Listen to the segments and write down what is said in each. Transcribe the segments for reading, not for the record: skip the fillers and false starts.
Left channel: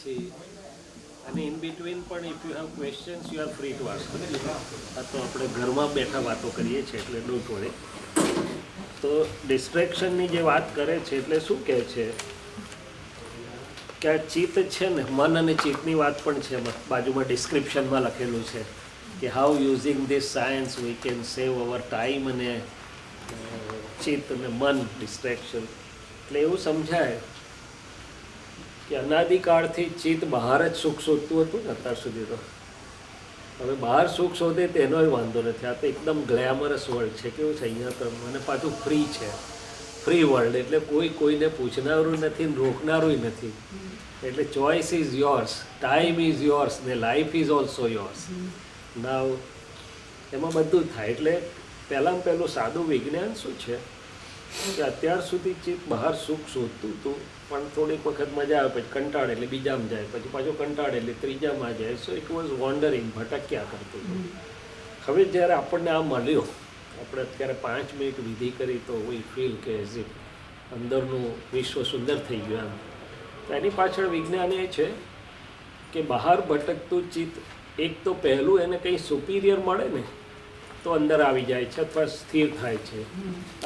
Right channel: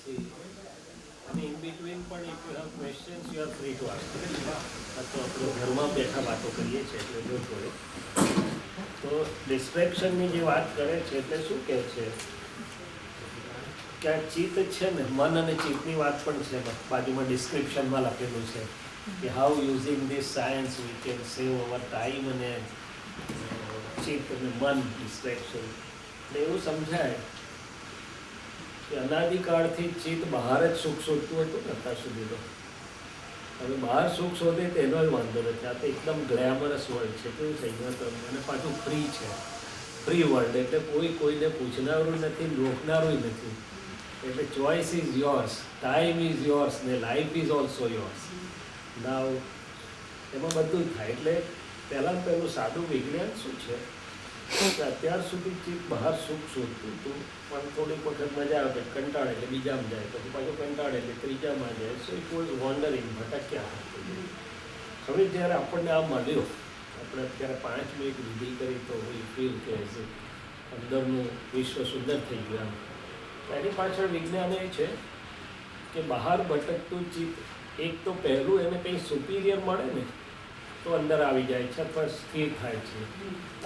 પછી અને in between પણ if you have questions you are free to ask. આ તો આપણે ઘરમાં બેઠા વાતો કરીએ છીએ એટલે ડોન્ટ વરી. તો ડિસ્ટ્રેક્શનની જે વાત કરે છે એટલે શું કહે છે કે આ ચિત્ત છે ને, મન અને ચિત્તની વાત પણ છે એમાં બાજુમાં ડિસ્ક્રિપ્શનમાં લખેલું છે કે how using this science we can save hour time અને ચિત્ત અને મન ડિસ્ટ્રેક્શન. એટલે એવું સમજાય કે અનાદિકાળથી ચિત્ત બહાર જ સુખ શોધતું હતું ને અત્યાર સુધી. તો હવે બહાર સુખ શોધે તેનો વાંધો નથી. આ તો એકદમ ગ્લેમરસ વર્લ્ડ છે. કેવું છે અહીંયા તો, અને પાછું ફ્રી છે, ફ્રી વર્લ્ડ એટલે કોઈ કોઈને પૂછનારું નથી, રોકનારું નથી. એટલે choice is yours, time is yours ને લાઈફ ઇઝ ઓલ્સો યોર્સ. નાવ એમાં બધું જ થાય. એટલે પહેલાં પહેલું સાદું વિજ્ઞાન શું છે કે અત્યાર સુધી ચિત્ત બહાર સુખ શોધતું હતું, પણ થોડીક વખત મજા આવે પછી કંટાળે એટલે બીજામાં જાય, પછી પાછું કંટાળે એટલે ત્રીજામાં જાય. સો ઇટ વોઝ વોન્ડરિંગ, ભટક્યા કરતું હતું. હવે જ્યારે આપણને આ મળ્યો, આપણે અત્યારે 5 મિનિટ વિધિ કરી તો વી ફીલ કે એઝ ઇટ અંદરનું વિશ્વ સુંદર થઈ ગયું એમ. તો એની પાછળ વિજ્ઞાન એ છે કે બહાર ભટકતું ચિત્ત એક તો પહેલું એને કંઈ સુપિરિયર મળે ને તો અંદર આવી જાય છે અથવા સ્થિર થાય છે.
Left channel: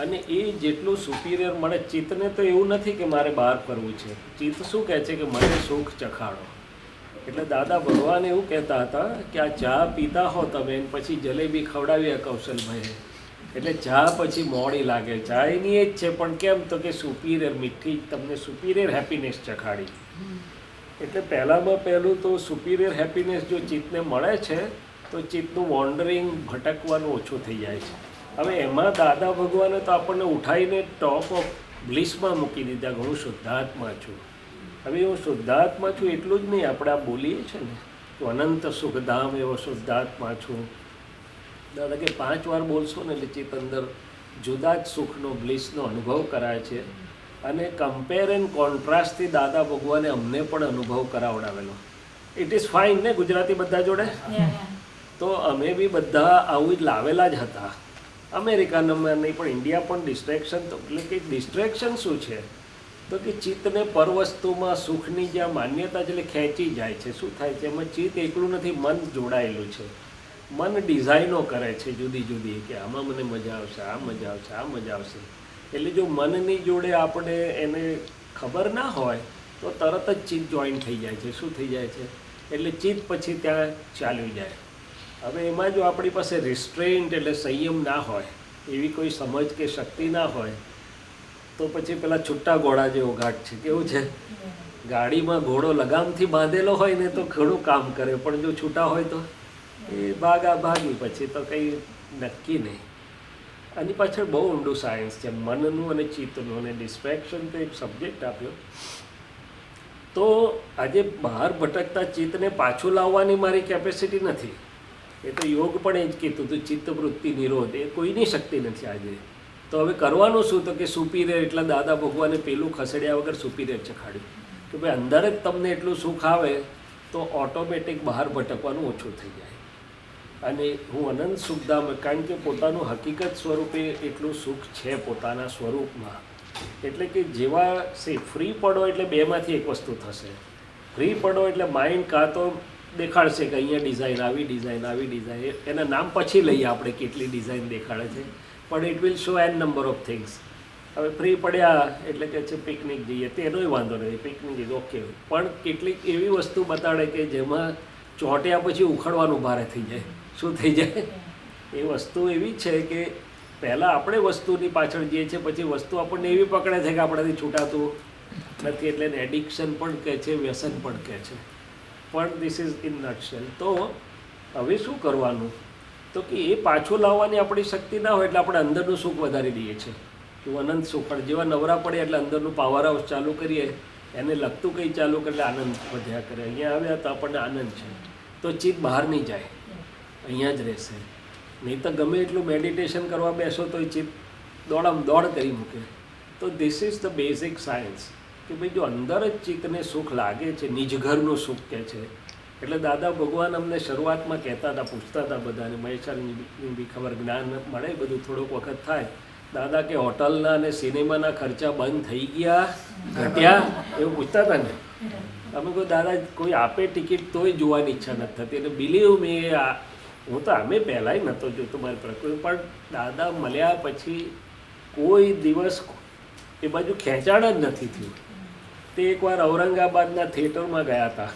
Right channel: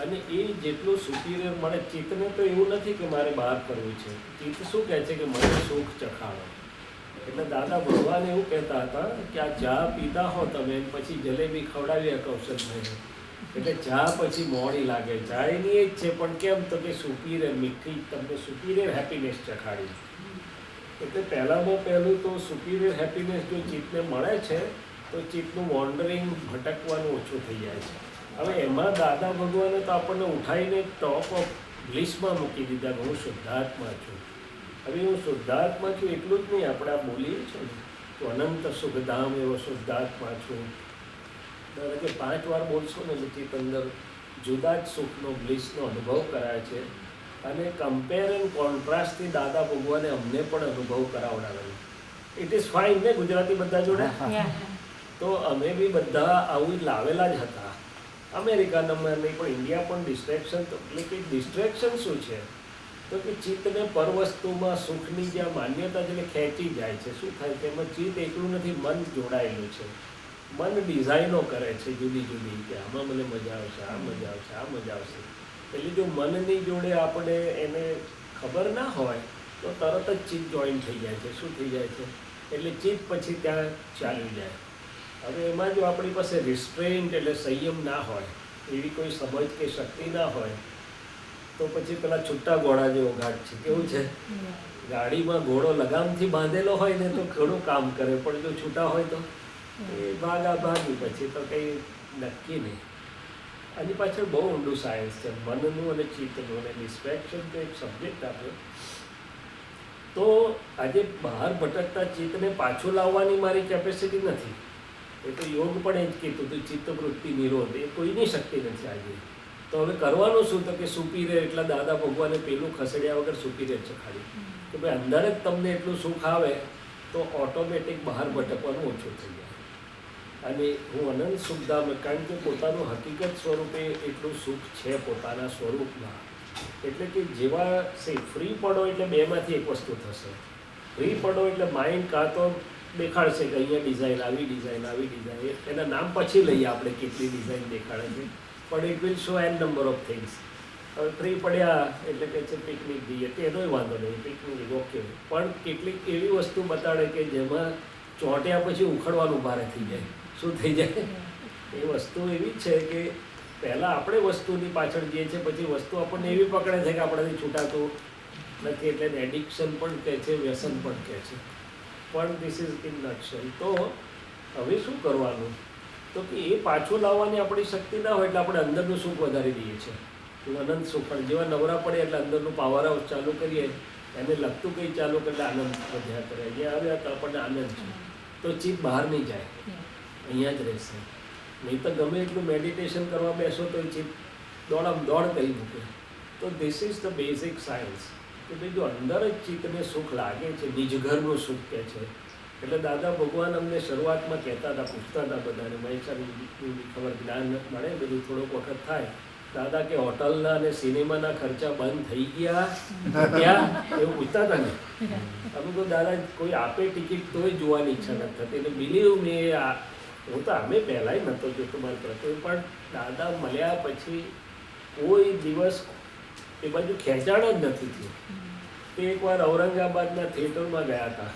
અને એ જેટલું સુપિરિયર મળે ચિત્તને, તો એવું નથી કે મારે બહાર કરવું છે. ચિત્ત શું કહે છે કે મને સુખ ચખાડો. એટલે દાદા ભગવાન એવું કહેતા હતા કે આ ચા પીતા હો તમે, પછી જલેબી ખવડાવી કૌશલભાઈ, એટલે ચા પછી મોડી લાગે. ચા એની એ જ છે, પણ કેમ તો કે સુપિરિયર મીઠી, તમને સુપિરિયર હેપીનેસ ચખાડી. એટલે પહેલાંમાં પહેલું તો સુપિરિયર હેપીનેસ જો ચિત્તને મળે છે તો ચિત્તનું વોન્ડરિંગ, ભટકવાનું ઓછું થઈ જાય છે. હવે એમાં દાદા ભગવાને તો આપણને ઉઠાવીને ટોપ ઓફ બ્લિસમાં મૂકી દીધા કે હું શુદ્ધાત્મા છું. હવે હું શુદ્ધાત્મા છું એટલું જ નહીં, આપણે આ બોલીએ છીએ ને તો અનંત સુખધામ એવો શુદ્ધાત્મા છું. દાદા કે 5 વાર બોલશો ને એટલે ચિત્ત અંદર જુદા જ સુખનો, બ્લિસનો અનુભવ કરાય છે. અને કમ્પેર એન્ડ કોન્ટ્રાસ્ટથી દાદા ભગવાને અમને પણ અનુભવ કરાવડાવેલો. ઇટ ઇઝ ફાઇન ને ગુજરાતી બધા જોડે. તો અમે બી બધા આવું જ લાવેલા જ હતા. અમેરિકાનામાં નહીં પણ ઇન્ડિયા પણ ડિસ્ટ્રેક્શન. તો એટલે કે ડિસ્ટ્રેક્શન શું છે તો કે ચિત્તને પર વસ્તુમાં સુખની જ્યાં માન્યતા છે એટલે ખેંચી જાય છે. શું થાય છે એમાં ચિત્ત એકલું નથી, મન જોડાયેલું છે. મન ડિઝાઇનો કરે છે જુદી જુદી કે આમાં મને મજા આવશે, આ મજા આવશે, આ મજા આવશે. એટલે જો મનની જોડે આપણે એને ખબર ના હોય તો તરત જ ચિત્ત જોઈન થઈ જાય છે. શું થઈ જાય છે એટલે ચિત્ત પછી ત્યાં ચાલ્યું જાય. હવે એમાં જો આપણી પાસે રિસ્ટ્રેઇન્ટ એટલે સંયમ ના હોય, એવી કોઈ સમજ કે શક્તિ ના હોય, તો પછી પેલા છૂટા ઘોડા જેવો ઘાટ છે. કેવું છે, ગાડીમાં ઘોડો લગામથી બાંધેલો હોય ને તો ઘણું કામ કરે, પણ જો છૂટા હોય તો એ ભાગી પછી તો કંઈ નક્કી નહીં. આની પાછળ બહુ ઊંડું સાયન્સ છે મનનું અને ચિત્તનું. અને ડિસ્ટ્રેક્શન તો એક સબ્જેક્ટ આપ્યો. તો આજે બહાર ભટકતા ચિત્તને પાછું લાવવાની મારી કેપેસિટી નથી. એ તો યોગ પણ એ જ કીધું હતું, ચિત્તવૃત્તિ નિરોધ એ કોઈની શક્તિ નથી આજે. તો હવે કરવાનું શું તો કે સુપિરિયર, એટલા દાદા ભગવાને પેલું ખસેડ્યા વગર સુપિરિયર ચખાડ્યું કે ભાઈ અંદર જ તમને એટલું સુખ આવે તો ઓટોમેટિક બહાર ભટકવાનું ઓછું થઈ જાય. અને હું અનંત સુખધામ, કારણ કે પોતાનું હકીકત સ્વરૂપે એટલું સુખ છે પોતાના સ્વરૂપમાં. એટલે કે જેવા ફ્રી પડો એટલે બેમાંથી એક વસ્તુ થશે. ફ્રી પડો એટલે માઇન્ડ કાં તો દેખાડશે કે અહીંયા ડિઝાઇન, આવી ડિઝાઇન, આવી ડિઝાઇન, એના નામ પછી લઈએ આપણે કેટલી ડિઝાઇન દેખાડે છે, પણ it will show an number of things. હવે ફ્રી પડ્યા એટલે કે છે પિકનિક જઈએ, તેનોય વાંધો નહીં, પિકનિક જઈએ ઓકે, પણ કેટલીક એવી વસ્તુ બતાડે કે જેમાં ચોંટ્યા પછી ઉખડવાનું ભારે થઈ જાય. શું થઈ જાય એ વસ્તુ એવી છે કે પહેલાં આપણે વસ્તુની પાછળ જઈએ છીએ, પછી વસ્તુ આપણને એવી પકડે છે કે આપણાથી છૂટાતું નથી. એટલે એને એડિક્શન પણ કહે છે, વ્યસન પણ કહે છે. પણ ધીસ ઇઝ ઇન નટશેલ. તો હવે શું કરવાનું તો કે એ પાછું લાવવાની આપણી શક્તિ ના હોય એટલે આપણે અંદરનું સુખ વધારી દઈએ છીએ. તું અનંત સુખ, પણ જેવા નવરા પડે એટલે અંદરનું પાવર હાઉસ ચાલુ કરીએ, એને લગતું કંઈ ચાલુ કરે એટલે આનંદ વધ્યા કરે. અહીંયા આવ્યા તો આપણને આનંદ છે તો ચિત્ત બહાર નહીં જાય, અહીંયા જ રહેશે. નહીં તો ગમે એટલું મેડિટેશન કરવા બેસો તો એ ચિત્ત દોડ કરી મૂકે. તો this is the basic science કે ભાઈ જો અંદર જ ચિત્તને સુખ લાગે છે, નિજઘરનું સુખ કહે છે. એટલે દાદા ભગવાન અમને શરૂઆતમાં કહેતા હતા, પૂછતા હતા બધાને, મહેશાની બી ખબર જ્ઞાન મળે બધું થોડોક વખત થાય દાદા કે હોટલના અને સિનેમાના ખર્ચા બંધ થઈ ગયા ઘટ્યા એવું પૂછતા હતા ને. અમે કોઈ દાદા કોઈ આપે ટિકિટ તોય જોવાની ઈચ્છા નથી થતી. એટલે બિલીવ મી હું તો અમે પહેલાંય નહોતો જોતો મારી પ્રકૃતિ, પણ દાદા મળ્યા પછી કોઈ દિવસ એ બાજુ ખેંચાણ જ નથી થયું. તે એકવાર ઔરંગાબાદના થિયેટરમાં ગયા હતા,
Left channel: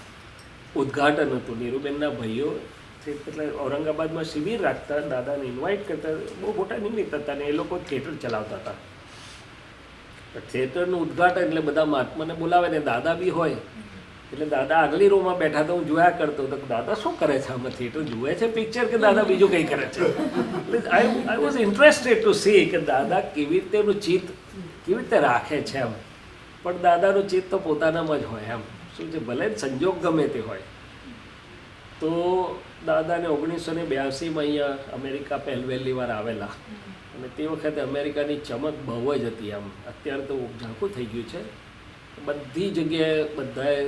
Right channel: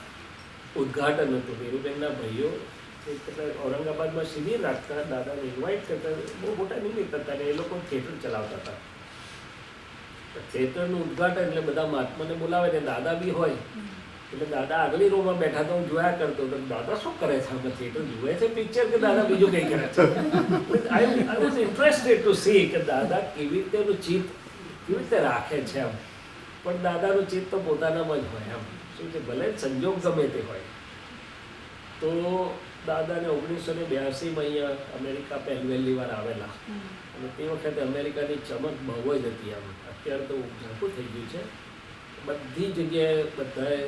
ઉદ્ઘાટન હતું, નીરુબેનના ભાઈઓ એટલે ઔરંગાબાદમાં શિબિર રાખતા, દાદાને ઇન્વાઇટ કરતા, બહુ મોટા નિમિત્ત હતા ને એ લોકો થિયેટર ચલાવતા હતા. થિયેટરનું ઉદ્ઘાટન એટલે બધા મહાત્માને બોલાવે ને દાદા બી હોય. એટલે દાદા આગલી રોમાં બેઠા તો હું જોયા કરતો હતો દાદા શું કરે છે આમાં, થિયેટર જુએ છે પિક્ચર કે દાદા બીજું કંઈ કરે છે. I was interested to see કે દાદા કેવી રીતે એનું ચિત્ત કેવી રીતે રાખે છે એમ. પણ દાદાનું ચિત્ત તો પોતાનામાં જ હોય એમ. શું છે, ભલે સંજોગ ગમે તે હોય. તો દાદાને 1982માં અહીંયા અમેરિકા પહેલી વાર આવેલા, અને તે વખતે અમેરિકાની ચમક બહુ જ હતી આમ. અત્યારે તો ઝાંખું થઈ ગયું છે. બધી જગ્યાએ બધાએ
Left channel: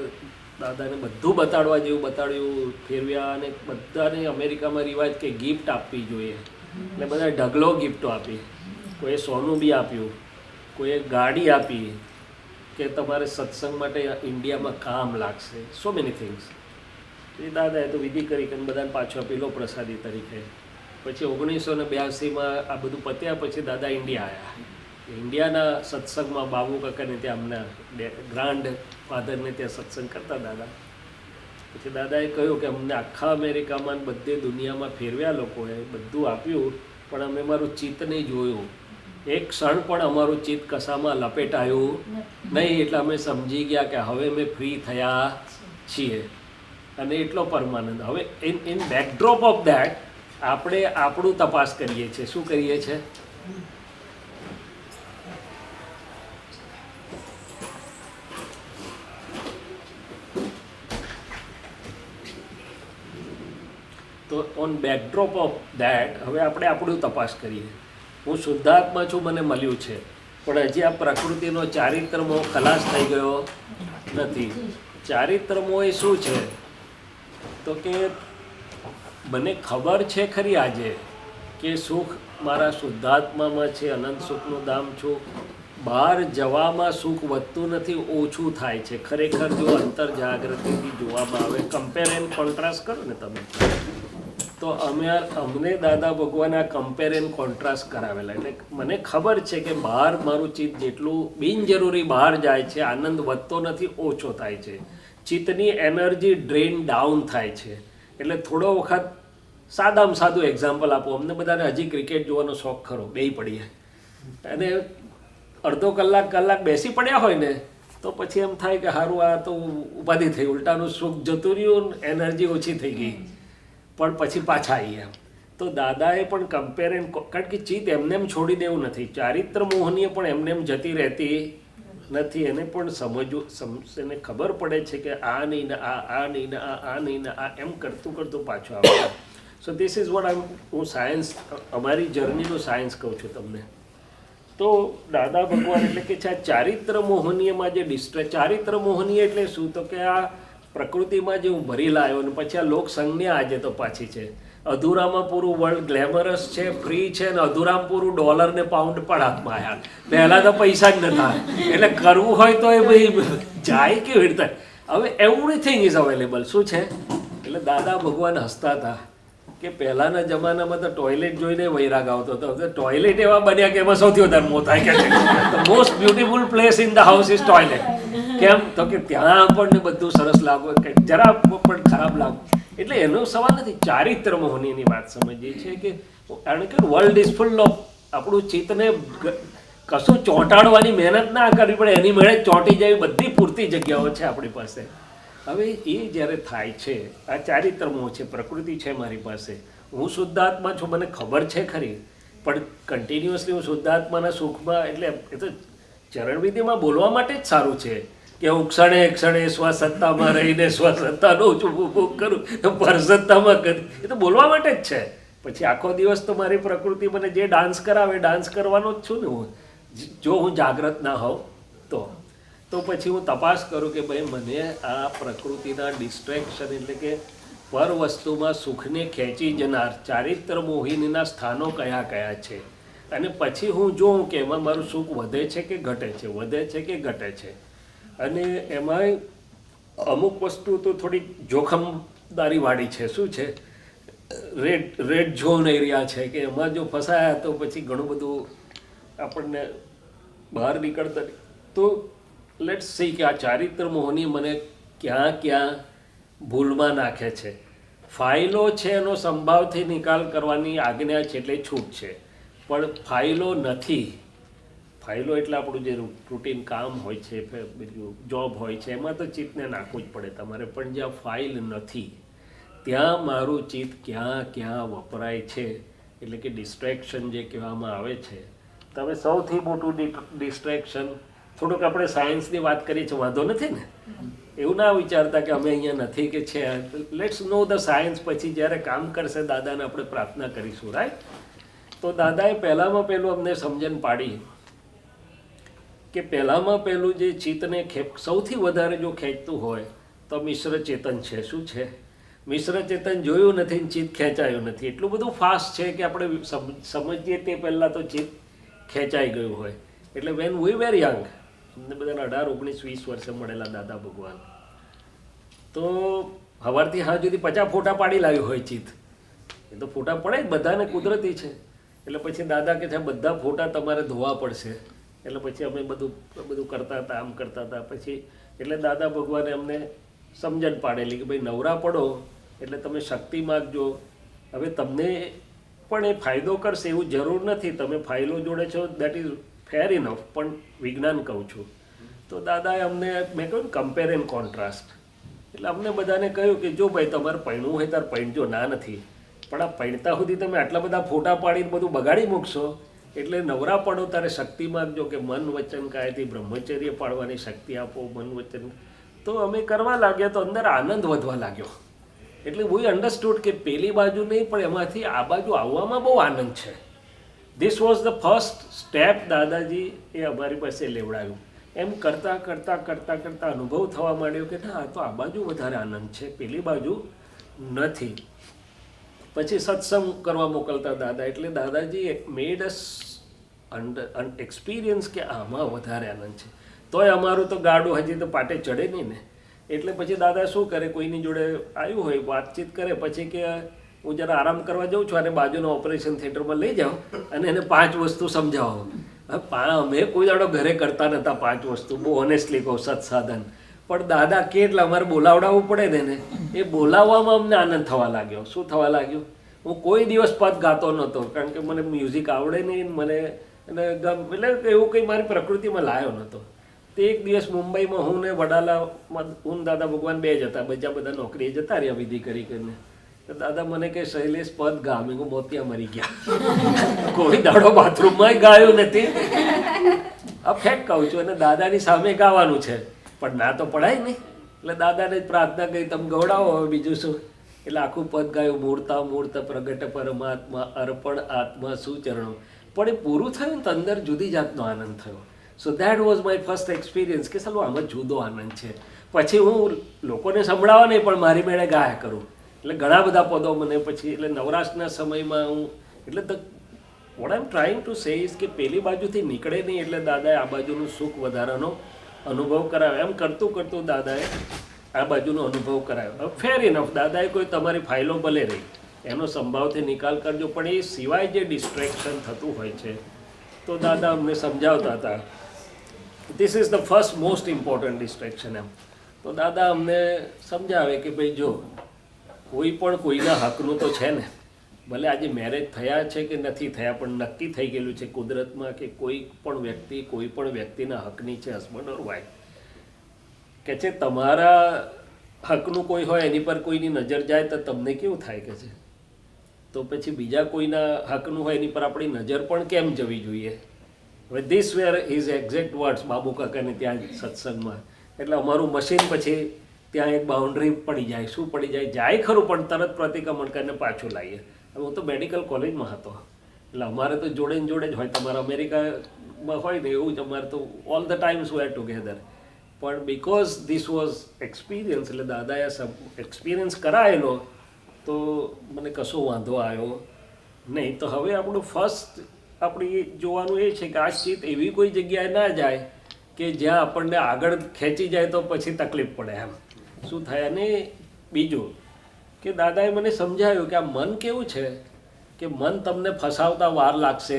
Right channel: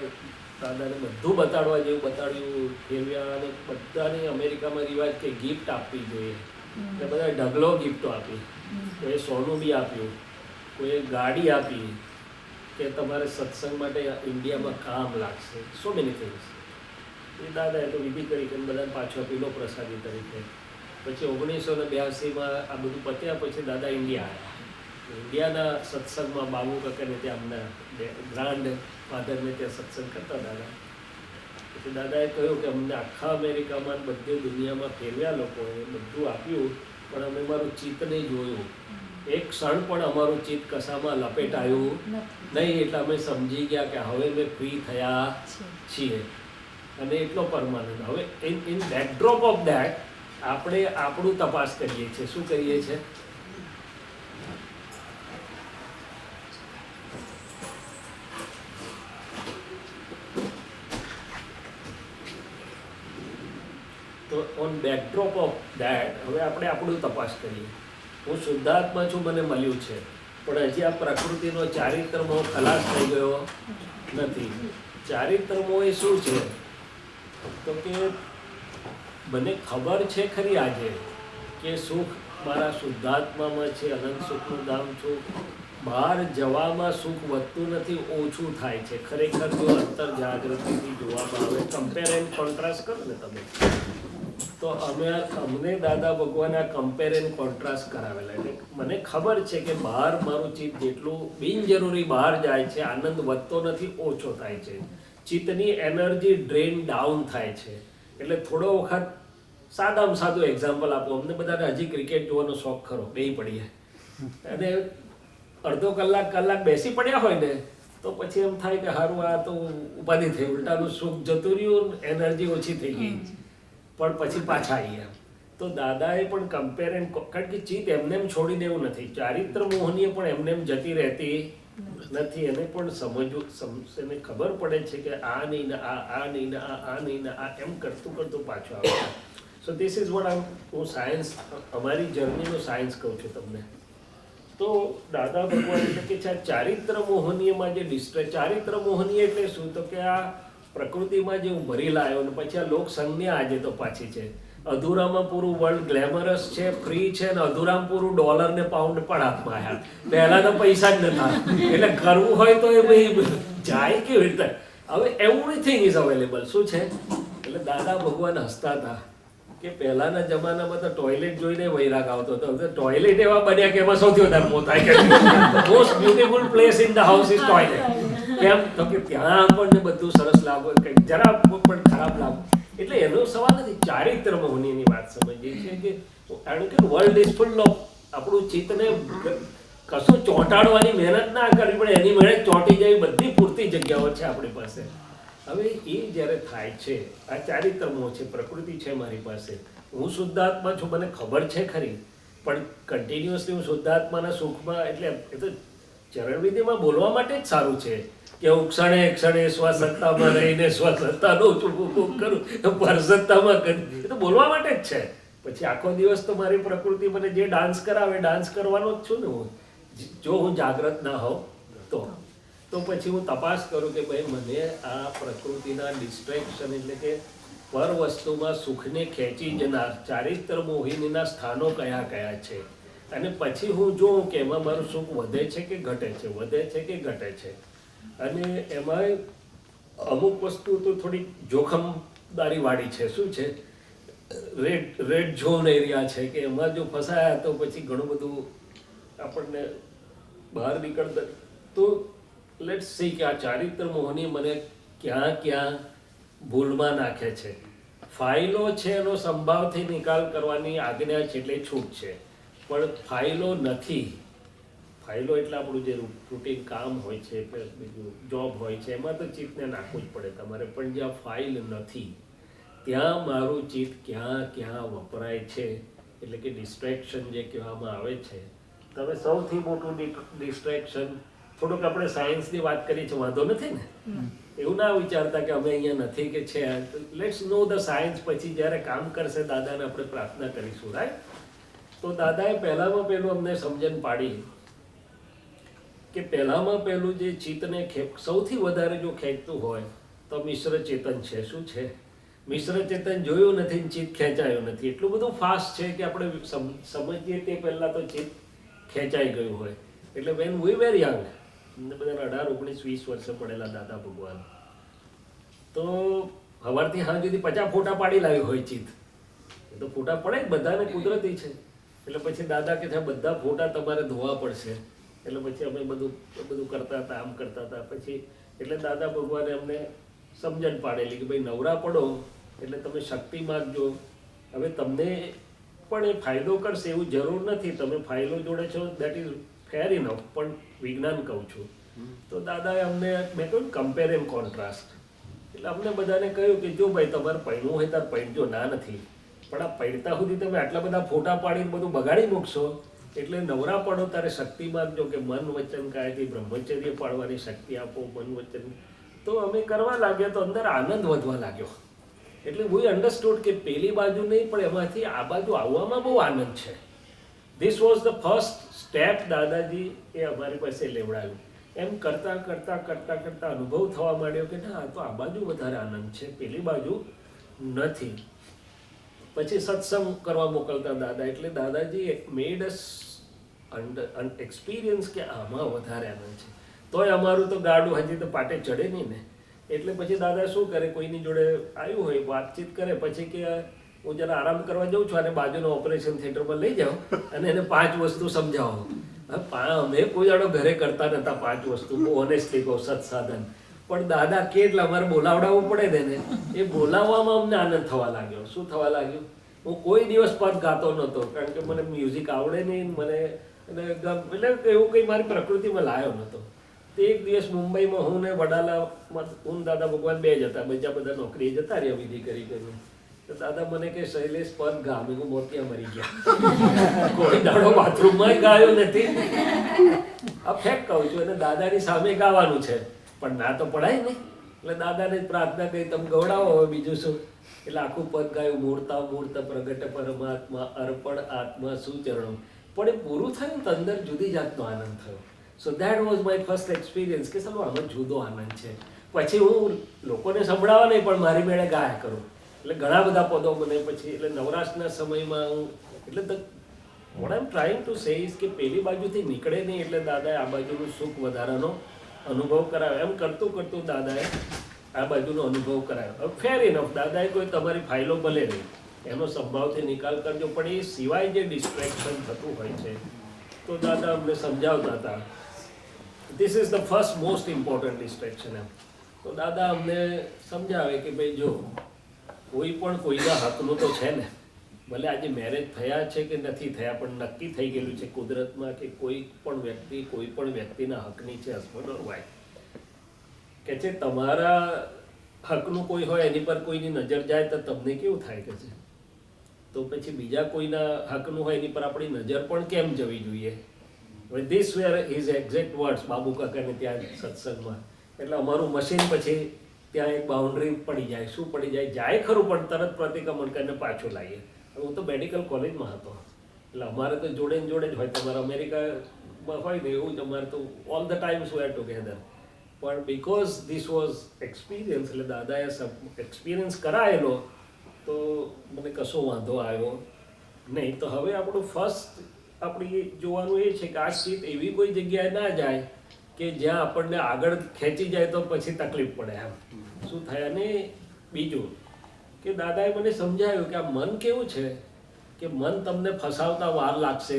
દાદાને બધું બતાડવા જેવું બતાડ્યું, ફેરવ્યા. અને બધાને અમેરિકામાં રિવાજ કે ગિફ્ટ આપવી જોઈએ, એટલે બધાએ ઢગલો ગિફ્ટો આપી. કોઈએ સોનું બી આપ્યું, કોઈએ ગાડી આપી કે તમારે સત્સંગ માટે ઇન્ડિયામાં કામ લાગશે, સો મેની થિંગ્સ. એ દાદાએ તો વિધિ કરી કે બધાને પાછો આપેલો પ્રસાદી તરીકે. પછી 1982માં આ બધું પત્યા પછી દાદા ઇન્ડિયા આવ્યા. ઇન્ડિયાના સત્સંગમાં બાબુ કાકાને ત્યાં અમને ગ્રાન્ડ ફાધરને ત્યાં સત્સંગ કરતા દાદા. પછી દાદાએ કહ્યું કે અમને આખા અમેરિકામાં બધે દુનિયામાં ફેરવ્યા લોકોએ, બધું આપ્યું, પણ અમે મારું ચિત્ત નહીં જોયું. એક ક્ષણ પણ અમારું ચિત્ત કશામાં લપેટાયું નહીં. એટલે અમે સમજી ગયા કે હવે અમે ફ્રી થયા છીએ, અને એટલો પરમાનંદ. હવે ઇન બેકડ્રોપ ઓફ દેટ આપણે આપણું તપાસ કરીએ છીએ. શું કરીએ છીએ? તો ઓન બેકડ્રોપ ઓફ દેટ હવે આપણે આપણું તપાસ કરીએ. હું શુદ્ધાત્મા છું, મને મળ્યું છે, પણ હજી આ પ્રકૃતિનો ચારિત્રમો ખલાસ થઈ ગયો નથી. ચારિત્રમો એ શું છે? તો કે મને ખબર છે ખરી આજે કે સુખ મારા શુદ્ધાત્મામાં છે, અનંત સુખનું ધામ છું. બહાર જવામાં સુખ વધતું નથી, ઓછું થાય છે. ખરેખર જો અંતર જાગૃતિથી જોવામાં આવે, કમ્પેર એન્ડ કોન્ટ્રાસ્ટ કરો ને તમે, તો અમને દાદા ભગવાન આ કમ્પેર એન્ડ કોન્ટ્રાસ્ટ કરાવેલા. એટલે મને ખબર છે કે બહાર મારું ચિત્ત જેટલું બિનજરૂરી બહાર જાય છે, આનંદ વધતો નથી, ઓછો થાય છે. ચિત્તની એનર્જી ડ્રેન ડાઉન થાય છે. એટલે થોડો વખત સાદામાં સાદું એક્ઝામ્પલ આપો. અમને બધાને હજી ક્રિકેટ જોવાનો શોખ ખરો, બેસી પડીએ, અને અડધો કલાક બેસી પડ્યા હોય ને તો પછી એમ થાય કે સારું આ તો ઉપાધિ થઈ, ઉલટાનું સુખ જતું રહ્યું, એનર્જી ઓછી થઈ ગઈ, પણ પછી પાછા આવીએ. તો દાદાએ પણ કમ્પેર એન્ડ, કારણ કે ચિત્ત એમને એમ છોડી દેવું નથી. ચારિત્ર મોહનીય પણ એમને એમ જતી રહેતી નથી. એને પણ એને ખબર પડે છે કે આ નહીં ને આ નહીં ને આ નહીં ને આ, એમ કરતું કરતું પાછું આવે. સો ધીસ ઇઝ વોટ હું સાયન્સ, અમારી જર્નીનું સાયન્સ કહું છું તમને. તો દાદા ભગવાન એટલે કે છે આ ચારિત્ર મોહનીયમાં જે ચારિત્ર મોહનીય એટલે શું? તો કે આ પ્રકૃતિમાં જે હું ભરી લાવ્યો ને પછી આ લોક સંજ્ઞા આજે તો પાછી છે. અધૂરામાં પૂરું વર્લ્ડ ગ્લેમરસ છે, ફ્રી છે, ને અધૂરામાં પૂરું ડોલર ને પાઉન્ડ પણ હાથમાં આવ્યા. પહેલાં તો પૈસા જ નતા, એટલે કરવું હોય તો એ ભાઈ જાય કેવી રીતે? હવે એવરીથિંગ ઇઝ અવેલેબલ. શું છે? એટલે દાદા ભગવાન હસતા હતા કે પહેલાંના જમાનામાં તો ટોયલેટ જોઈને વૈરાગ આવતો હતો. હવે ટોયલેટ એવા બન્યા કે એમાં સૌથી વધારે મોત થાય કે most beautiful place in the house is toilet. કેમ? તો કે ત્યાં આપણને બધું સરસ લાગો, કંઈક જરા પણ ખરાબ લાગો. એટલે એનો સવાલ નથી. ચારિત્ર મોહનીની વાત સમજીએ છીએ કે કારણ કે વર્લ્ડ ઇઝ ફૂલ ઓફ, આપણું ચિત્તને કશું ચોંટાડવાની મહેનત ના કરવી પડે, એની મેળે ચોંટી જાય બધી પૂરતી જગ્યાઓ છે આપણી પાસે. હવે એ જ્યારે થાય છે, આ ચારિત્ર મોહ છે, પ્રકૃતિ છે મારી પાસે, હું શુદ્ધાત્મા છું, મને ખબર છે ખરી, પણ કન્ટિન્યુઅસલી હું શુદ્ધાત્માના સુખમાં, એટલે એ તો ચરણવિધિમાં બોલવા માટે જ સારું છે કે હું ક્ષણે ક્ષણે સ્વસત્તામાં રહીને સ્વસત્તાનો ઉપભોગ કરું, પરસત્તામાં કરી, એ તો બોલવા માટે જ છે. પછી આખો દિવસ તો મારી પ્રકૃતિ મને જે ડાન્સ કરાવે ડાન્સ કરવાનો જ છું ને હું, જો હું જાગ્રત ના હોઉં તો પછી હું તપાસ કરું કે ભાઈ મને આ પ્રકૃતિના ડિસ્ટ્રેક્શન એટલે કે પર વસ્તુમાં સુખને ખેંચી જનાર ચારિત્ર મોહિનીના સ્થાનો કયા કયા છે. અને પછી હું જોઉં કે એમાં મારું સુખ વધે છે કે ઘટે છે, વધે છે કે ઘટે છે. અને એમાંય અમુક વસ્તુ તો થોડી જોખમદારીવાળી છે. શું છે, રેડ ઝોન એરિયા છે કે એમાં જો ફસાયા તો પછી ઘણું બધું આપણને બહાર નીકળતા. તો લેટ્સ સી કે આ ચારિત્ર મોહની મને ક્યાં ક્યાં ભૂલમાં નાખે છે. ફાઇલો છે એનો સંભાવથી નિકાલ કરવાની આજ્ઞા છે એટલે છૂટ છે, પણ ફાઇલો નથી. ફાઇલો એટલે આપણું જે રૂટીન કામ હોય છે, બીજું જોબ હોય છે, એમાં તો ચિત્તને નાખવું જ પડે તમારે. પણ જ્યાં ફાઇલ નથી ત્યાં મારું ચિત્ત ક્યાં ક્યાં વપરાય છે, એટલે કે ડિસ્ટ્રેક્શન જે કહેવામાં આવે છે. તમે સૌથી મોટું ડિસ્ટ્રેક્શન, થોડુંક આપણે સાયન્સની વાત કરીએ છીએ, વાંધો નથી ને? એવું ના વિચારતા કે અમે અહીંયા નથી કે છે. Let's know the science. પછી જ્યારે કામ કરશે દાદાને આપણે પ્રાર્થના કરીશું, રાઈટ? તો દાદાએ પહેલામાં પહેલું અમને સમજણ પાડી કે પહેલામાં પહેલું જે ચિત્તને સૌથી વધારે જો ખેંચતું હોય તો મિશ્ર ચેતન છે. શું છે? મિશ્ર ચેતન જોયું નથી, ચિત્ત ખેંચાયું નથી. એટલું બધું ફાસ્ટ છે કે આપણે સમજીએ તે પહેલાં તો ચિત્ત ખેંચાઈ ગયું હોય. એટલે વેન વી વેર યંગ, અમને બધાને 18, 19, 20 વર્ષે મળેલા દાદા ભગવાન, તો સવારથી હાથ સુધી 50 ફોટા પાડી લાવ્યું હોય ચિત્ત. એ તો ફોટા પડે જ બધાને, કુદરતી છે. એટલે પછી દાદા કે છે બધા ફોટા તમારે ધોવા પડશે. એટલે પછી અમે બધું કરતા હતા, આમ કરતા હતા. પછી એટલે દાદા ભગવાને અમને સમજણ પાડેલી કે ભાઈ નવરા પડો એટલે તમે શક્તિ માગજો. હવે તમને પણ એ ફાયદો કરશે એવું જરૂર નથી. તમે ફાઇલો જોડે છો, દેટ ઇઝ ફેર ઇનફ, પણ વિજ્ઞાન કહું છું. તો દાદાએ અમને, મેં કહ્યું કમ્પેર એન્ડ કોન્ટ્રાસ્ટ. એટલે અમને બધાને કહ્યું કે જો ભાઈ તમારે પૈણું હોય ત્યારે પૈણજો, ના નથી, પણ આ પૈણતા સુધી તમે આટલા બધા ફોટા પાડીને બધું બગાડી મૂકશો. એટલે નવરા પડો ત્યારે શક્તિ માગજો કે મન વચન કાયથી બ્રહ્મચર્ય પાડવાની શક્તિ આપો, મન વચન. તો અમે કરવા લાગ્યા તો અંદર આનંદ વધવા લાગ્યો. એટલે વી અન્ડરસ્ટુડ કે પેલી બાજુ નહીં પણ એમાંથી આ બાજુ આવવામાં બહુ આનંદ છે. This was the first step દાદાજી એ અમારી પાસે લેવડાવ્યું. એમ કરતાં કરતાં કરતાં કરતાં અનુભવ થવા માંડ્યો કે ના, તો આ બાજુ વધારે આનંદ છે, પેલી બાજુ નથી. પછી સત્સંગ કરવા મોકલતા દાદા. એટલે દાદાજી મેડ અસ એક્સપિરિયન્સ કે આમાં વધારે આનંદ છે. તોય અમારું તો ગાડું હજી તો પાટે ચડે નહીં ને. એટલે પછી દાદા શું કરે, કોઈની જોડે આવ્યું હોય વાતચીત કરે, પછી કે હું જરા આરામ કરવા જાઉં છું અને બાજુના ઓપરેશન થિયેટરમાં લઈ જાઓ અને એને 5 વસ્તુ સમજાવો. અમે કોઈ દાડો ઘરે કરતા નહોતા 5 વસ્તુ, બહુ ઓનેસ્ટલી કહું, સત્સાધન. પણ દાદા કે એટલે અમારે બોલાવડાવવું પડે ને. એ બોલાવવામાં અમને આનંદ થવા લાગ્યો. શું થવા લાગ્યું? હું કોઈ દિવસ પદ ગાતો નહોતો, કારણ કે મને મ્યુઝિક આવડે નહીં, મને એટલે એવું કંઈ મારી પ્રકૃતિમાં લાવ્યો નહોતો. તે એક દિવસ મુંબઈમાં હું ને વડાલામાં હું દાદા ભગવાન 2 જ હતા, બીજા બધા નોકરીએ જતા રહ્યા વિધિ કરી કરીને. તો દાદા મને કે શૈલેષ પદ ગા. મેં કહું મોતિયા મરી ગયા. કોઈ દાડો બાથરૂમમાં ગાયું નથી. આ ફેક કહું છું. અને દાદાની સામે ગાવાનું છે પણ ના તો પડાય નહીં. એટલે દાદાને જ પ્રાર્થના કરી તમે ગવડાવો, હવે બીજું શું. એટલે આખું પદ ગાયું, મૂર્તા મૂર્ત પ્રગટ પરમાત્મા અર્પણ આત્મા સુચરણો. પણ એ પૂરું થયું ને તો અંદર જુદી જાતનો આનંદ થયો. So that was my first experience કે ચાલો આમાં જુદો આનંદ છે. પછી હું લોકોને સંભળાવવા નહીં પણ મારી મેળે ગાયા કરું. એટલે ઘણા બધા પદો મને પછી, એટલે નવરાશના સમયમાં હું, એટલે what I M trying to say is કે પેલી બાજુથી નીકળે નહીં. એટલે દાદાએ આ બાજુનું સુખ વધારાનો અનુભવ કરાવ્યો. એમ કરતું કરતું દાદાએ આ બાજુનો અનુભવ કરાવ્યો. હવે ફેર ઇનફ, દાદાએ કોઈ તમારી ફાઇલો ભલે રહી, એનો સંભાવથી નિકાલ કરજો, પણ એ સિવાય જે ડિસ્ટ્રેક્શન થતું હોય છે તો દાદા અમને સમજાવતા હતા. This is the first most important distraction. એમ તો દાદા અમને સમજાવે કે ભાઈ જો કોઈ પણ કોઈના હકનું તો છે ને, ભલે આજે મેરેજ થયા છે કે નથી થયા, પણ નક્કી થઈ ગયેલું છે કુદરતમાં કે કોઈ પણ વ્યક્તિ કોઈ પણ વ્યક્તિના હકની છે, હસબન્ડ ઓર વાઈફ. કે છે તમારા હકનું કોઈ હોય એની પર કોઈની નજર જાય તો તમને કેવું થાય કે છે, તો પછી બીજા કોઈના હકનું હોય એની પર આપણી નજર પણ કેમ જવી જોઈએ. હવે this where is exact words Babu કાકાને ત્યાં સત્સંગમાં. એટલે અમારું મશીન પછી ત્યાં એક બાઉન્ડ્રી પડી જાય. શું પડી જાય? જાય ખરું પણ તરત પ્રતિક્રમણ કરીને પાછું લાવીએ. હવે હું તો મેડિકલ કોલેજમાં હતો એટલે અમારે તો જોડે ને જોડે જ હોય. તમારે અમેરિકામાં હોય ને એવું જ અમારે તો all the times were together. પણ બિકોઝ ધીસ વોઝ એક્સપિરિયન્સ, એટલે દાદાએ એક્સપિરિયન્સ કરાયેલો તો મને કશો વાંધો આવ્યો નહીં. તો હવે આપણું ફર્સ્ટ આપણી જોવાનું એ છે કે આ ચિત્ત એવી કોઈ જગ્યાએ ના જાય કે જ્યાં આપણને આગળ ખેંચી જાય તો પછી તકલીફ પડે. એમ શું થાય. અને બીજું કે દાદાએ મને સમજાવ્યું કે આ મન કેવું છે કે મન તમને ફસાવતા વાર લાગશે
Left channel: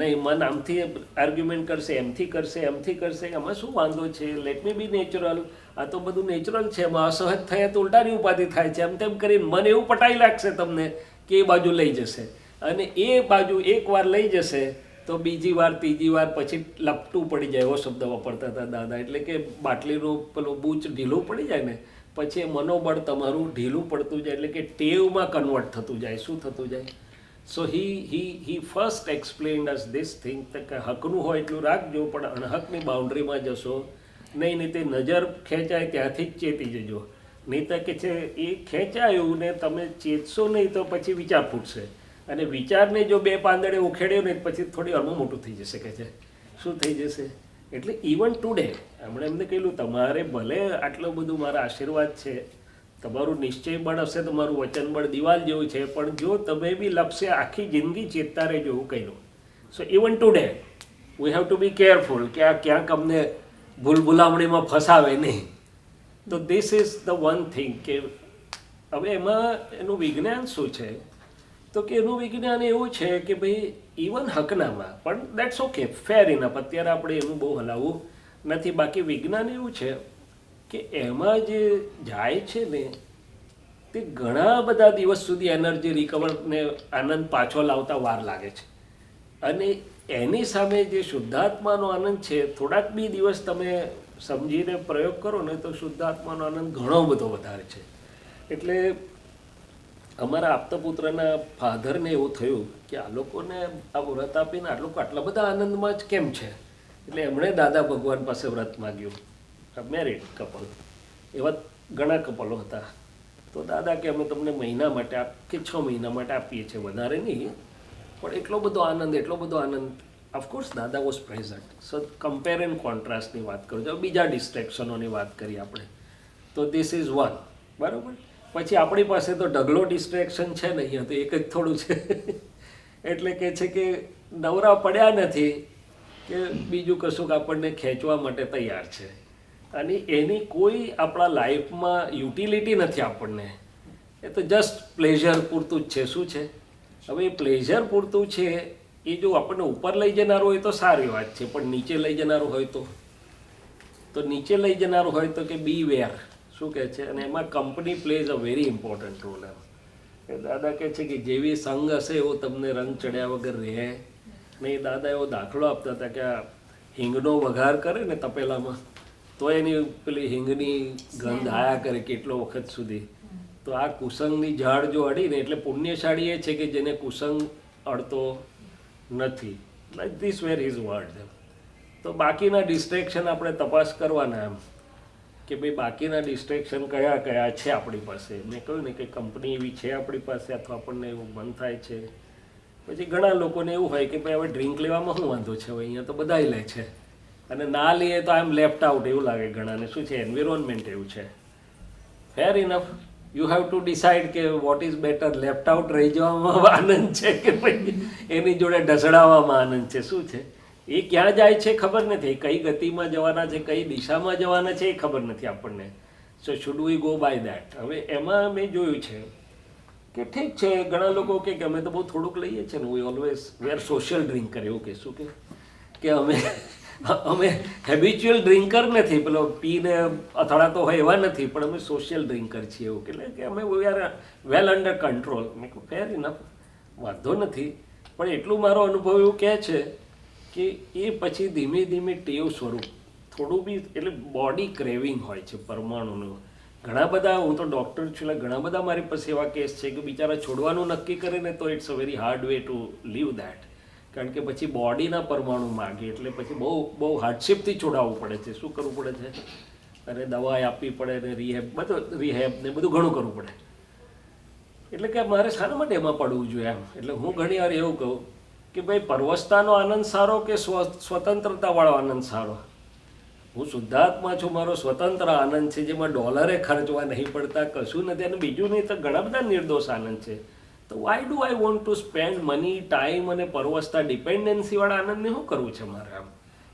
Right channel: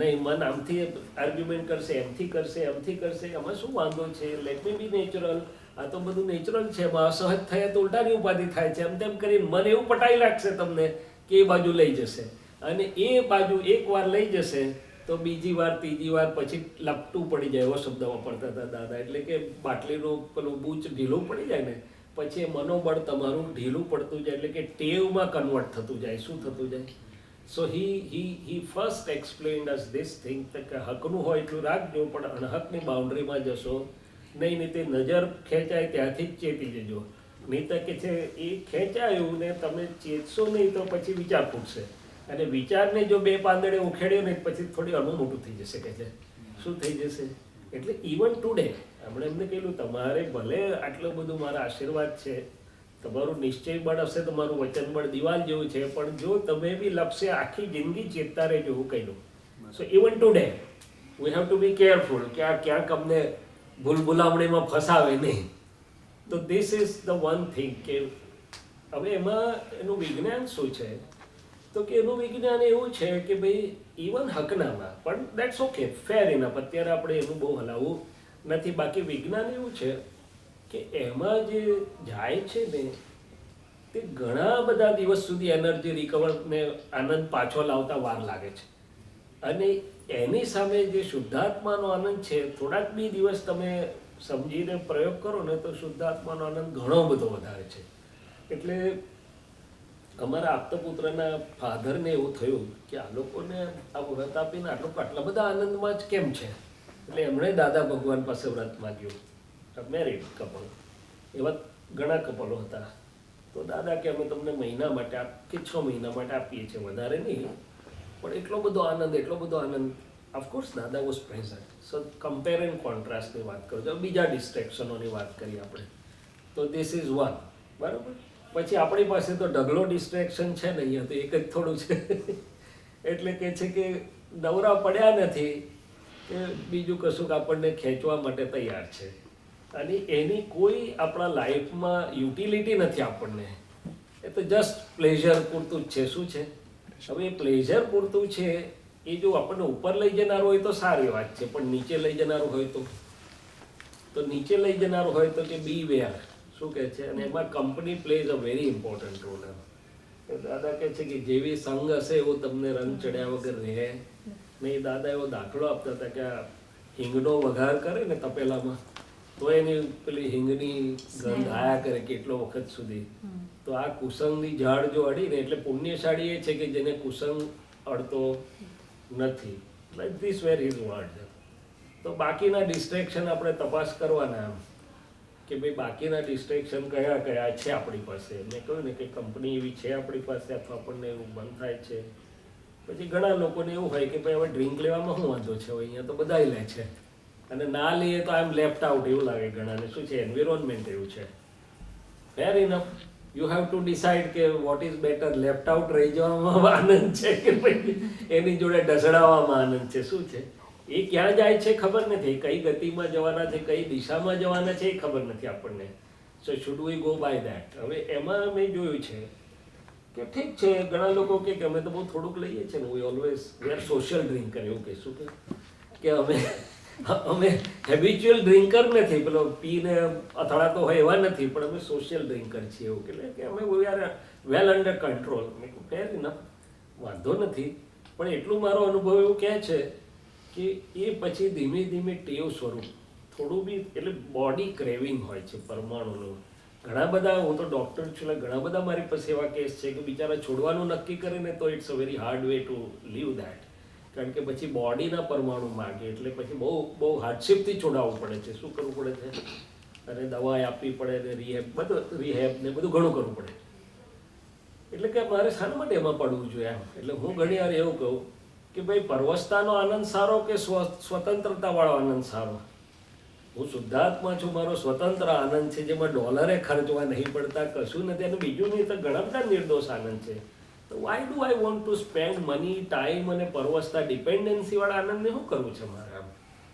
નહીં. મન આમથી આર્ગ્યુમેન્ટ કરશે, એમથી કરશે, એમથી કરશે, એમાં શું વાંધો છે, લેટ મી બી નેચરલ, આ તો બધું નેચરલ છે, એમાં અસહજ થયા તો ઉલટાની ઉપાધિ થાય છે, એમ તેમ કરીને મન એવું પટાઈ લાગશે તમને કે એ બાજુ લઈ જશે. અને એ બાજુ એકવાર લઈ જશે તો બીજી વાર, ત્રીજી વાર પછી લપટું પડી જાય. એવો શબ્દ વાપરતા હતા દાદા. એટલે કે બાટલીનું પેલું બૂચ ઢીલું પડી જાય ને પછી એ મનોબળ તમારું ઢીલું પડતું જાય, એટલે કે ટેવમાં કન્વર્ટ થતું જાય. શું થતું જાય? સો he first explained us this thing કે હકનું હોય એટલું રાખજો, પણ અણહકની બાઉન્ડ્રીમાં જશો નહીં. નહીં તે નજર ખેંચાય ત્યાંથી જ ચેતી જજો. નહીં તો કે છે એ ખેંચાયું ને તમે ચેતશો નહીં તો પછી વિચાર ફૂટશે, અને વિચારને જો બે પાંદડે ઉખેડ્યો ને પછી થોડી હળવું મોટું થઈ જશે. કે છે શું થઈ જશે? એટલે ઇવન ટુડે હમણાં એમને કહેલું તમારે ભલે આટલું બધું મારા આશીર્વાદ છે, તમારું નિશ્ચય બળ હશે, તમારું વચન બળ દિવાલ જેવું છે, પણ જો તમે બી લપસે આખી જિંદગી ચેતતા રહેજો એવું કહ્યું. સો even today we have to be careful કે આ ક્યાંક અમને ભૂલભુલામણીમાં ફસાવે નહીં. તો this is the one thing કે હવે એમાં એનું વિજ્ઞાન શું છે તો કે એનું વિજ્ઞાન એવું છે કે ભાઈ ઇવન હકનામાં પણ દેટ્સ ઓકે, ફેર ઇનફ, અત્યારે આપણે એનું બહુ હલાવવું નથી. બાકી વિજ્ઞાન એવું છે કે એમાં જે જાય છે ને તે ઘણા બધા દિવસ સુધી એનર્જી રિકવર ને આનંદ પાછો લાવતા વાર લાગે છે. અને એની સામે જે શુદ્ધાત્માનો આનંદ છે, થોડાક બી દિવસ તમે સમજીને પ્રયોગ કરો ને તો શુદ્ધાત્માનો આનંદ ઘણો બધો વધારે છે. એટલે અમારા આપતપુત્રના ફાધરને એવું થયું કે આ લોકોને આ વ્રત આપીને આ લોકો આટલા બધા આનંદમાં જ કેમ છે. એટલે એમણે દાદા ભગવાન પાસે વ્રત માગ્યું. મેરિડ કપલ, એવા ઘણા કપલો હતા. તો દાદા કે અમે તમને મહિના માટે કે 6 મહિના માટે આપીએ છીએ, વધારે નહીં, પણ એટલો બધો આનંદ, એટલો બધો આનંદ. ઓફકોર્સ દાદા was present. So compare and કોન્ટ્રાસ્ટની વાત કરું છું. બીજા ડિસ્ટ્રેક્શનોની વાત કરી આપણે તો ધીસ ઇઝ વન, બરાબર. પછી આપણી પાસે તો ઢગલો ડિસ્ટ્રેક્શન છે ને, અહીંયા તો એક જ થોડું છે. એટલે કે છે કે નવરા પડ્યા નથી કે બીજું કશુંક આપણને ખેંચવા માટે તૈયાર છે, અને એની કોઈ આપણા લાઈફમાં યુટિલિટી નથી આપણને. એ તો જસ્ટ પ્લેઝર પૂરતું જ છે. શું છે? હવે એ પ્લેઝર પૂરતું છે એ જો આપણને ઉપર લઈ જનારું હોય તો સારી વાત છે, પણ નીચે લઈ જનારું હોય તો નીચે લઈ જનારું હોય તો કે બી વેર. શું કહે છે? અને એમાં company plays a very important role. એમ દાદા કહે છે કે જેવી સંગ હશે એવો તમને રંગ ચડ્યા વગર રહે નહીં. દાદા એવો દાખલો આપતા હતા કે આ હિંગનો વઘાર કરે ને તપેલામાં તો એની પેલી હિંગની ગંધ આયા કરે કેટલો વખત સુધી. તો આ કુસંગની ઝાડ જો અડીને, એટલે પુણ્યશાળી એ છે કે જેને કુસંગ અડતો નથી. Like this were his word. તો બાકીના ડિસ્ટ્રેક્શન આપણે તપાસ કરવાના એમ કે ભાઈ બાકીના ડિસ્ટ્રેક્શન કયા કયા છે આપણી પાસે. મેં કહ્યું ને કે કંપની એવી છે આપણી પાસે, અથવા આપણને એવું મન થાય છે. પછી ઘણા લોકોને એવું હોય કે ભાઈ હવે ડ્રિંક લેવામાં શું વાંધો છે, હવે અહીંયા તો બધાય લે છે, અને ના લઈએ તો આઈ એમ લેફ્ટ આઉટ એવું લાગે ઘણાને. શું છે? એન્વિરોન્મેન્ટ એવું છે. Fair enough, you have to decide કે what is better. Left out રહી જવામાં આનંદ છે કે ભાઈ એની જોડે ઢસડાવવામાં આનંદ છે. શું છે? એ ક્યાં જાય છે ખબર નથી, કઈ ગતિમાં જવાના છે, કઈ દિશામાં જવાના છે એ ખબર નથી આપણને. So should we go by that. હવે એમાં મેં જોયું છે કે ઠીક છે, ઘણા લોકો કે અમે તો બહુ થોડુંક લઈએ છીએ ને, we always we are social drinker. એવું કે શું કે અમે હેબિચ્યુઅલ ડ્રિંકર નથી, પેલો પીને અથડાતો હોય એવા નથી, પણ અમે સોશિયલ ડ્રિંકર છીએ. એવું એટલે કે અમે we are well under control. મેં કહું ફેર ઇનફ, વાંધો નથી, પણ એટલું મારો અનુભવ એવું કહે છે કે એ પછી ધીમે ધીમે ટેવ સ્વરૂપ થોડું બી, એટલે બોડી ક્રેવિંગ હોય છે પરમાણુનું. ઘણા બધા, હું તો ડૉક્ટર છું, એટલે ઘણા બધા મારી પાસે એવા કેસ છે કે બિચારા છોડવાનું નક્કી કરે ને તો it's a very hard way to leave that. કારણ કે પછી બોડીના પરમાણુ માગે, એટલે પછી બહુ હાર્ડશીપથી છોડાવવું પડે છે. શું કરવું પડે છે? અને દવા આપવી પડે ને રિહેબ ને બધું ઘણું કરવું પડે. એટલે કે મારે શાના માટે એમાં પડવું જોઈએ એમ. એટલે હું ઘણી વાર એવું કહું કે ભાઈ પરવસતાનો આનંદ સારો કે સ્વતંત્રતાવાળો આનંદ સારો? હું શુદ્ધાત્મા છું, મારો સ્વતંત્ર આનંદ છે જેમાં ડોલરે ખર્ચવા નહીં પડતા, કશું નથી. અને બીજું નહીં તો ઘણા બધા નિર્દોષ આનંદ છે. તો why do I want to spend money, time અને પરવસતા ડિપેન્ડન્સીવાળા આનંદને શું કરવું છે મારે? આમ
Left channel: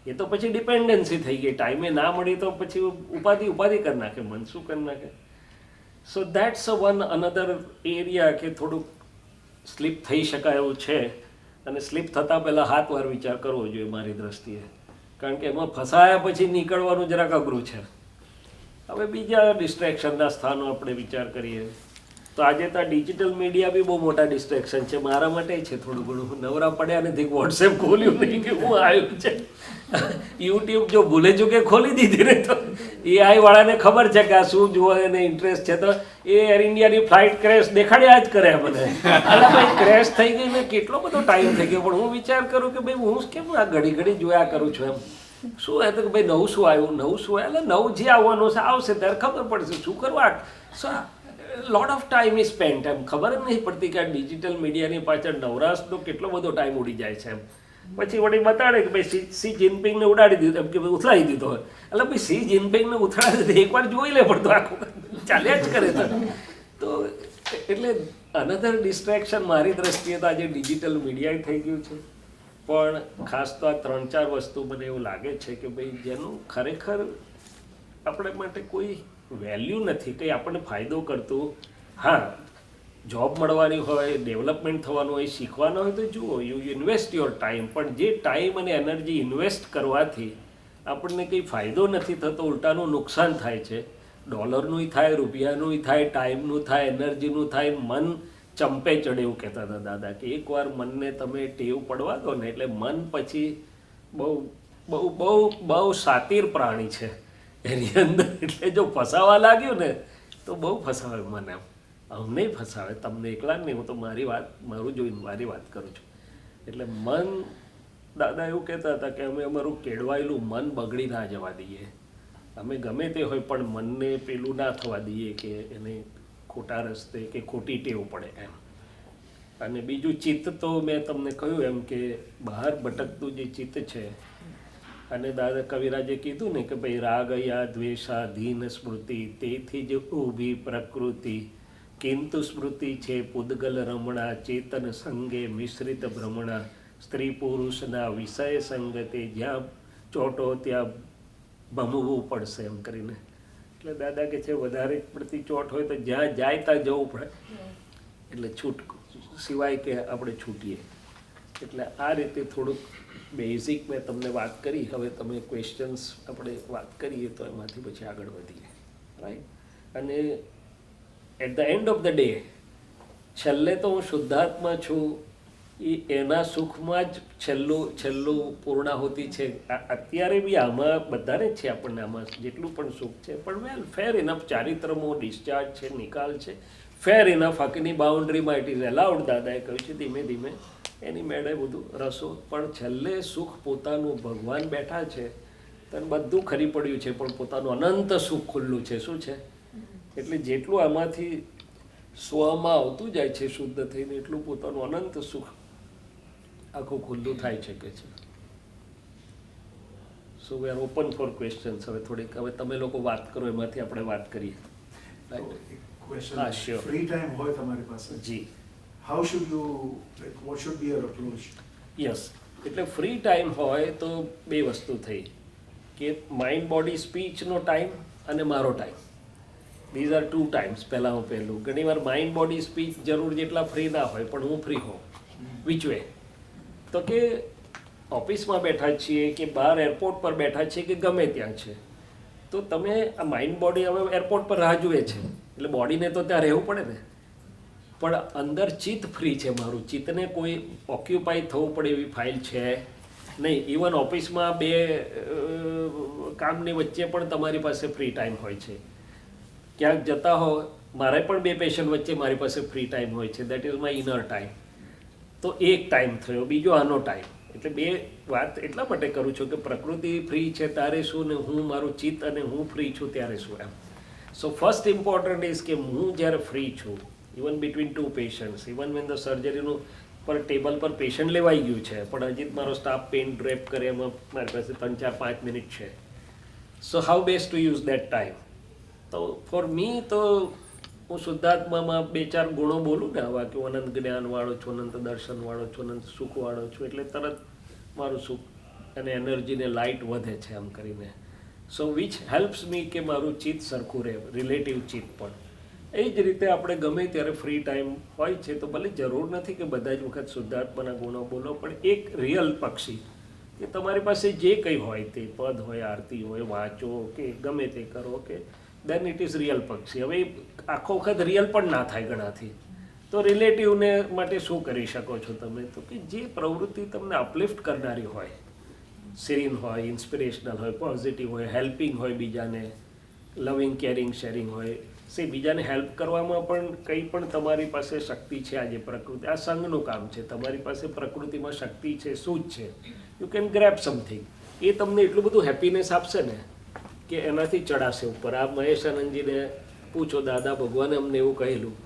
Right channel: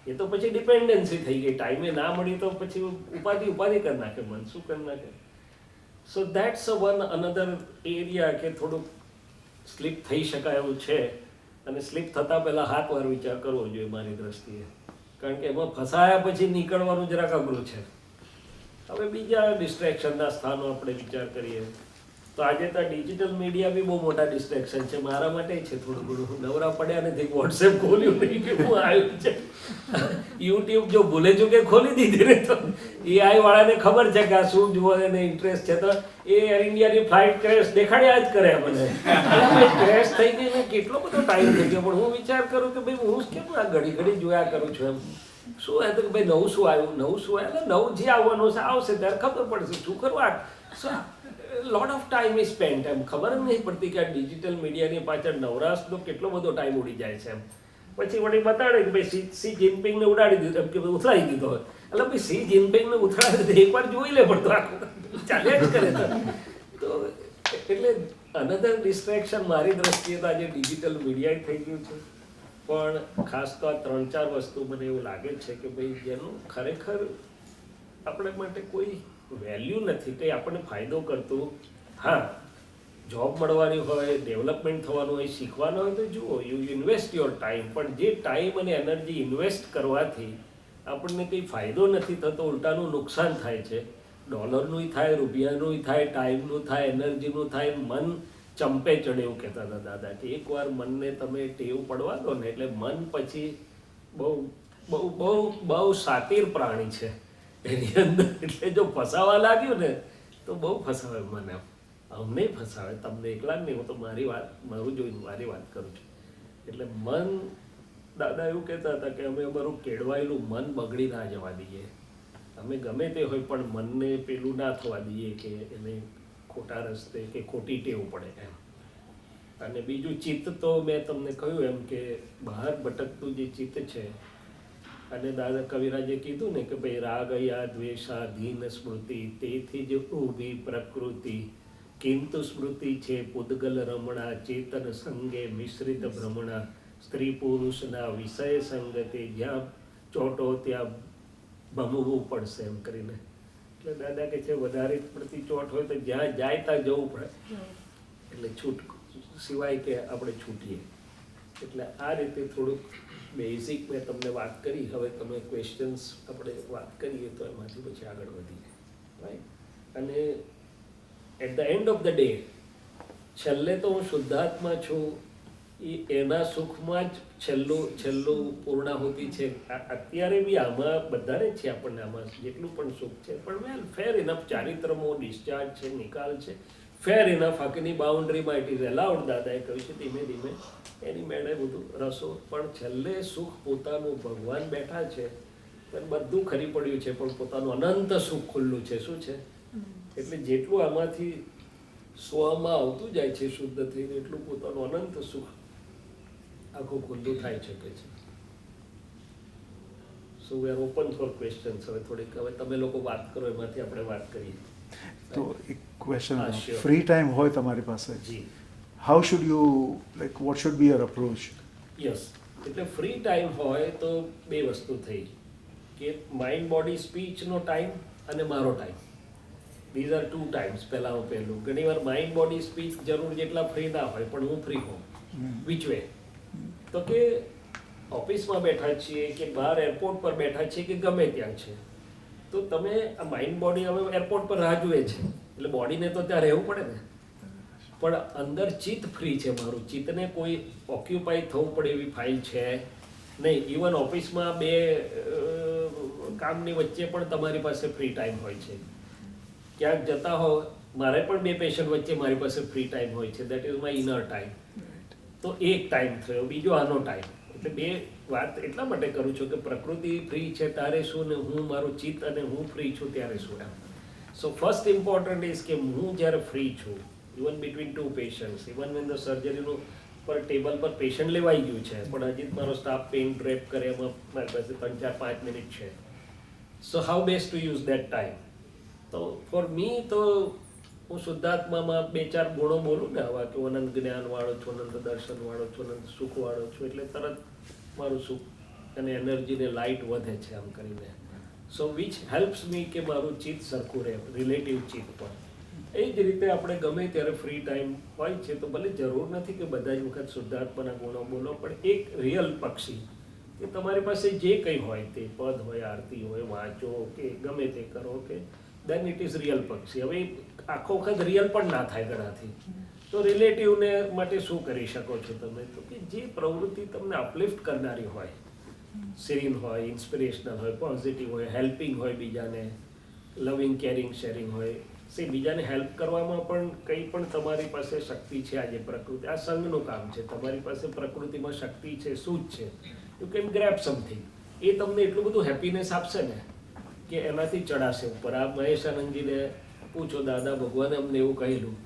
એ તો પછી ડિપેન્ડન્સી થઈ ગઈ. ટાઈમે ના મળી તો પછી ઉપાધિ કરી નાખે, મન શું કરી નાખે. સો દેટ્સ વન અનધર એરિયા કે થોડુંક સ્લીપ થઈ શકાય એવું છે. અને સ્લીપ થતાં પહેલાં 7 વાર વિચાર કરવો જોઈએ મારી દ્રષ્ટિએ, કારણ કે એમાં ફસાયા પછી નીકળવાનું જરાક અઘરું છે. હવે બીજા ડિસ્ટ્રેક્શનના સ્થાનો આપણે વિચાર કરીએ તો આજે તો ડિજિટલ મીડિયા બી બહુ મોટા ડિસ્ટ્રેક્શન છે મારા માટે છે. થોડું ઘણું નવરા પડ્યા નથી, વોટ્સએપ ખોલ્યું નહીં કે હું આવ્યું છે. યુટ્યુબ જો ભૂલે ચૂકે ખોલી દીધી ને તો AI વાળાને ખબર છે કે આ શું જોવા એને ઇન્ટરેસ્ટ છે, તો એ એર ઇન્ડિયાની ફ્લાઇટ ક્રેશ દેખાડ્યા જ કરે મને. અલા ભાઈ ક્રેશ થઈ ગઈ ને કેટલો બધો ટાઈમ થઈ ગયો, પણ હું વિચાર કરું કે ભાઈ હું કેમ આ ઘડી જોયા કરું છું એમ. શું હે તો કે ભાઈ નવું શું આવ્યું, એટલે નવું જે આવવાનું છે આવશે ત્યારે ખબર પડશે શું કરવા. So lot of time is spent. એમ ખબર જ નહીં પડતી કે આ ડિજિટલ મીડિયાની પાછળ નવરાશનો કેટલો બધો ટાઈમ ઉડી જાય છે એમ. પછી વળી બતાડે કે ભાઈ સી જિનપિંગને ઉડાડી દીધું, એમ કે ભાઈ ઉથલાઈ દીધો હોય. એટલે ભાઈ સી જિનપિંગને ઉથલાડી દીધું એકવાર જોઈ લે, પણ તો આખું ચાલ્યા જ કરે. તો એટલે અનધર ડિસ્ટ્રેક્શન મારી દ્રષ્ટિએ તો આજે ડિજિટલ મીડિયા થઈ ગયું છે. પણ ખાસ તો આ 3-4 વસ્તુ મને એવું લાગે છે કે ભાઈ જેનું ખરેખર આપણે માટે કોઈ વેલ્યુ નથી, કંઈ આપણને ફાયદો કરતું. હા, જોબ મળવાની હોય, ડેવલપમેન્ટ થવાનું હોય, શીખવાનું હોય તો જુઓ, યુ ઇન્વેસ્ટ યોર ટાઈમ. પણ જે ટાઈમ અને એનર્જી ઇન્વેસ્ટ કરવાથી આપણને કંઈ ફાયદો નથી થતો, ઉલટાનું નુકસાન થાય છે. ડોલરનું થાય, રૂપિયાનું થાય, ટાઈમનું થાય, એનર્જીનું થાય. મન ચંપે ચડે એવું કહેતા હતા દાદા કે એકવાર મનને તમે ટેવ પડવા દો ને એટલે મન પછી બહુ બહુ બહુ બહુ સાતીર પ્રાણી છે એની અંદર. એટલે જો ફસાવા લાગ્યું ને તો બહુ ફસાવે મને. એમ અમને ફસાવે, તમને એકલા જ નહીં. હું તો મારું જોઈને મારી વાત કરું છું. એટલે મન, દાદા એવું કહેતા હતા કે અમે અમારું કેળવાયેલું મન બગડી ના જવા દઈએ. અમે ગમે તે હોય પણ મનને પેલું ના થવા દઈએ કે એને ખોટા રસ્તે કે ખોટી ટેવ પડે એમ. અને બીજું ચિત્ત તો મેં તમને કહ્યું એમ કે બહાર ભટકતું જે ચિત્ત છે, અને દાદા કવિરાજે કીધું ને કે ભાઈ રાગયા દ્વેષા ધીન સ્મૃતિ તેથી જ ઊભી પ્રકૃતિ, કિંતુ સ્મૃતિ છે પૂદગલ રમણા, ચેતન સંગે મિશ્રિત ભ્રમણા, સ્ત્રી પુરુષના વિષય સંગતે જ્યાં ચોટો ત્યાં ભમવું પડશે એમ કરીને. એટલે દાદા કે છે વધારે પડતી ચોટ હોય તો જ્યાં જાય ત્યાં જવું પડે, એટલે છૂટ સિવાય કે આપણે છૂટીએ. એટલે આ રીતે થોડુંક બેઝિક મેં તમને વાત કરી. હવે તમે ક્વેશ્ચન્સ આપણે વાત કરીએ તો એમાંથી પછી આગળ વધીએ, રાઈટ. અને at the end of the day છેલ્લે તો હું શુદ્ધાત્મા છું, એના સુખમાં જ છેલ્લું પૂર્ણાહુતિ છે. અત્યારે બી આમાં બધાને છે, આપણને આમાં જેટલું પણ સુખ છે, પણ વેલ ફેર ઇનફ ચારિત્રમો ડિસ્ચાર્જ છે, નિકાલ છે, ફેર ઇનફ. હકની બાઉન્ડ્રીમાં ઇટ ઇઝ એલાઉડ. દાદાએ કહ્યું છે ધીમે ધીમે એની મેળે બધું રસો. પણ છેલ્લે સુખ પોતાનું ભગવાન બેઠા છે, તને બધું ખરી પડ્યું છે, પણ પોતાનું અનંત સુખ ખુલ્લું છે. શું છે? એટલે જેટલું આમાંથી સ્વમાં આવતું જાય છે શુદ્ધ થઈને, એટલું પોતાનું અનંત સુખ આખું ખુલ્લું થાય શકે છે. So we are open for questions. હવે થોડીક હવે તમે લોકો વાત કરો, એમાંથી આપણે વાત કરીએ. તો એક ક્વેશ્ચન, હા, sure. ફ્રી ટાઈમ હોય તમારી પાસે, જી, how should you like what should be your approach? Yes. એટલે ફ્રી ટાઈમ હોય તો બે વસ્તુ થઈ કે માઇન્ડ બોડી સ્પીચનો ટાઈમ અને મારો ટાઈમ. These are 2 times. પહેલું ઘણીવાર માઇન્ડ બોડી સ્પીચ જરૂર જેટલા ફ્રી ના હોય, પણ હું ફ્રી હોઉં. Which way? તો કે ઓફિસમાં બેઠા છીએ કે બહાર એરપોર્ટ પર બેઠા છીએ કે ગમે ત્યાં છે, તો તમે આ માઇન્ડ બોડી હવે એરપોર્ટ પર રાહ જુએ છે, એટલે બોડીને તો ત્યાં રહેવું પડે ને. પણ અંદર ચિત્ત ફ્રી છે મારું. ચિત્તને કોઈ ઓક્યુપાય થવું પડે એવી ફાઇલ છે નહીં. ઇવન ઓફિસમાં 2 કામની વચ્ચે પણ તમારી પાસે ફ્રી ટાઈમ હોય છે. ક્યાંક જતા હો, મારે પણ 2 પેશન્ટ વચ્ચે મારી પાસે ફ્રી ટાઈમ હોય છે. That is my inner time. તો એક ટાઈમ થયો, બીજો આનો ટાઈમ. એટલે 2 વાત એટલા માટે કરું છું કે પ્રકૃતિ ફ્રી છે ત્યારે શું, ને હું મારું ચિત્ત અને હું ફ્રી છું ત્યારે શું એમ. સો ફર્સ્ટ ઇમ્પોર્ટન્ટ ઇઝ કે હું જ્યારે ફ્રી છું, even between 2 patients, even when the સર્જરીનું પર ટેબલ પર પેશન્ટ લેવાઈ ગયું છે, પણ હજી મારો સ્ટાફ પેન ડ્રેપ કરે, એમાં મારી પાસે 3, 4, 5 મિનિટ છે. So how best to use that time? તો ફોર મી તો હું શુદ્ધાત્મામાં 2-4 ગુણો બોલું ને આવા કે હું અનંત જ્ઞાનવાળો છું, અનંત દર્શનવાળો છું, અનંત સુખવાળો છું, એટલે તરત મારું સુખ અને એનર્જીને લાઇટ વધે છે આમ કરીને. સો વિચ હેલ્પ્સ મી કે મારું ચિત્ત સરખું રહે, રિલેટિવ ચિત્ત પણ. એ જ રીતે આપણે ગમે ત્યારે ફ્રી ટાઈમ હોય છે તો ભલે જરૂર નથી કે બધા જ વખત શુદ્ધાત્માના ગુણો બોલો, પણ એક રિયલ પક્ષી કે તમારી પાસે જે કંઈ હોય તે પદ હોય, આરતી હોય, વાંચો કે ગમે તે કરો કે દેન ઇટ ઇઝ રિયલ પક્ષી. હવે આખો વખત રિયલ પણ ના થાય ઘણાથી, તો રિલેટિવને માટે શું કરી શકો છો તમે? તો કે જે પ્રવૃત્તિ તમને અપલિફ્ટ કરનારી હોય, સિરીન હોય, ઇન્સ્પિરેશનલ હોય, પોઝિટિવ હોય, હેલ્પિંગ હોય, બીજાને લવિંગ, કેરિંગ, શેરિંગ હોય, બીજાને હેલ્પ કરવામાં પણ કંઈ પણ તમારી પાસે શક્તિ છે. આજે પ્રકૃતિ આ સંઘનું કામ છે, તમારી પાસે પ્રકૃતિમાં શક્તિ છે, શું જ છે, યુ કેન ગ્રેબ સમથિંગ. એ તમને એટલું બધું હેપીનેસ આપશે ને કે એનાથી ચડાશે ઉપર. આ મહેશ આનંદજીને પૂછો, દાદા ભગવાને અમને એવું કહેલું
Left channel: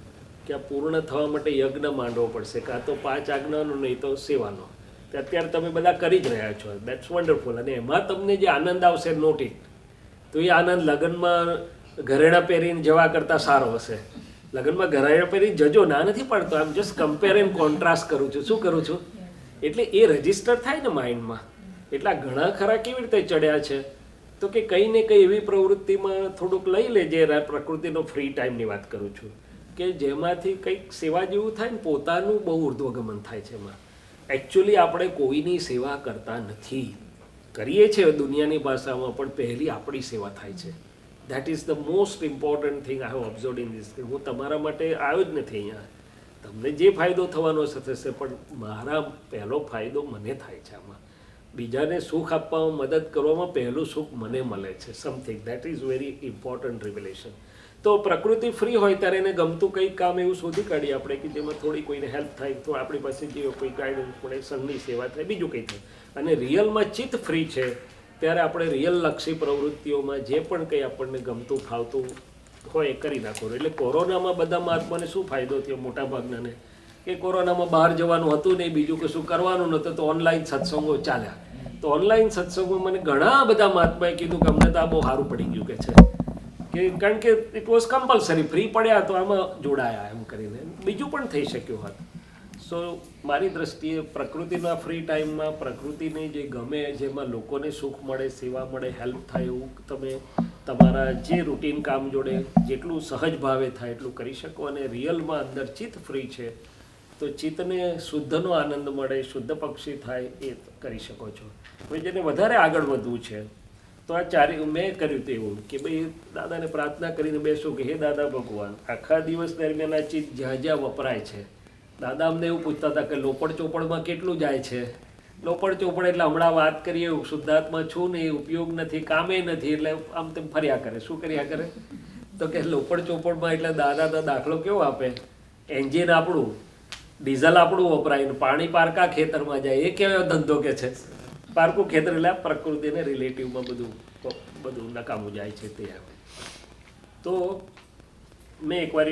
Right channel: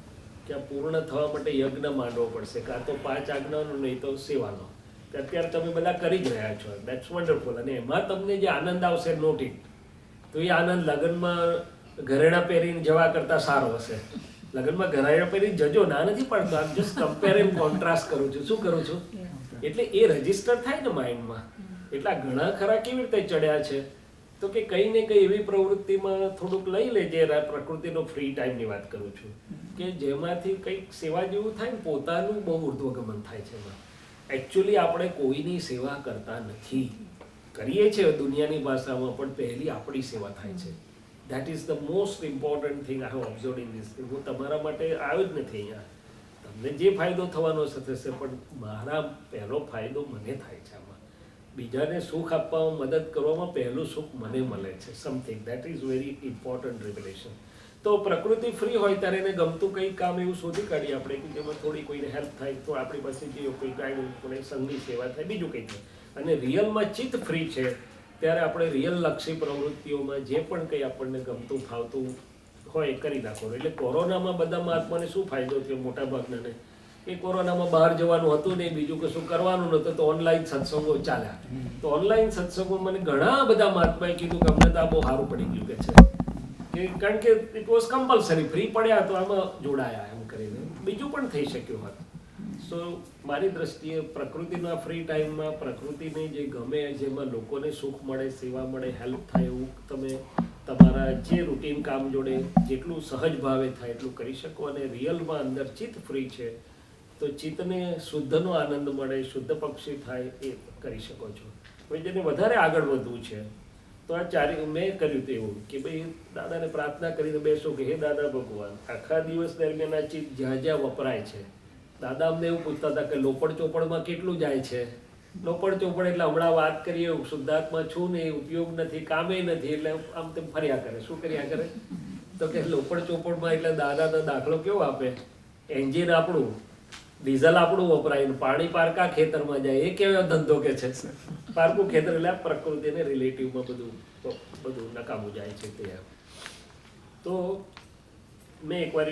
કે આ પૂર્ણ થવા માટે યજ્ઞ માંડવો પડશે, કાં તો 5 આજ્ઞાનો નહીં તો સેવાનો. તે અત્યારે તમે બધા કરી જ રહ્યા છો, દેટ્સ વન્ડરફુલ. અને એમાં તમને જે આનંદ આવશે નોટ ઇટ, તો એ આનંદ લગ્નમાં ઘરેણા પહેરીને જવા કરતાં સારો હશે. લગ્નમાં ઘરેણા પહેરીને જજો, ના નથી પડતો, આમ જસ્ટ કમ્પેર એન્ડ કોન્ટ્રાસ્ટ કરું છું. શું કરું છું? એટલે એ રજિસ્ટર થાય ને માઇન્ડમાં. એટલા ઘણા ખરા કેવી રીતે ચડ્યા છે? તો કે કંઈ ને કંઈ એવી પ્રવૃત્તિમાં થોડુંક લઈ લેજે. પ્રકૃતિનો ફ્રી ટાઈમની વાત કરું છું કે જેમાંથી કંઈક સેવા જેવું થાય ને, પોતાનું બહુ ઉર્ધ્વગમન થાય છે એમાં. એકચ્યુઅલી આપણે કોઈની સેવા કરતા નથી, કરીએ છીએ દુનિયાની ભાષામાં, પણ પહેલી આપણી સેવા થાય છે. That is the most important thing I have observed in this. હું તમારા માટે આવ્યો જ નથી અહીંયા, તમને જે ફાયદો થવાનો થશે, પણ મારા પહેલો ફાયદો મને થાય છે આમાં. બીજાને સુખ આપવામાં મદદ કરવામાં પહેલું સુખ મને મળે છે. Something that is very important revelation. તો પ્રકૃતિ ફ્રી હોય ત્યારે એને ગમતું કંઈક કામ એવું શોધી કાઢીએ આપણે કે જેમાં થોડી કોઈને હેલ્પ થાય, તો આપણી પાસે જે કોઈ ગાઈડન્સ પડે, સંઘની સેવા થાય, બીજું કંઈ થાય. અને રિયલમાં ચિત્ત ફ્રી છે ત્યારે આપણે રિયલ લક્ષી પ્રવૃત્તિઓમાં જે પણ કંઈ આપણને ગમતું ફાવતું હોય એ કરી નાખો. એટલે કોરોનામાં બધા મહાત્માને શું ફાયદો થયો? મોટા ભાગનાને કે કોરોનામાં બહાર જવાનું હતું નહીં, બીજું કશું કરવાનું નહોતું, તો ઓનલાઈન સત્સંગો ચાલ્યા. તો ઓનલાઈન સત્સંગોમાં મને ઘણા બધા મહાત્માએ કીધું કે અમને તો આ બહુ સારું પડી ગયું કે છે, કે કારણ કે ઇટ વોઝ કમ્પલસરી, ફ્રી પડ્યા તો આમાં જોડાયા એમ કરીને. બીજું પણ થઈ શક્યું હોત. સો મારી દ્રષ્ટિએ પ્રકૃતિના ફ્રી ટાઈમમાં પ્રકૃતિને જે ગમે, જેમાં લોકોને સુખ મળે, સેવા મળે, હેલ્પ થાય, એવું તમે તમારા જે રૂટીન કામ જોડે જેટલું સહજ ભાવે થાય એટલું કરી શકો. અને રિયલમાં અંદર ચિત્ત ફ્રી છે તો ચિત્તને શુદ્ધનો આનંદ મળે, શુદ્ધ પક્ષી થાય, એ કરી શકો છો. હવે જેને વધારે આગળ વધવું છે તો આ મેં કર્યું હતું એવું કે ભાઈ દાદાને પ્રાર્થના કરીને બેસો કે હે દાદા ભગવાન, આખા દિવસ દરમિયાન આ ચિત્ત જ્યાં જ્યાં વપરાય છે, દાદા અમને એવું પૂછતા હતા કે લોપડ ચોપડમાં કેટલું જાય છે? લોપડ ચોપડ એટલે હમણાં વાત કરીએ, શુદ્ધાત્મા છું ને, એ ઉપયોગ નથી, કામે નથી, એટલે આમ તેમ ફર્યા કરે. શું કર્યા કરે? તો કે લોપડ ચોપડમાં એટલે દાદા તો દાખલો કેવો આપે, એન્જિન આપણું, ડીઝલ આપણું વપરાય ને પાણી પારકા ખેતરમાં જાય. એ કેવો ધંધો કે છે? પારકું ખેતર એટલે પ્રકૃતિને રિલેટિવમાં બધું નકામું જાય છે તે. તો મેં એકવાર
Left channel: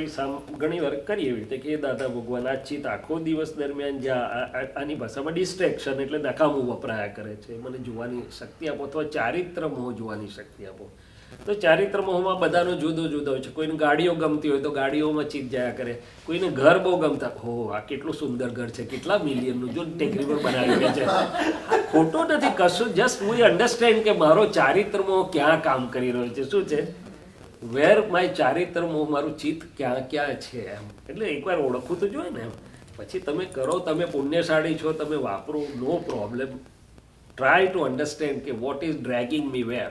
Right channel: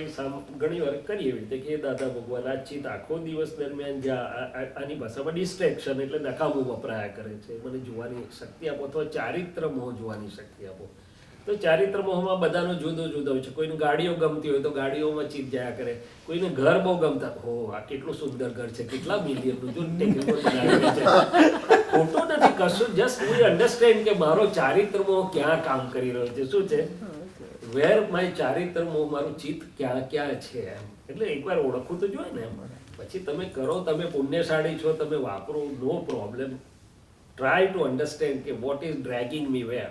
ઘણી વાર કરી એવી રીતે કે દાદા ભગવાન, આ ચિત્ત આખો દિવસ દરમિયાન જ્યાં આની ભાષામાં ડિસ્ટ્રેક્શન એટલે નકામું વપરાયા કરે છે, મને જોવાની શક્તિ આપો, અથવા ચારિત્ર મોહ જોવાની શક્તિ આપો. તો ચારિત્ર મોહમાં બધાનો જુદો જુદો હોય છે. કોઈને ગાડીઓ ગમતી હોય તો ગાડીઓમાં ચિત્ત જાયા કરે, કોઈને ઘર બહુ ગમતા, હો આ કેટલું સુંદર ઘર છે, કેટલા મિલિયનનું, જો ટેકરી પર બનાવેલું છે. ખોટું નથી કશું, જસ્ટ વી અન્ડરસ્ટેન્ડ કે મારો ચારિત્ર મોહ ક્યાં કામ કરી રહ્યો છે, શું છે, વેર માય ચારિત્ર મોહ, મારું ચિત્ત ક્યાં ક્યાં છે એમ. એટલે એકવાર ઓળખવું તો જોઈએ ને એમ. પછી તમે કરો, તમે પુણ્યશાળી છો, તમે વાપરો, નો પ્રોબ્લેમ. ટ્રાય ટુ અન્ડરસ્ટેન્ડ કે વોટ ઇઝ ડ્રેગિંગ મી વેર.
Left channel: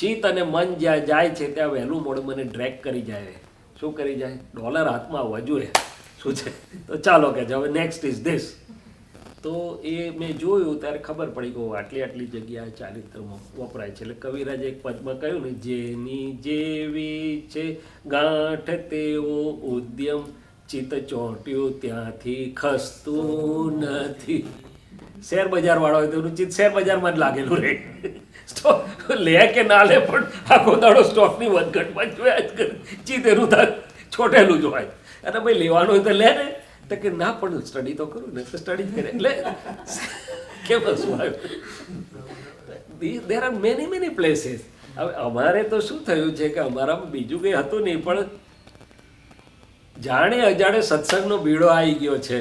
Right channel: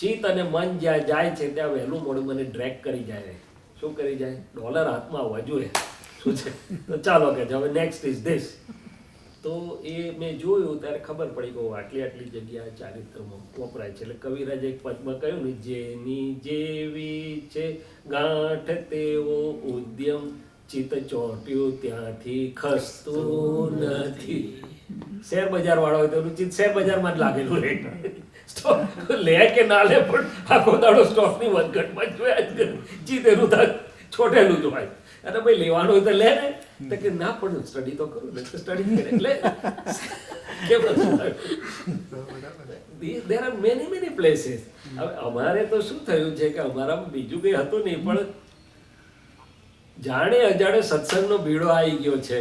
ચિત્ત અને મન જ્યાં જાય છે ત્યાં વહેલું મોડું મને ડ્રેગ કરી જાય. શું કરી જાય? ડોલર હાથમાં આવવા જોઈએ, શું છે. તો ચાલો કે હવે નેક્સ્ટ ઇઝ ધીસ. તો એ મેં જોયું ત્યારે ખબર પડી કે આટલી આટલી જગ્યાએ ચારિત્રમાં વપરાય છે. એટલે કવિરાજે એક પદમાં કહ્યું ને, જેની જેવી છે ગાંઠ તેવો ઉદ્યમ, ચિત્ત ચોંટ્યું ત્યાંથી ખસતું નથી. શેર બજાર વાળો હોય તો એનું ચિત્ત શેર બજારમાં જ લાગેલું રહે. સ્ટોક લે કે ના લે, પણ આખો દાડો સ્ટોકની વધઘટમાં જોયા જ કરે, ચિત્ત એનું છોટેલું જ હોય. અને ભાઈ લેવાનું હોય તો લે ને, તો કે ના પણ સ્ટડી તો કરું ને, સ્ટડી કરે. એટલે કેમ there are many many places. હવે અમારે તો શું થયું છે કે અમારામાં બીજું કંઈ હતું નહીં, પણ જાણે અજાણે સત્સંગનો ભીડો આવી ગયો છે.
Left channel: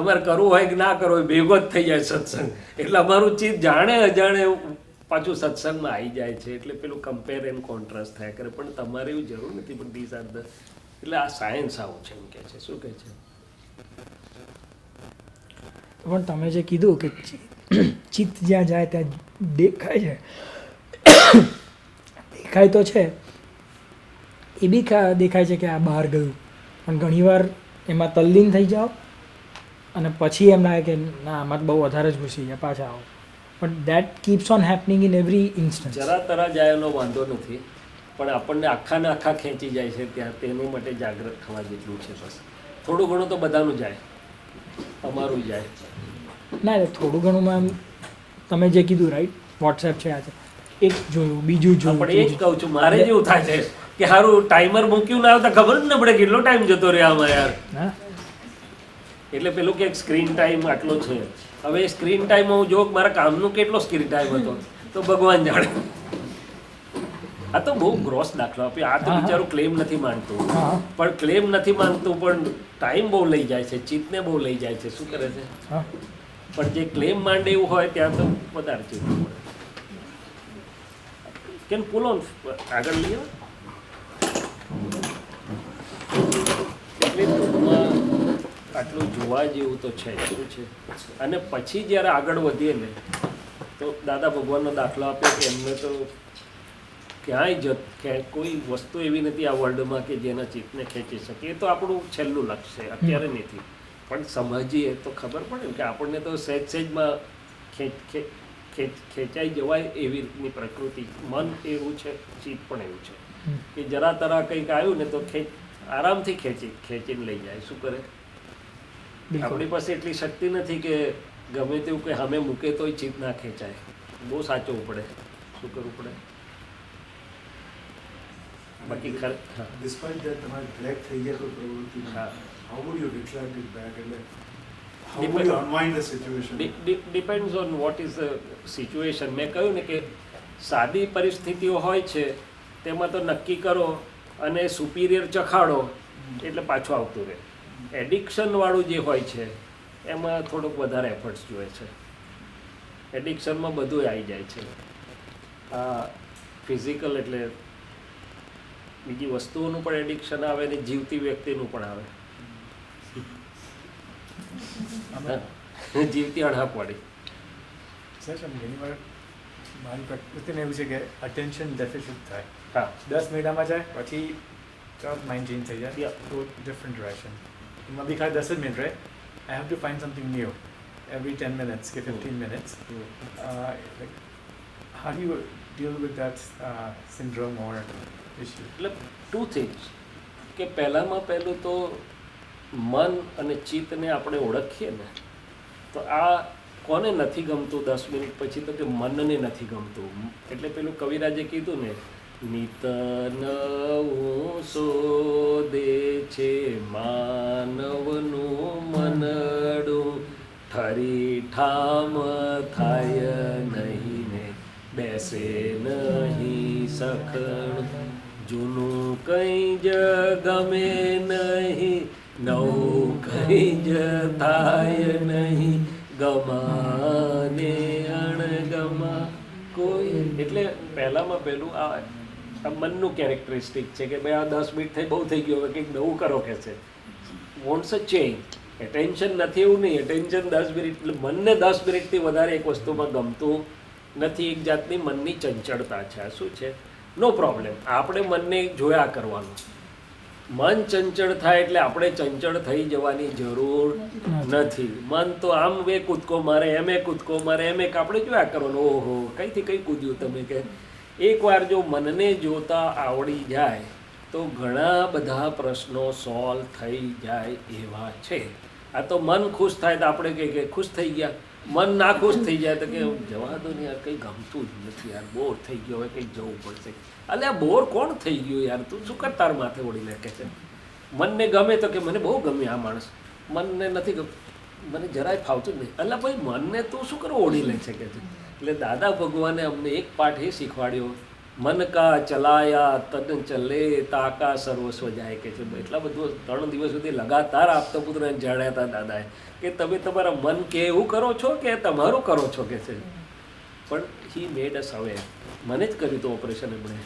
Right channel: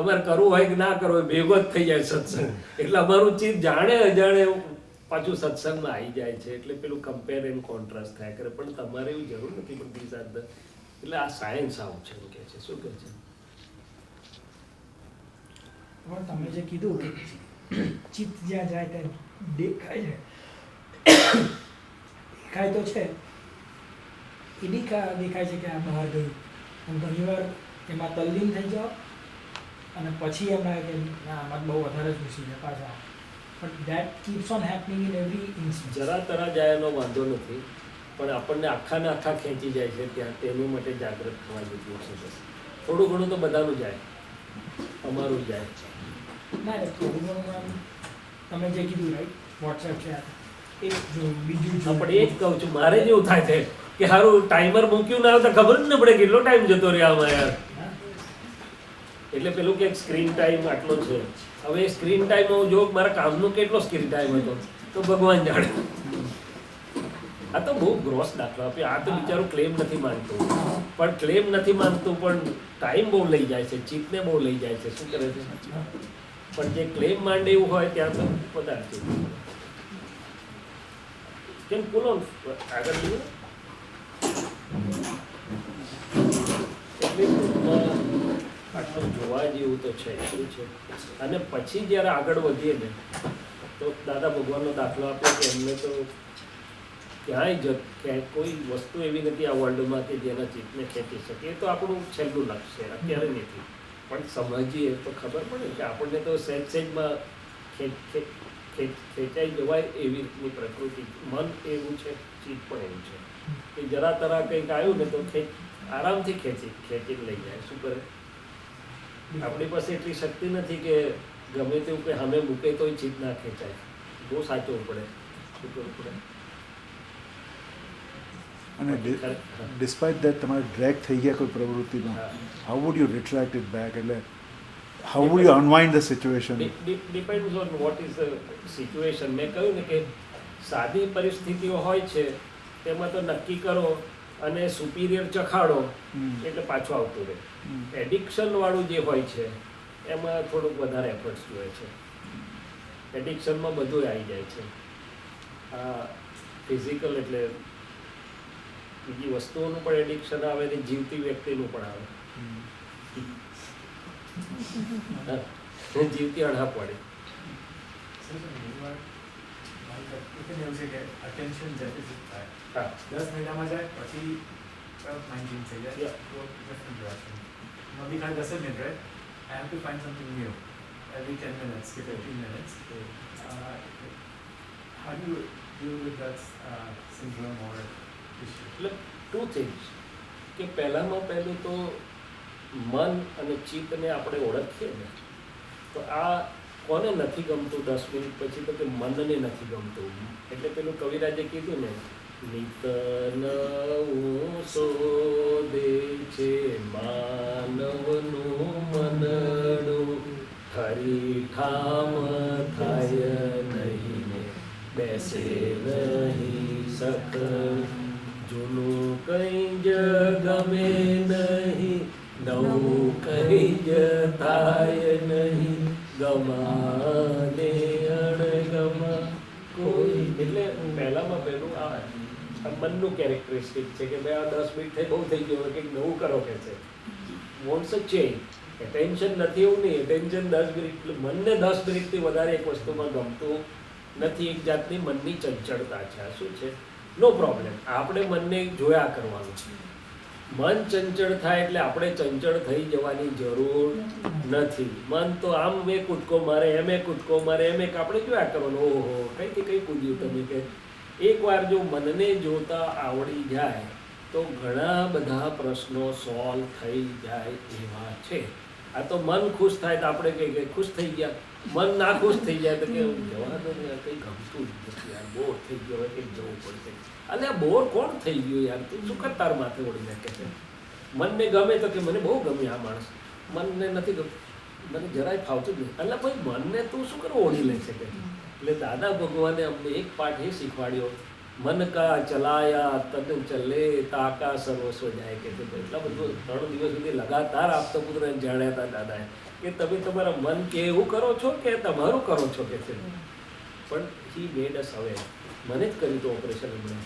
અમારે કરવું હોય કે ના કરવું હોય ભેગો જ થઈ જાય સત્સંગ. એટલે અમારું ચિત્ત જાણે અજાણે પાછું સત્સંગમાં આવી જાય છે. એટલે પેલું કમ્પેર એન્ડ કોન્ટ્રાસ્ટ થયા કરે. પણ તમારે એવું જરૂર નથી. પણ ધીસ આર ધ એટલે આ સાયન્સ આવું છે એમ કહે છે. શું કહે છે? પણ તમે જે કીધું કે ચિત્ત જ્યાં જાય ત્યાં દેખાય છે, દેખાય તો છે, એ બી દેખાય છે કે આ બહાર ગયું, પણ ઘણીવાર એમાં તલ્લીન થઈ જાઓ અને પછી એમ લાગે કે ના આમાં બહુ વધારે જ ઘૂસી ગયા, પાછા આવો. પણ that keeps on happening in every instance. જરા તરા જાય એનો વાંધો નથી, પણ આપણને આખા ને આખા ખેંચી જાય છે ત્યાં તેની માટે જાગૃત થવા જેટલું છે. બસ થોડું ઘણું તો બધાનું જાય, અમારું જાય. ના એટલે થોડું ઘણું એમ તમે જે કીધું રાઈટ, વોટ્સએપ છે આ છે એક જોયું, બીજું જોયું. પણ એ જ કહું છું, મારે જેવું થાય છે કે સારું ટાઈમર મૂક્યું ના આવતા ખબર જ ન પડે કેટલો ટાઈમ જતો રહે આમાં યાર. હા એટલે પેલું કે સ્ક્રીન ટાઈમ આટલો છે. હવે સ્ક્રીન ટાઈમ હું જો મારા કામનો કેટલો સ્ક્રીન ટાઈમ હતો તો ભગવાન જાણે. આ તો બહુ ગ્રોસ દાખલો આપ્યો. આ તો બિચારું ક્લેમ નથી માનતું, પણ ક્લેમ નથી માનતું પણ ટાઈમ બહુ લઈ જાય છે, ચિત્તને બહુ લઈ જાય છે. શું કરે છે? હા પણ જે ક્લેમ માંડે એવું હોય ત્યાં તો વધારે ચિત્ત પડે. કેમ પુલ ઓન આગળ લઈએ. એટલે ટૂંકમાં આટલું જોવા જેવું તો છે. શું છે? અને પછી જ્યારે આગળ વધીએ ને તો દાદા ભગવાનનો દાખલો આપ્યો કે એમને તો ક્યાંય કોઈ વસ્તુ એવી નથી આ વર્લ્ડમાં કે જેના ચિત્તને ખેંચી શકે. એ તો આપણું છેલ્લું લક્ષ્ય છે, અત્યારે નથી. પણ સમજીએ તો ખબર પડે ને કે આપણને તો સહેજમાં ખેંચાઈ જવાય એવી રીતની પ્રકૃતિ. મન એવું છે, ચિત્ત પણ એવું છે કે જરા તરા કંઈક આવ્યું ને તો આરામથી ખેંચીને લઈ જાય. શું કરે? આપણી પાસે એટલી શક્તિ નથી કે ગમે તેવું કે અમે મૂકે તોય ચિત્ત ના ખેંચાય. બહુ સાચવવું પડે. શું કરવું પડે? ડિસ્પાઇટ દેટ તમારે ડ્રેગ થઈ ગયા કોઈ પ્રવૃત્તિમાં, how would you reflect it back? એટલે how would you unwind the situation? Depends on what is the situation. મેં કહ્યું ને કે સાદી પરિસ્થિતિઓ હોય છે તેમાં તો નક્કી કરો અને સુપિરિયર ચખાડો એટલે પાછું આવતું રહે. એડિક્શનવાળું જે હોય છે એમાં થોડુંક વધારે એફર્ટ્સ જોઈએ છે. એડિક્શનમાં બધું આવી જાય છે. આ ફિઝિકલ એટલે બીજી વસ્તુઓનું પણ એડિક્શન આવે ને જીવતી વ્યક્તિનું પણ આવે. જીવતી અણહાપવાળી. એવું છે કે અટેન્શન ડેફિસિટ થાય. હા 10 મહિનામાં જાય પછી માઇન્ડ ચેન્જ થઈ જાય ટુ ડિફરન્ટ ડિરેક્શન. અભી ખાલી 10 minute right, I have to find something new every 10 minutes કે 15 minutes. How do you deal with that syndrome or issue? એટલે ટુ થિંગ્સ કે પહેલામાં પહેલું તો મન અને ચિત્તને આપણે ઓળખીએ ને તો આ કોને નથી ગમતું 10 મિનિટ પછી? તો કે મનને નથી ગમતું. એટલે પેલું કવિરાજે કીધું ને, નિત નવું શોધે છે માનવનું મનડું, ઠરી ઠામ થાય નહીં ને બેસે નહીં સખણ, જૂનું કંઈ જ ગમે નહીં, નવું કંઈ જ થાય નહીં, ગમાને અણગમા કોઈ. એટલે પહેલામાં પહેલું આ મનનું કેરેક્ટરિસ્ટિક છે કે ભાઈ આ 10 મિનિટ થઈ બહુ થઈ ગયું, હવે કંઈક નવું કરો કે છે. વોન્ટ્સ અ ચેન્જ. એટેન્શન નથી એવું નહીં, એટેન્શન 10 મિનિટ. એટલે મનને 10 મિનિટથી વધારે એક વસ્તુમાં ગમતું નથી. એક જાતની મનની ચંચળતા છે. આ શું છે? નો પ્રોબ્લેમ. આપણે મનને જોયા કરવાનું. મન ચંચળ થાય એટલે આપણે ચંચળ થઈ જવાની જરૂર નથી. મન તો આમ એ કૂદકો મારે, એમ એ કૂદકો મારે, એમ એક આપણે જોયા કરવાનું. ઓહો કંઈથી કંઈ કૂદ્યું તમે. કે એકવાર જો મનને જોતા આવડી જાય તો ઘણા બધા પ્રશ્નો સોલ્વ થઈ જાય એવા છે. આ તો મન ખુશ થાય તો આપણે કહીએ કે ખુશ થઈ ગયા. મન ના ખુશ થઈ જાય તો કે જવા દો ને યાર, કંઈ ગમતું જ નથી યાર, બોર થઈ ગયો, હવે કંઈક જવું પડશે. અલે બોર કોણ થઈ ગયું યાર, તું શું કર તાર માથે ઓળી નાખે છે. મનને ગમે તો કે મને બહુ ગમે આ માણસ, મનને નથી ગમતું, મને જરાય ફાવતું જ નહીં. એટલે ભાઈ મનને તું શું કરો ઓળી લે છે કે છે. એટલે દાદા ભગવાને અમને એક પાઠ એ શીખવાડ્યો મન કા ચલાયા તન ચલે તાકા સર્વસ્વ જાય કે છે. એટલા બધું 3 દિવસ સુધી લગાતાર આપતા પુત્રને જાણ્યા હતા દાદાએ કે તમે તમારા મન કે એવું કરો છો કે તમારું કરો છો કે છે. પણ હી મેડ અસ અવેર. મને જ કર્યું હતું ઓપરેશન એમણે.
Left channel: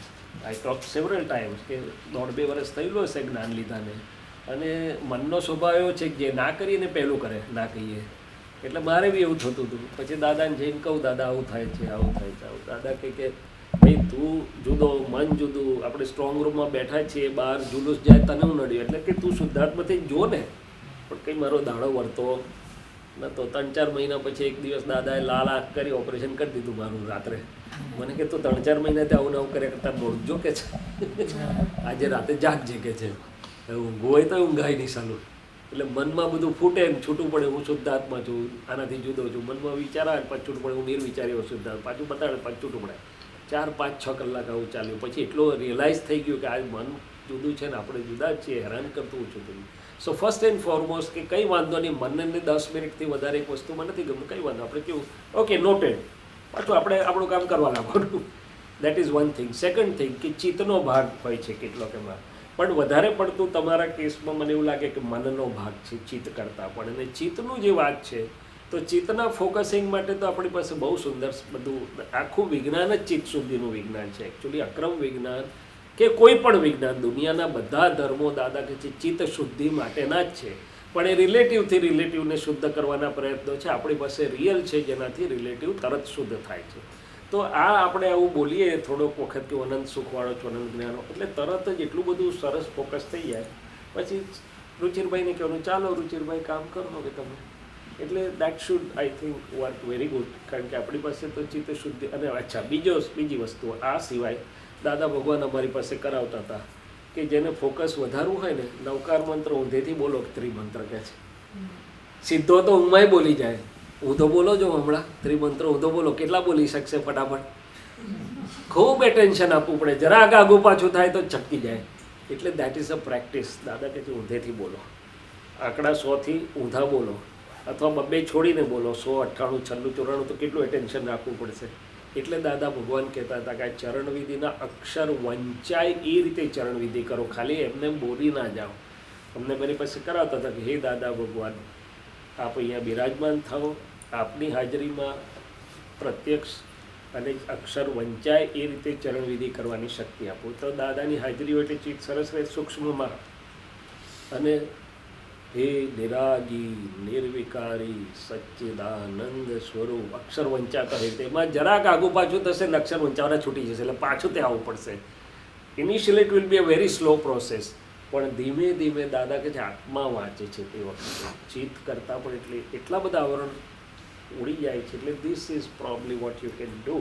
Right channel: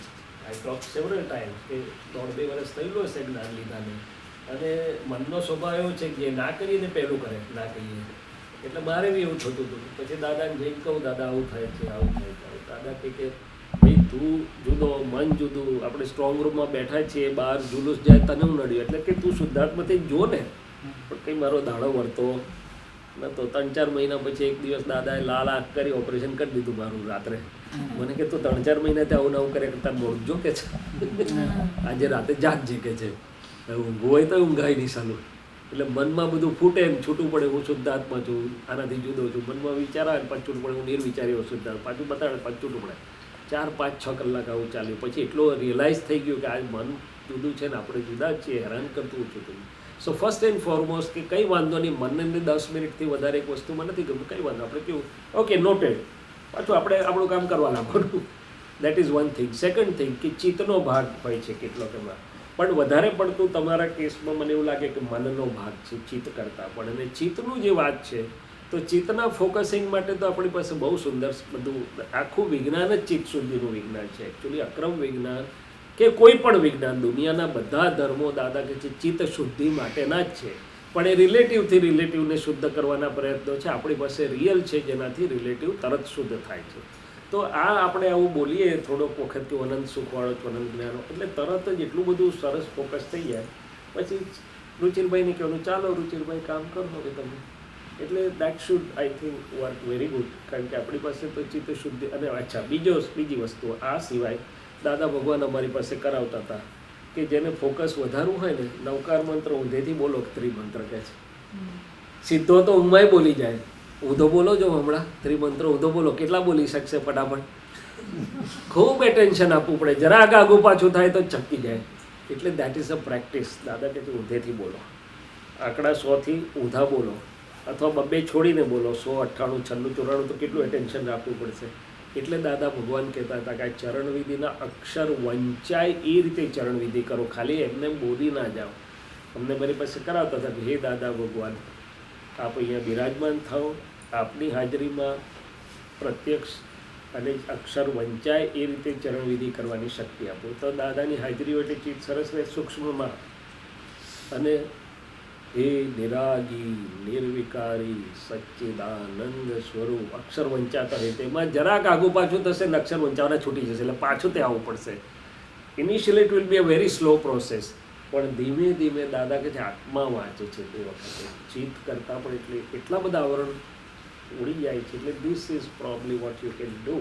આઈ ટોક સેવરલ ટાઈમ્સ કે 1.5-2 વર્ષ થયેલું હશે જ્ઞાન લીધાને, અને મનનો સ્વભાવ એવો છે કે જે ના કરીએ ને પહેલું કરે, ના કહીએ. એટલે મારે બી એવું થતું હતું. પછી દાદાને જઈને કહું, દાદા આવું થાય છે, આવું થાય છે, આવું. દાદા કે ભાઈ તું જુદો, મન જુદું. આપણે સ્ટ્રોંગ રૂમમાં બેઠા છીએ, બહાર જુલુસ જાય તને હું નડ્યું, એટલે કે તું શુદ્ધાત્માથી જો ને. પણ કંઈ મારો દાડો વળતો નહોતો. 3-4 મહિના પછી એક દિવસ દાદાએ લાલ આંખ કરી ઓપરેશન કરી દીધું મારું રાત્રે. મને કે તું 3-4 મહિનાથી આવું નવું કરે કરતા મોડજો કે છે. આજે રાતે જાગજે કે છે. ઊંઘ હોય તો ઊંઘાય નહીં સાલું. એટલે મનમાં બધું ફૂટે ને છૂટું પડે, હું શુદ્ધાત્મા છું, આનાથી જુદો છું. મનમાં વિચાર આવે પાછું છૂટું પડે, હું નિર્વિચારી શુદ્ધાત્મા, પાછું બતાડે પાછું છૂટું પડે. 4-5-6 કલાક આવું ચાલ્યું. પછી એટલો રિયલાઇઝ થઈ ગયું કે આ મન જુદું છે ને આપણે જુદા જ છીએ, હેરાન કરતું છું તમે. સો ફર્સ્ટ એન્ડ ફોરમોસ્ટ કે કંઈ વાંધો નહીં, મનને 10 મિનિટથી વધારે એક વસ્તુમાં નથી ગમતું, કંઈ વાંધો. આપણે કેવું ઓકે નોટેડ, પાછું આપણે આપણું કામ કરવા લાગવાનું. That is one thing. Second thing કે ચિત્તનો ભાગ હોય છે કેટલોક એમાં, પણ વધારે પડતું તમારા કેસમાં મને એવું લાગે કે મનનો ભાગ છે ચિત્ત કરતાં પણ. અને ચિત્તનું જે વાત છે, તો ચિત્તના ફોકસિંગ માટે તો આપણી પાસે બહુ સુંદર બધું આખું વિજ્ઞાન જ ચિત્ત શુદ્ધિનું વિજ્ઞાન છે. એકચ્યુઅલી અક્રમ વિજ્ઞાન કે કોઈ પણ વિજ્ઞાન, દુનિયાના બધા ધર્મો દાદા કે છે ચિત્ત શુદ્ધિ માટેના જ છે. પણ એ રિલેટિવથી રિલેટિવને શુદ્ધ કરવાના પ્રયત્નો છે. આપણી પાસે રિયલ છે જેનાથી રિલેટિવ તરત શુદ્ધ થાય છે. તો આ આપણે આવું બોલીએ થોડોક વખત કે અનંત સુખવાળો છો, અનંત જ્ઞાનો, એટલે તરત જ એટલું બધું સરસ ફોકસ થઈ જાય. પછી રુચિરભાઈને કહેવાનું, ચાલો રુચિરભાઈ કામ કરો હવે તમે. એટલે that should I think work very good. કારણ કે આપણી પાસે તો ચિત્ત શુદ્ધિ. અને અચ્છા બીજી વસ્તુ આ સિવાય દાદા ભગવાન અમારી પાસે કરાવતા હતા કે જેને ફોકસ વધારવું હોય ને, નવકાર મંત્ર ઊંધેથી બોલો, ત્રિમંત્ર કહે છે. સીધો તો ઊંઘમાંય બોલી જાય. ઊંધો બોલો જો હમણાં ત્રિમંત્ર ઊંધો બોલો, કેટલા બોલી શકશે ફટાફટ? ખૂબ એટેન્શન આપવું પડે. જરા આગું પાછું થાય તો ચટકી જાય. એટલે દેટ ઇઝ અ પ્રેક્ટિસ. દાદા કહે છે ઊંધેથી બોલો, આંકડા 100થી ઊંધા બોલો, અથવા 2 છોડીને બોલો. 100, 98, 96, 94 તો કેટલું એટેન્શન રાખવું પડશે. એટલે દાદા ભગવાન કહેતા હતા કે આ ચરણવિધિના અક્ષર વંચાય એ રીતે ચરણવિધિ કરો, ખાલી એમને બોલી ના જાઓ. અમને મારી પાસે કરાવતા હતા કે હે દાદા ભગવાન, આપ અહીંયા બિરાજમાન થાઓ, આપની હાજરીમાં પ્રત્યક્ષ અને અક્ષર વંચાય એ રીતે ચરણવિધિ કરવાની શક્તિ આપો. તો દાદાની હાજરી હોય એટલે ચિત્ત સરસ રહે સૂક્ષ્મમાં. અને હે નિરાગી નિર્વિકારી સચ્ચિદાનંદ સ્વરૂપ, અક્ષર વંચાતા હોય તેમાં જરાક આગું પાછું થશે ને અક્ષર વંચાવાના છૂટી જશે. એટલે પાછું તે આવવું પડશે. Initially it will be a very slow process. પણ ધીમે ધીમે દાદા કે છે આત્મા વાંચે છે તે વખતે ચિત્ત કરતાં પણ એટલા બધા આવરણ ઉડી જાય છે. એટલે this is probably what you can do.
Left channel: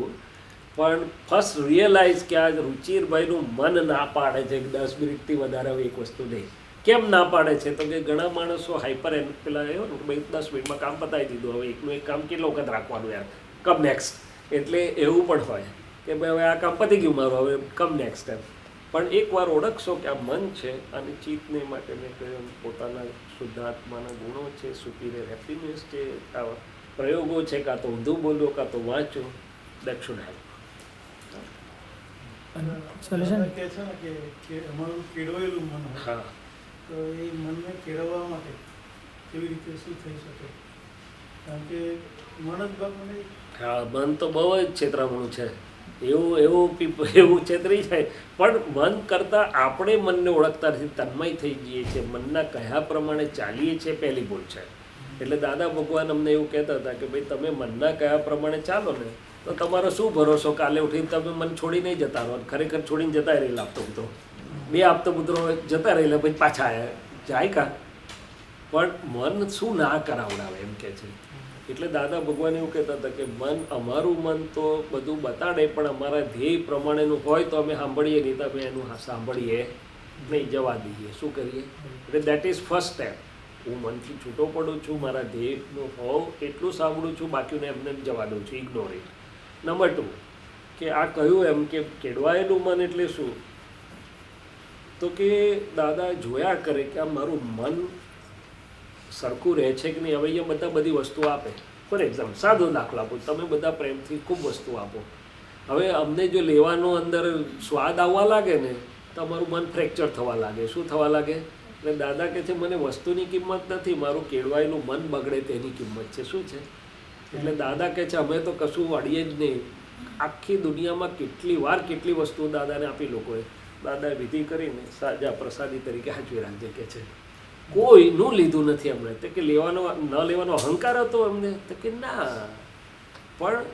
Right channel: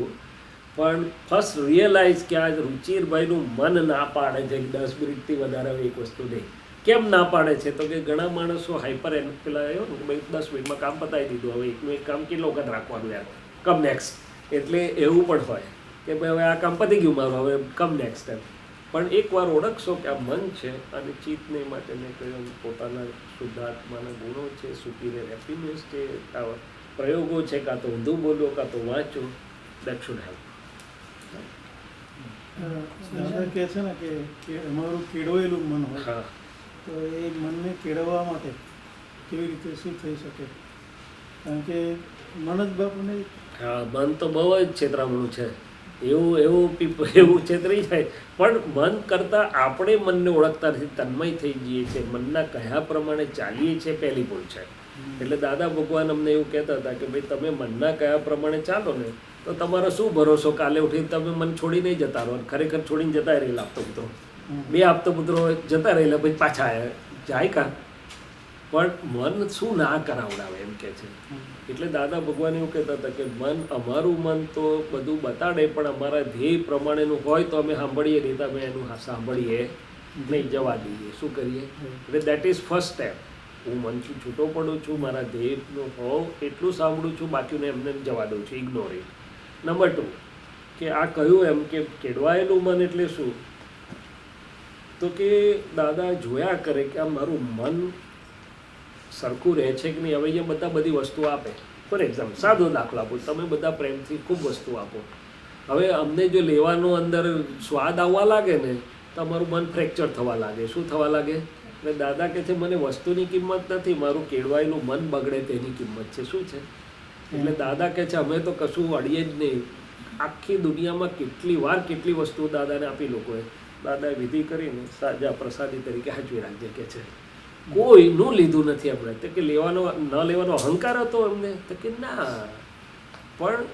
પણ ફર્સ્ટ રિયલાઇઝ કે આ રુચિરભાઈનું મન ના પાડે છે કે 10 મિનિટથી વધારે એક વસ્તુ નહીં. કેમ ના પાડે છે? તો કે ઘણા માણસો હાઈપર પેલા એવો ને કે ભાઈ 10 મિનિટમાં કામ પતાવી દીધું, હવે એકનું એક કામ કેટલો વખત રાખવાનું યાર, કમ નેક્સ્ટ. એટલે એવું પણ હોય કે ભાઈ હવે આ કામ પતી ગયું મારું, હવે કમ નેક્સ્ટ ટાઈમ. પણ એકવાર ઓળખશો કે આ મન છે અને ચિત્તને માટે મેં કહ્યું પોતાના શુદ્ધાત્માના ગુણો છે, સુપીરિયર હેપીનેસ છે, આ પ્રયોગો છે, કાં તો ઊંધું બોલો કાં તો વાંચો, દેટ શુડ હેલ્પ. કહે છે ને કે અમારું કેળવેલું મન હોય, હા, તો એ મનને કેળવવા માટે કેવી રીતે શું થઈ શકે? કારણ કે મન જ બાપુને હા, મન તો બહુ જ છેતરામણું છે. એવું છેતરી જાય. પણ મન કરતાં આપણે મનને ઓળખતા નથી, તન્મય થઈ જઈએ છીએ, મનના કયા પ્રમાણે ચાલીએ છીએ પહેલી ભૂલ છે. એટલે દાદા ભગવાન અમને એવું કહેતા હતા કે ભાઈ તમે મનના કયા પ્રમાણે ચાલો ને તો તમારો શું ભરોસો કાલે ઉઠીને તમે મન છોડી નહીં જતા રહો. ખરેખર છોડીને જતા રહેલા આપતો પુત્રો, 2 આપતો પુત્રો જતા રહેલા, પછી પાછા આવ્યા જાય કાં. પણ મન શું ના કરાવડાવે એમ કે છે. એટલે દાદા ભગવાન એવું કહેતા હતા કે અમારું મન તો બધું બતાડે પણ અમારા ધ્યેય પ્રમાણેનું હોય તો અમે સાંભળીએ, નહીં તો અમે એનું સાંભળીએ નહીં, જવા દઈએ. શું કરીએ? એટલે દેટ ઇઝ ફર્સ્ટ સ્ટેપ. હું મનથી છૂટો પડું છું, મારા ધ્યેયનું હોવ એટલું સાંભળું છું, બાકીને એમને જવા દઉં છું, ઇગ્નોર ઇટ. નંબર 2 કે આ કહ્યું એમ કે કેળવાયેલું મન એટલે શું? તો કે દાદા જોયા કરે કે આ મારું મન સરખું રહે છે કે નહીં. હવે અહીંયા બધી વસ્તુઓ આપે. ફોર એક્ઝામ્પલ સાદો દાખલો આપો, તમે બધા પ્રેમથી ખૂબ વસ્તુ આપો, હવે અમને જો લેવાનો અંદર સ્વાદ આવવા લાગે ને તો અમારું મન ફ્રેક્ચર થવા લાગે. શું થવા લાગે? એટલે દાદા કહે છે મને વસ્તુની કિંમત નથી, મારું કેળવાયેલું મન બગડે તેની કિંમત છે. શું છે? એટલે દાદા કહે છે અમે તો કશું અડીએ જ નહીં. આખી દુનિયામાં કેટલી વસ્તુઓ દાદાને આપી લોકોએ. દાદાએ વિધિ કરીને સાજા પ્રસાદી તરીકે હાચવી રાખજે કે છે. કોઈનું લીધું નથી અમને. તો કે ન લેવાનો અહંકાર હતો એમને? તો કે ના, પણ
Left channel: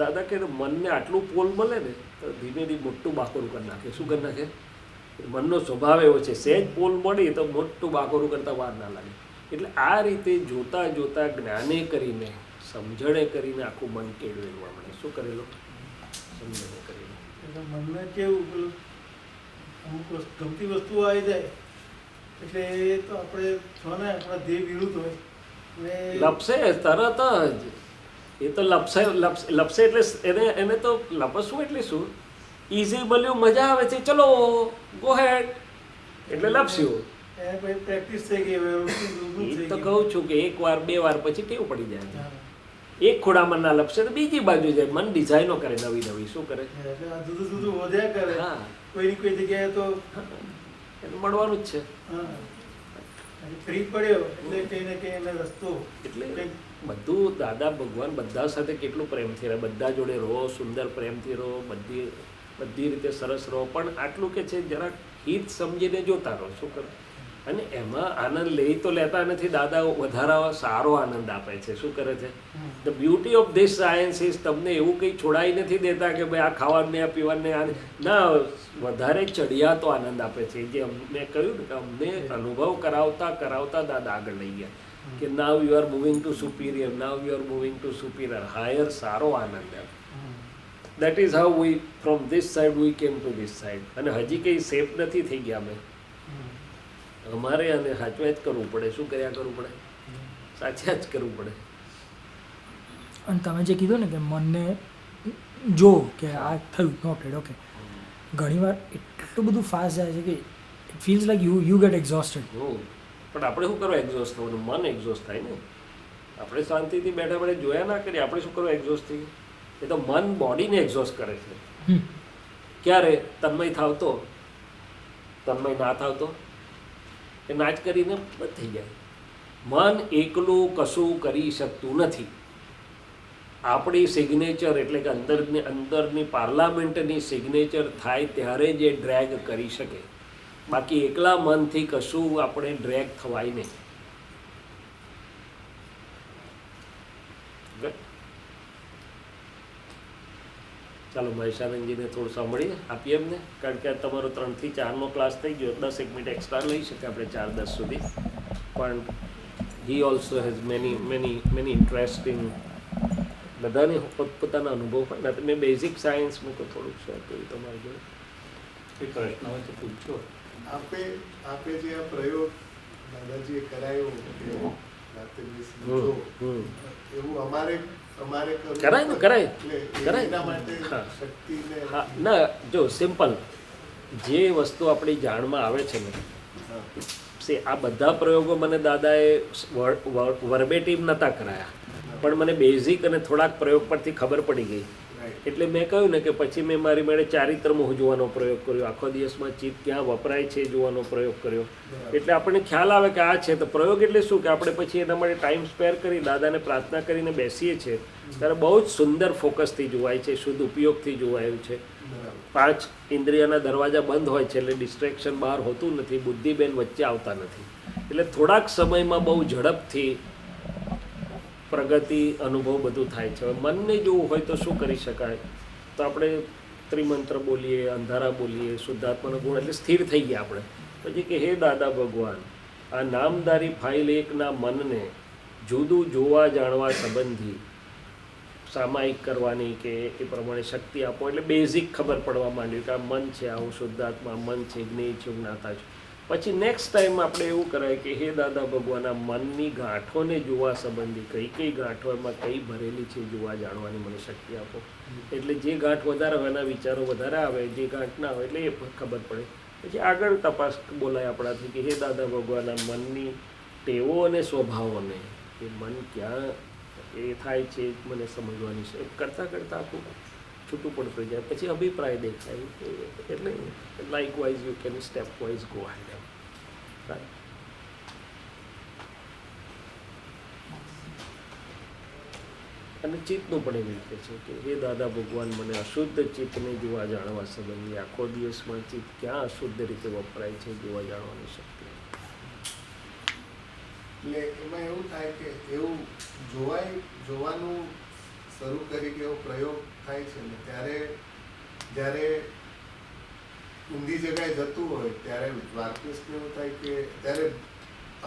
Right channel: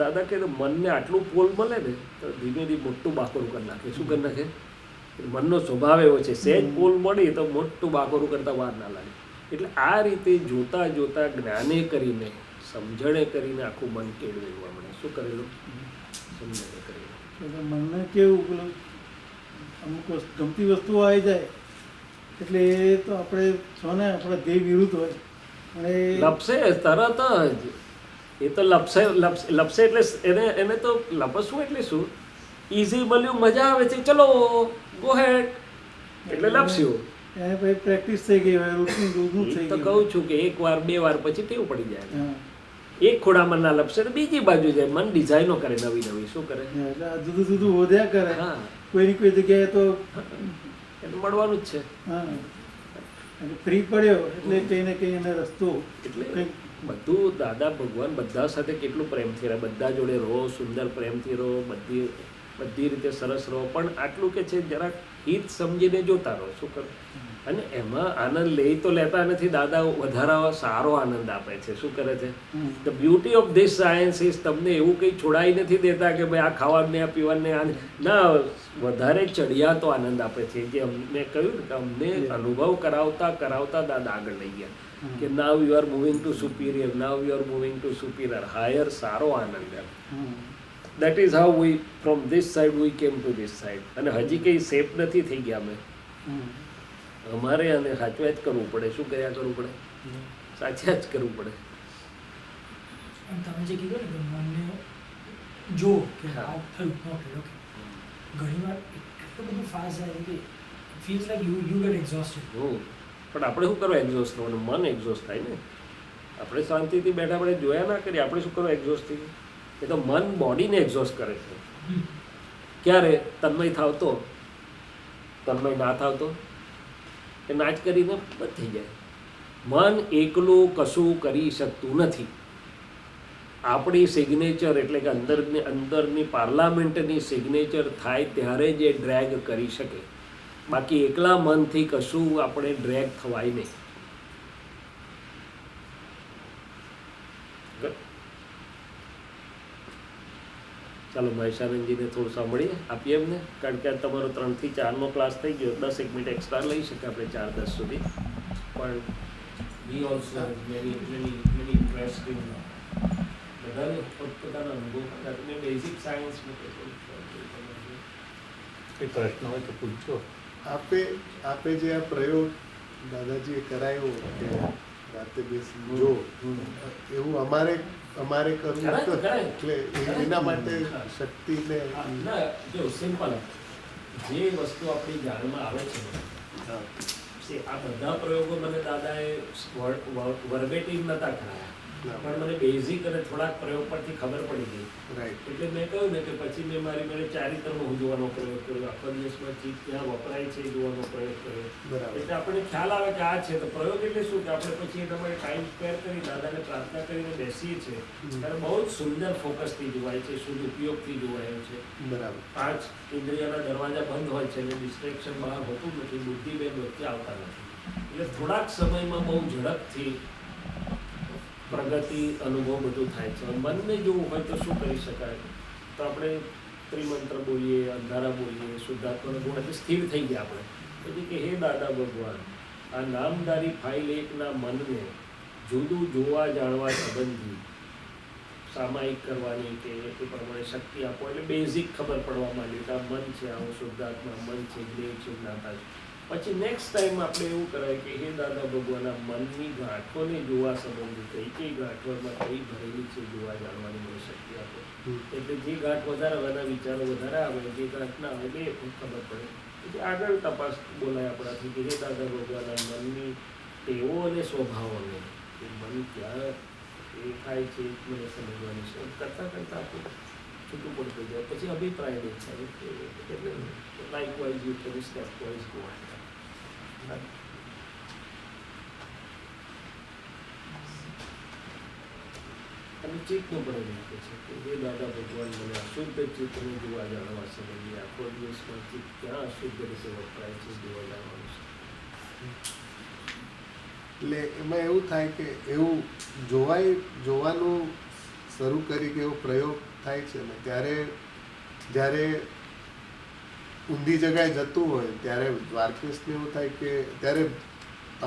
દાદા કે મનને આટલું પોલ મળે ને તો ધીમે ધીમે મોટું બાકોરું કરી નાખે. શું કરી નાખે? મનનો સ્વભાવ એવો છે, સહેજ પોલ મળી તો મોટું બાકોરું કરતાં વાર ના લાગે. એટલે આ રીતે જોતા જોતા જ્ઞાને કરીને સમજણે કરીને આખું મન કેળવેલું આપણે. શું કરેલું? સમજણે કરેલું. એટલે મનને કેવું પેલું અમુક ગમતી વસ્તુઓ આવી જાય એટલે એ તો આપણે છો ને આપણા ધ્યેય વિરુદ્ધ હોય અને લપસે તરત જ. એ તો લપસે એટલે એને તો લપસવું એટલે શું? ઇઝી મળ્યું, મજા આવે છે, ચલો ગો હેડ એટલે લપસ્યું. એને પછી પ્રેક્ટિસ થઈ ગઈ હોય, રૂટીન રોજનું એ થઈ તો ગયું. કહું છું કે એક વાર બે વાર પછી ટેવ પડી જાય. હા. એક ખોડામાં ના લપસે તો બીજી બાજુ જાય. મન ડિઝાઇનો કરે નવી નવી. શું કરે? એટલે આ જુદું જુદું વધ્યા કરે. હા, કોઈની કોઈ જગ્યાએ તો એને મળવાનું જ છે. હા અને ફ્રી પડ્યો એટલે કંઈ ને કંઈ એને રસ્તો એટલે કંઈક બધું દાદા ભગવાન બધા સાથે કેટલું પ્રેમથી રહે. બધા જોડે રહો, સુંદર પ્રેમથી રહો, બધી રીતે સરસ રહો. પણ આટલું કે છે જરાક હિત સમજીને જોતા રહો. શું કરો? અને એમાં આનંદ લઈ તો લેતા નથી. દાદા વધારા સારો આનંદ આપે છે. શું કરે છે? The beauty of this science is તમને એવું કંઈ છોડાઈ નથી દેતા કે ભાઈ આ ખાવાને આ પીવાને આ ના, વધારે ચડિયાતો આનંદ આપે છે. જે મેં કહ્યું ને કે અમને અનુભવ કરાવતા દાદા આગળ લઈ ગયા કે now you are moving to superior, now you are moving to superior, higher, સારો આનંદ એમ. That is how we from this side we came to this side. અને હજી કંઈ સેફ નથી થઈ ગયા અમે. અમારે આને સાચવ્યા જ કરવું પડે. શું કર્યા કરવું પડે? સાચા જ કરવું પડે. અને તમે જે કીધું ને કે મનને જો કે આ થયું ઓકે ઘણીવાર એટલું બધું ફાસ્ટ જાય છે કે it feels like you get exhausted. પણ આપણે શું કરવા એક્ઝોસ્ટ થવાનું? મન એક્ઝોસ્ટ થાય ને. આપણે શાંતિથી બેઠા બેઠા જોયા ના કરીએ. આપણે શું કરવા એક્ઝોસ્ટ થઈએ? એ તો મન બોડીને એક્ઝોસ્ટ કરે છે. ક્યારે? તન્મય થાવ તો. તન્મય ના થાવ તો એ નાચ કરીને બંધ થઈ જાય. મન એકલું કશું કરી શકતું નથી. આપણી સિગ્નેચર એટલે કે અંદરની પાર્લામેન્ટની સિગ્નેચર થાય ત્યારે જે ડ્રેગ કરી શકે. બાકી એકલા મનથી કશું આપણે ડ્રેગ થવાય નહીં. ચાલો મહેશાનંદજીને થોડું સાંભળીએ, આપીએ એમને. કારણ કે તમારો 3 થી 4નો ક્લાસ થઈ ગયો. 10 મિનિટ એક્સ્ટ્રા લઈ શકે આપણે 4-10 સુધી. પણ he also has many interest in બધાને પોતપોતાના અનુભવ પણ. મેં બેઝિક સાયન્સનું તો થોડુંક શોખ કર્યું તમારે જોડે. કોઈ પ્રશ્ન હોય તો પૂછજો. આપે જે આ પ્રયોગ દાદાજીએ કરાયો કે રાતે બેસી જો, એવું અમારે કરાય. એટલે એના માટે શક્તિને ના, જો સિમ્પલ જે વસ્તુ આપણી જાણમાં આવે છે ને, આ બધા પ્રયોગો મને દાદાએ વર્બેટિમ નહોતા કરાયા, પણ મને બેઝિક અને થોડાક પ્રયોગ પરથી ખબર પડી ગઈ. એટલે મેં કહ્યું ને કે પછી મેં મારી મેળે ચારિત્રમોહ જોવાનો પ્રયોગ કર્યો. આખો દિવસમાં ચીજ ક્યાં વપરાય છે જોવાનો પ્રયોગ કર્યો. એટલે આપણને ખ્યાલ આવે કે આ છે. તો પ્રયોગ એટલે શું કે આપણે પછી એના માટે ટાઈમ સ્પેર કરી દાદાને પ્રાર્થના કરીને બેસીએ છીએ ત્યારે બહુ જ સુંદર ફોકસથી જોવાય છે, શુદ્ધ ઉપયોગથી જોવાયું છે. 5 ઇન્દ્રિયના દરવાજા બંધ હોય છે એટલે ડિસ્ટ્રેક્શન બહાર હોતું નથી, બુદ્ધિબેન વચ્ચે આવતા નથી. એટલે થોડાક સમયમાં બહુ ઝડપથી પ્રગતિ અનુભવ બધું થાય છે. મનને જોવું હોય તો શું કરી શકાય? તો આપણે ત્રિમંત્ર બોલીએ, અંધારા બોલીએ, શુદ્ધાત્માનો ગુણ એટલે સ્થિર થઈ ગયા આપણે. પછી કે હે દાદા ભગવાન, આ નામદારી ફાઇલ એકના મનને જુદું જોવા જાણવા સંબંધી સામાયિક કરવાની કે એ પ્રમાણે શક્તિ આપો. એટલે બેઝિક ખબર પડવા માંડ્યું કે આ મન છે, આ હું શુદ્ધાત્મા, મન છે, જ્ઞેય છે, જ્ઞાતા છે. પછી નેક્સ્ટ ટાઈમ આપણે એવું કરાય કે હે દાદા ભગવાન, આ મનની ગાંઠોને જોવા સંબંધી કઈ ગાંઠો એમાં કઈ ભરેલી છે જોવા જાણવાની મને શક્તિ આપો. એટલે જે ગાંઠ વધારે આવે એના વિચારો વધારે આવે, જે ગાંઠ ના આવે એટલે એ ખબર પડે. પછી આગળ તપાસ બોલાય આપણાથી કે હે દાદા ભગવાન, આ મનની ટેવો અને સ્વભાવોને એ મન ક્યાં એ થાય છે મને સમજવાની છે. કરતાં આપણું છૂટું પડતું જાય, પછી અભિપ્રાય દેખાય. એટલે likewise you can step wise go ahead. અને ચિત્તનું પણ એવી રીતે છે કે હે દાદા ભગવાન, મને અશુદ્ધ ચિત્તને જોવા જાણવા સંબંધી આખો દિવસમાં ચિત્ત ક્યાં અશુદ્ધ રીતે વપરાય છે જોવા જાણવાની શક્તિ. એટલે એમાં એવું થાય કે એવું જોવાનું શરૂ કરી કે એવો પ્રયોગ થાય છે ને ત્યારે જ્યારે ઊંધી જગ્યાએ જતું હોય ત્યારે દ્વારકેશને એવું થાય કે ત્યારે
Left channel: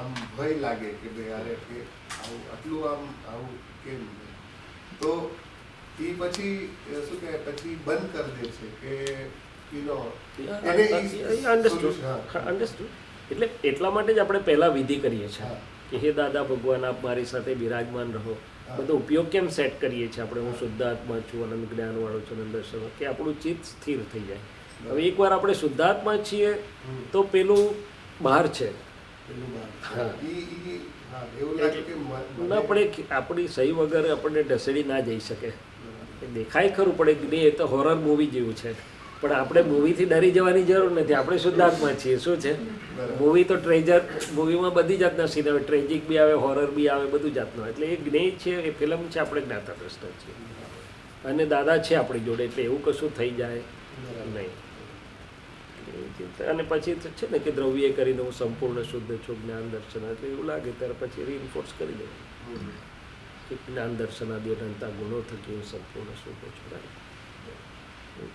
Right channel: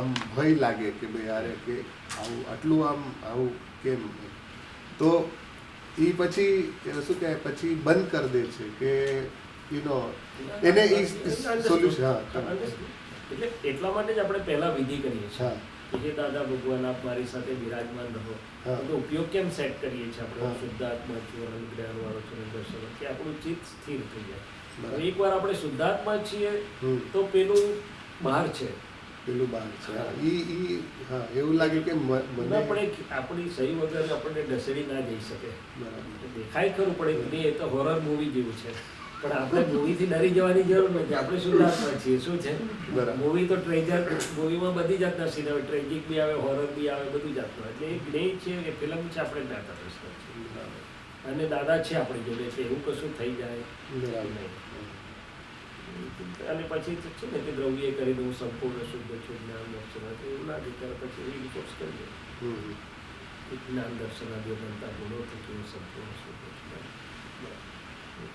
આમ ભય લાગે કે ભાઈ યારે કે આટલું આવું કેમ. તો એ પછી શું કહે પછી બંધ કરી દે છે કે એને એટલે એટલા માટે જ આપણે પહેલા વિધિ કરીએ છીએ હા કે હે દાદા ભગવાન, આપ મારી સાથે બિરાજમાન રહો. હા. બધો ઉપયોગ કેમ સેટ કરીએ છીએ આપણે? હું શુદ્ધાત્મા છું, અનંત જ્ઞાનવાળો છું, દર્શન, કે આપણું ચિત્ત સ્થિર થઈ જાય. હવે એકવાર આપણે શુદ્ધાત્મા છીએ તો પેલું બહાર છે. પેલું બહાર છે. હા એવું લાગે કે આપણે આપણી સહી વગર આપણને ઢસેડી ના જઈ શકે. બરાબર. દેખાય ખરું પડે કે નહીં, એ તો હોરર મૂવી જેવું છે, પણ આપણે મૂવીથી ડરી જવાની જરૂર નથી. આપણે શુદ્ધાત્મા છીએ. શું છે બરાબર. મૂવી તો ટ્રેજર, મૂવીમાં બધી જાતના સીન આવે, ટ્રેજિક બી આવે, હોરર બી આવે, બધું જાતનું. એટલે એ જ્ઞેય છે, એ ફિલ્મ છે, આપણે જ્ઞાતા દ્રષ્ટા છીએ અને દાદા છે આપણી જોડે, એટલે એવું કશું થઈ જાય નહીં. અને પછી તો છે ને કે દ્રવ્ય કરીને હું સંપૂર્ણ શુદ્ધ છું, જ્ઞાન દર્શન, એટલે એવું લાગે ત્યારે પછી રીઇન્ફોર્સ કરી દે કે જ્ઞાન દર્શન આદિ અનંતા ગુણો થકી હું સંપૂર્ણ શુદ્ધ છું.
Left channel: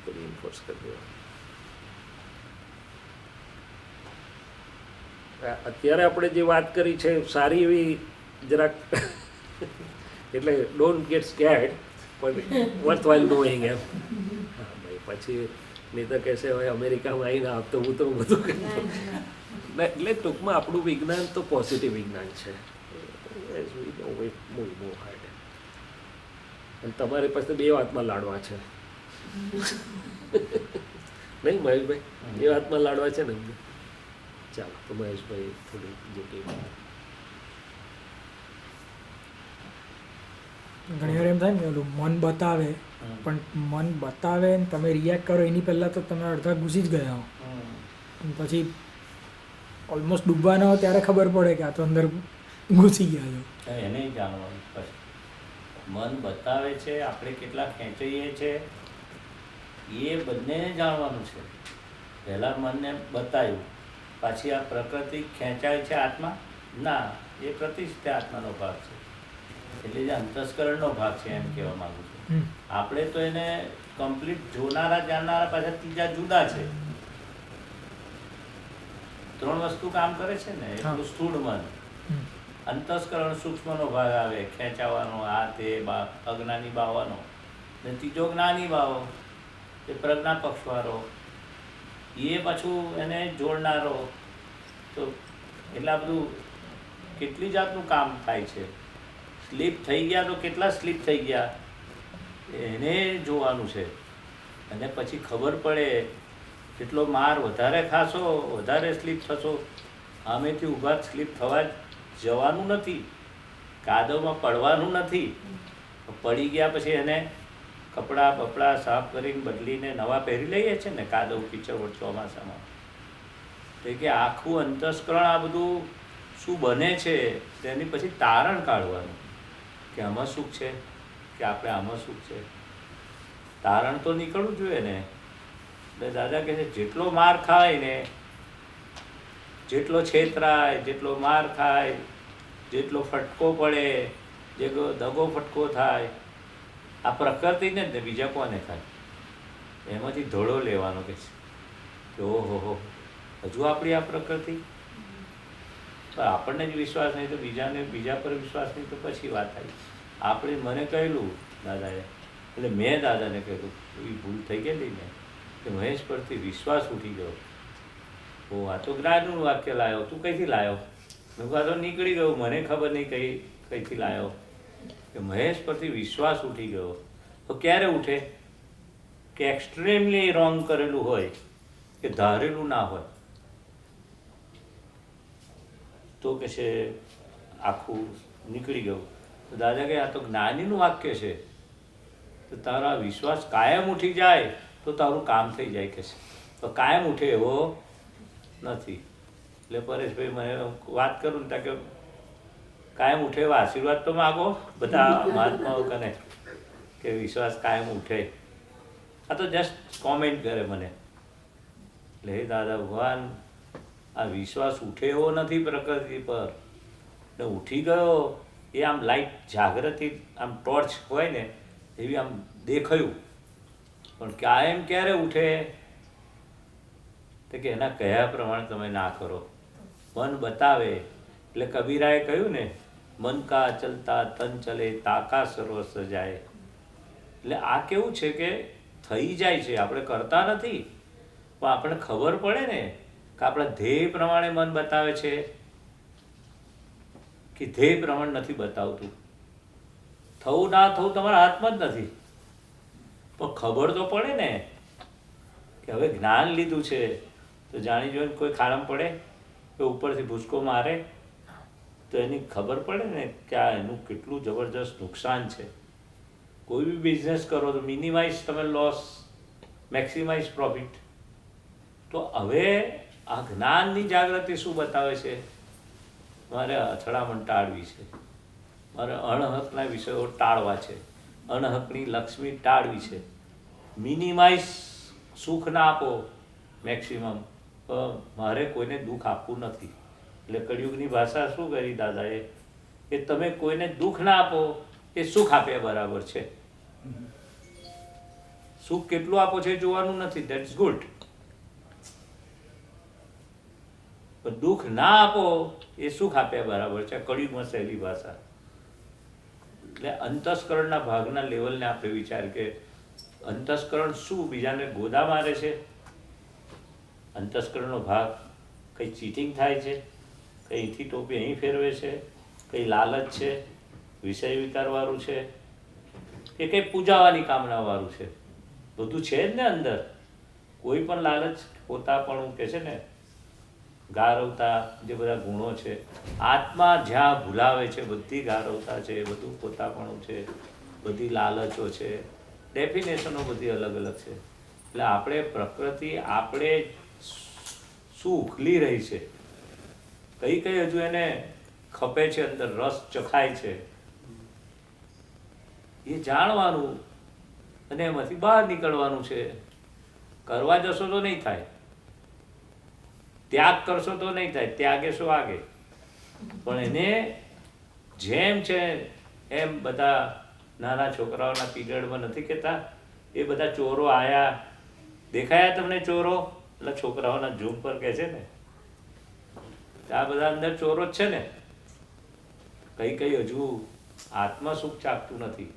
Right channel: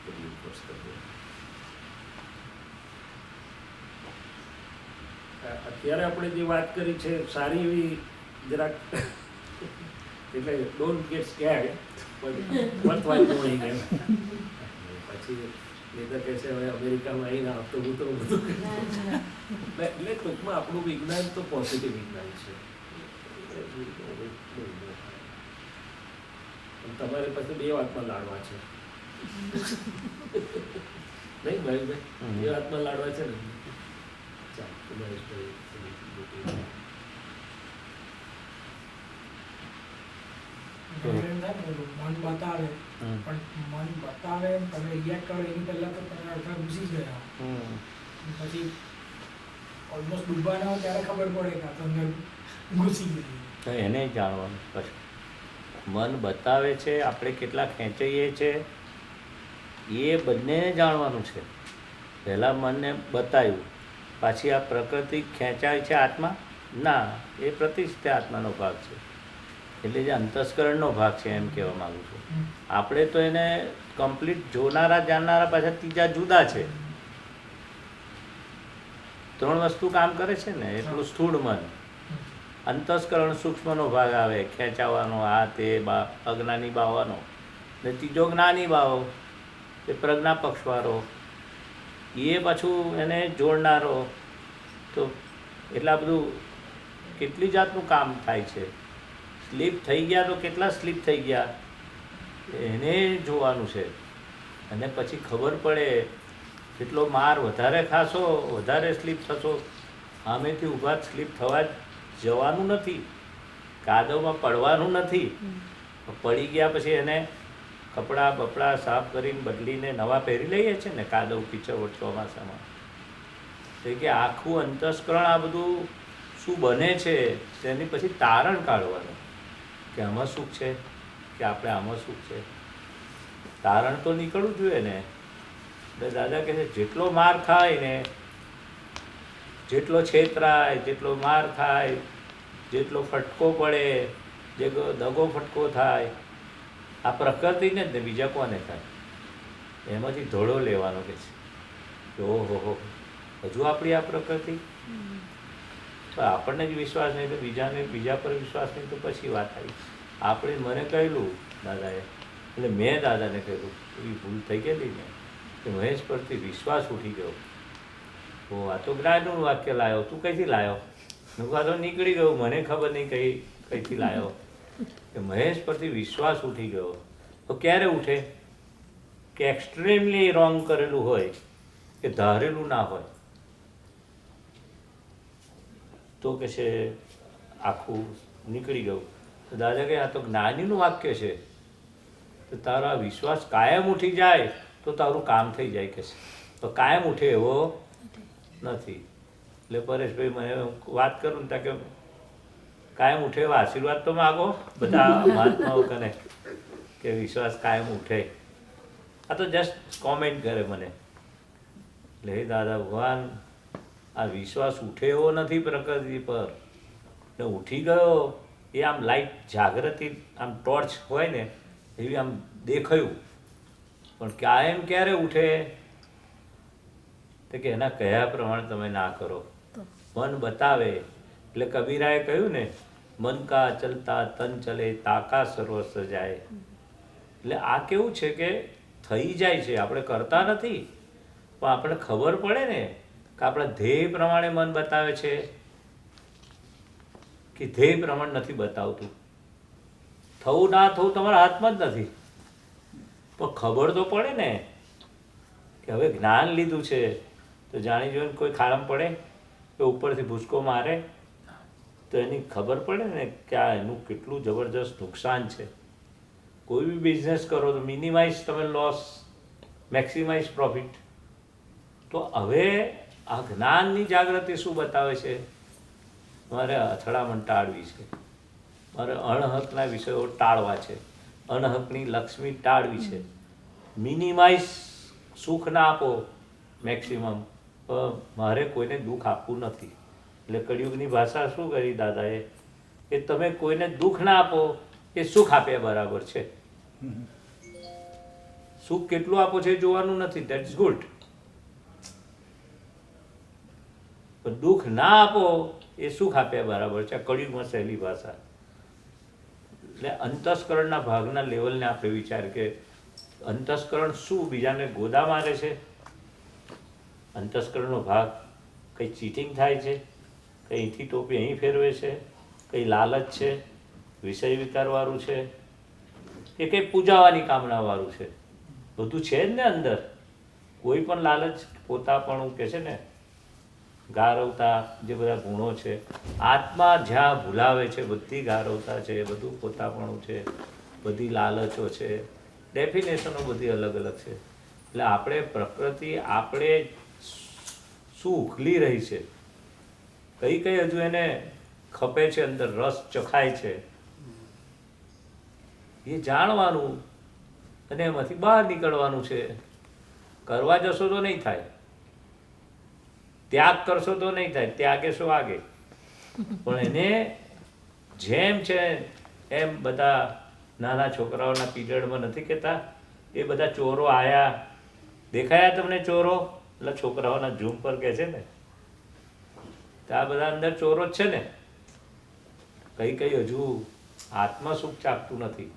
રીઇન્ફોર્સ કરી દે. અત્યારે આપણે જે વાત કરી છે સારી એવી જરાક એટલે ડોન્ટ ગેટ સ્કેર્ડ, પણ વર્થ વાઇલ નોઈંગ એમ. પછી નહીં તો કહેશે હવે અમેરિકામાં આવીને આપતો હું તો બધું એટલે ટૂંકમાં આપણું વિજ્ઞાન તો પોઝિટિવ વિજ્ઞાન છે. બહુ હાર્ડ. અને તમારી પાસે બે વાતમાં લાડવા છે નહીં મહેશભાઈ? બે વાતમાં લાડવા છે ને. ચાલો તો મહેશભાઈ થોડી ડિટેલ. ઘણી વાર એમ થાય ને ઓલું મન બતાવે, પણ મન બતાવે ને તમે રિએક્ટ કરો એની પહેલાં તો તમે અડધા ઘૂસી જ ગયા હો. અને પછી ઓલમોસ્ટ ડૂબવાના હોય ત્યારે ખબર પડે કે આ તો અંદર ઘૂસી ગયા છે. એને જાણવાનું પછી મન બતાવે છે, આપણે કેટલા ખેંચાઈએ છે એ બંનેને જાણવાનું છે. પહેલાં મનને બતાવ્યું, પાછી આ પ્રકૃતિ ખેંચાય છે આત્મા? ના, એ પ્રતિષ્ઠિત આત્માનો ભાગ છે, એટલે જે અંતસ્કરણનો ભાગ છે એમ કહેવા માગું છું. આપણે તો એને કમ્પ્લીટ જોનારા જાણનારા પાછા ત્રીજા જુદા છે. ત્રણ વસ્તુ કામ કરે છે ને, એટલું સ્થૂળ મન. અંતસ્કરણ સૂક્ષ્મનો ભાગ આવે, ખેંચાવાનો, આ તે અજ્ઞાની બાવાનો, ને ત્રીજો જ્ઞાની બાવો, એ પ્રજ્ઞા પક્ષવાળો, એ પાછું એને જોડનારો. તો એટલા બધું કેટલી જાતનું કામ થાય છે. સ્લીપ થઈ ગયા તો કેટલા સ્લીપ થઈ ગયા એને જોવાનું છે. અને પછી ખબર પડે જેટલો માર વધારે ખાશો વધારે સ્લીપ થશો. આમેથી ઊભા સ્લીપ થવા જવાનું નથી, કાદવમાં પડવાનું નથી. પડી ગયા પછી એને કપડાં બપડા સાફ કરીને બદલીને નવા પહેરી લઈએ છીએ ને કાદવ કીચડ ચોમાસામાં. તો કે આખું અંતસ્કરણ આ બધું શું બને છે તેની પછી તારણ કાઢવાનું કે આમાં સુખ છે કે આપણે આમાં સુખ છે. તારણ તો નીકળવું જોઈએ ને. એટલે દાદા કહે છે જેટલો માર ખાય ને, જેટલો છેતરાય, જેટલો માર ખાય, જેટલો ફટકો પડે, જે દગો ફટકો થાય, આ પ્રકૃતિને જ ને બીજા કોને થાય? એમાંથી ધોળો લેવાનો કે છે ઓહો હજુ આપણી આ પ્રકૃતિ. તો આપણને જ વિશ્વાસ નહીં તો બીજા પર વિશ્વાસ નહીં તો પછી વાત આવી. આપણે મને કહેલું દાદાએ, એટલે મેં દાદાને કહ્યું એવી ભૂલ થઈ ગયેલી ને કે મહેશ પરથી વિશ્વાસ ઉઠી ગયો. ઓ આ તો જ્ઞાનનું વાક્ય લાવ્યો, તું કઈથી લાવ્યો? મેં કહું તો નીકળી ગયું, મને ખબર નહીં કઈથી લાવ્યો. કે મહેશ પરથી વિશ્વાસ ઉઠી ગયો. તો ક્યારે ઉઠે? કે એક્સ્ટ્રીમલી રોંગ કરેલું હોય, કે ધારેલું ના હોય, તો કે છે આખું નીકળી ગયું. તો દાદા કહે આ તો જ્ઞાનીનું વાક્ય છે, તો તારા વિશ્વાસ કાયમ ઉઠી જાય તો તારું કામ થઈ જાય કે છે, તો કાયમ ઉઠે એવો નથી. એટલે પરેશભાઈ મને વાત કરું ને ત્યાં કે કાયમ ઉઠે એવા આશીર્વાદ તો માગો બધા મહાત્માઓ કને કે વિશ્વાસ કાયમ ઉઠે. આ તો જસ્ટ કોમેન્ટ કરે મને. એટલે હે દાદા ભગવાન, આ વિશ્વાસ ઉઠે એવો નથી પ્રકૃતિ પર, ને ઉઠી ગયો એ આમ લાઈટ જાગૃતિ આમ ટોર્ચ હોય ને એવી આમ દેખાયું, પણ કાયમ ક્યારે ઉઠે તો કે એના કયા પ્રમાણે તમે ના કરો. મન બતાવે એટલે કબીરાએ કહ્યું ને, મન કા ચલતા તન ચલે તાકા સર્વસ જાય. એટલે આ કેવું છે કે થઈ જાય છે, આપણે કરતા નથી, પણ આપણે ખબર પડે ને કે આપણા ધ્યેય પ્રમાણે મન બતાવે છે કે ધ્યેય પ્રમાણે નથી બતાવતું. થવું ના થવું તમારા હાથમાં જ નથી, પણ ખબર તો પડે ને કે હવે જ્ઞાન લીધું છે તો જાણી જોઈને કોઈ ખાડામાં પડે કે ઉપરથી ભૂસકો મારે તો એની ખબર પડે ને કે આ એનું કેટલું જબરજસ્ત નુકસાન છે. કોઈ બી બિઝનેસ કરો તો મિનિમાઇઝ તમે લોસ, મેક્સિમાઇઝ પ્રોફિટ. તો હવે આ જ્ઞાનની જાગૃતિ શું બતાવે છે? મારે અથડામણ ટાળવી છે, મારે અણહકના વિષયો ટાળવા છે, અણહકની લક્ષ્મી ટાળવી છે. મિનિમાઇઝ સુખ ના આપો, મેક્સિમમ. મારે કોઈને દુઃખ આપવું નથી. એટલે કળિયુગની ભાષા શું કરી દાદાએ કે તમે કોઈને દુઃખ ના આપો એ સુખ આપ્યા બરાબર છે. સુખ કેટલું આપો છે જોવાનું નથી, દેટ્સ ગુડ. પણ દુઃખ ના આપો એ સુખ આપ્યા બરાબર છે. કળિયુગમાં સહેલી ભાષા. એટલે અંતસ્કરણના ભાગના લેવલને આપણે વિચાર કે અંતસ્કરણ શું બીજાને ગોદા મારે છે? અંતસ્કરણનો ભાગ કંઈ ચીટિંગ થાય છે, કંઈ અહીંથી ટોપી અહીં ફેરવે છે, કંઈ લાલચ છે, વિષય વિકારવાળું છે, કે કંઈ પૂજાવાની કામનાવાળું છે. બધું છે જ ને અંદર. કોઈ પણ લાલચ, પોતાપણું કે છે ને, ગારવતા, જે બધા ગુણો છે, આત્મા જ્યાં ભૂલાવે છે બધી ગારવતા છે, બધું પોતાપણું છે, બધી લાલચો છે, ડેફિનેશનો બધી અલગ અલગ છે. એટલે આપણે પ્રકૃતિ આપણે શું ઉખલી રહી છે, કઈ કઈ હજુ એને ખપે છે, અંદર રસ ચખાય છે, એ જાણવાનું અને એમાંથી બહાર નીકળવાનું છે. કરવા જશો તો નહીં થાય, ત્યાગ કરશો તો નહીં થાય, ત્યાગે શું આગે. પણ એને જેમ છે એમ બધા નાના છોકરાઓના પીરિયડમાં નથી કહેતા, એ બધા ચોરો આયા, દેખાયા તમને ચોરો? એટલે છોકરાઓના ઝૂમ પર કહે છે ને, આ બધા અંદર ચોરો જ છે ને. કઈ કઈ હજુ આત્મા સુખ ચાખતું નથી,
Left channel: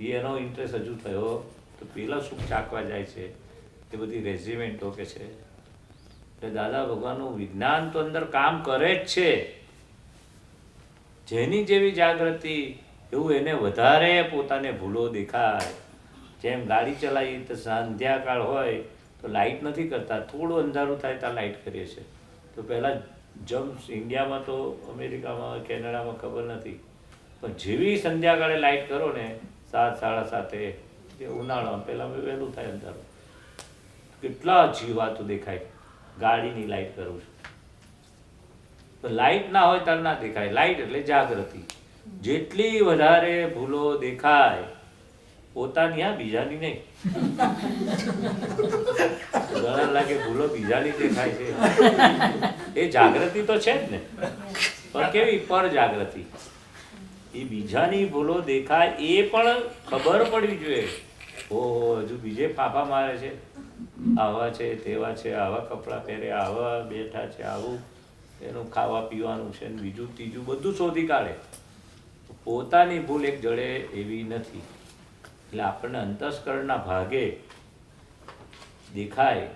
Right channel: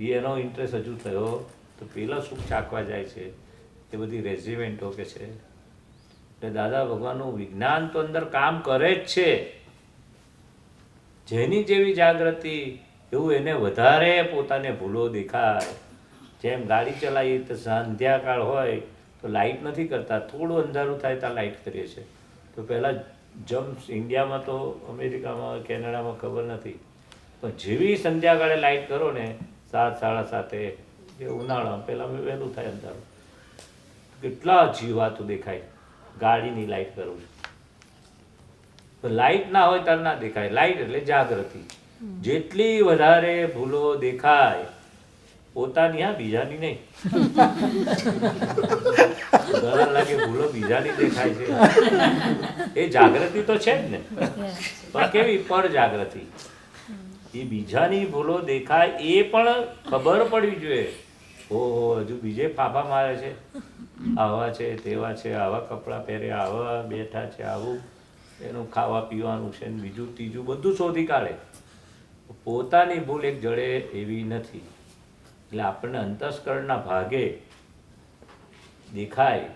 એ એનો ઇન્ટરેસ્ટ હજુ થયો તો પેલા સુખ ચાખવા જાય છે. એ બધી રેઝિમેન્ટો કે છે. એટલે દાદા ભગવાનનું વિજ્ઞાન તો અંદર કામ કરે જ છે. જેની જેવી જાગૃતિ એવું એને વધારે પોતાને ભૂલો દેખાય. જેમ ગાડી ચલાવી તો સંધ્યાકાળ હોય તો લાઇટ નથી કરતા, થોડું અંધારું થાય ત્યાં લાઇટ કરીએ છીએ. તો પહેલાં જમ્સ ઇન્ડિયામાં તો અમેરિકામાં કેનેડામાં ખબર નથી, પણ જેવી સંધ્યાકાળે લાઇટ કરો ને 7, 7:30 જે ઉનાળામાં પહેલાં વહેલું થાય અંધારું, કેટલા જીવાતો દેખાય. ગાડીની લાઇટ કરું છું, લાઇટ ના હોય ત્યારે ના દેખાય. લાઇટ એટલે જાગૃતિ. જેટલી વધારે ભૂલો દેખાય પોતાની, હા બીજાની નહીં. ઘણા લાગે ભૂલો બીજાની દેખાય છે, એ જાગૃતિ તો છે જ ને, પણ કેવી પર જાગૃતિ. એ બીજાની ભૂલો દેખાય એ પણ ખબર પડવી જોઈએ. ઓહો, હજુ બીજે ફાફા મારે છે, આવા છે, તેવા છે, આવા કપડાં પહેરે, આવા બેઠા છે, આવું એનું ખાવા પીવાનું છે, બીજું ત્રીજું બધું શોધી કાઢે. પોતાની ભૂલ એક જડે એવી નથી. એટલે આપણને અંતસ્કરણના ભાગે દેખાય,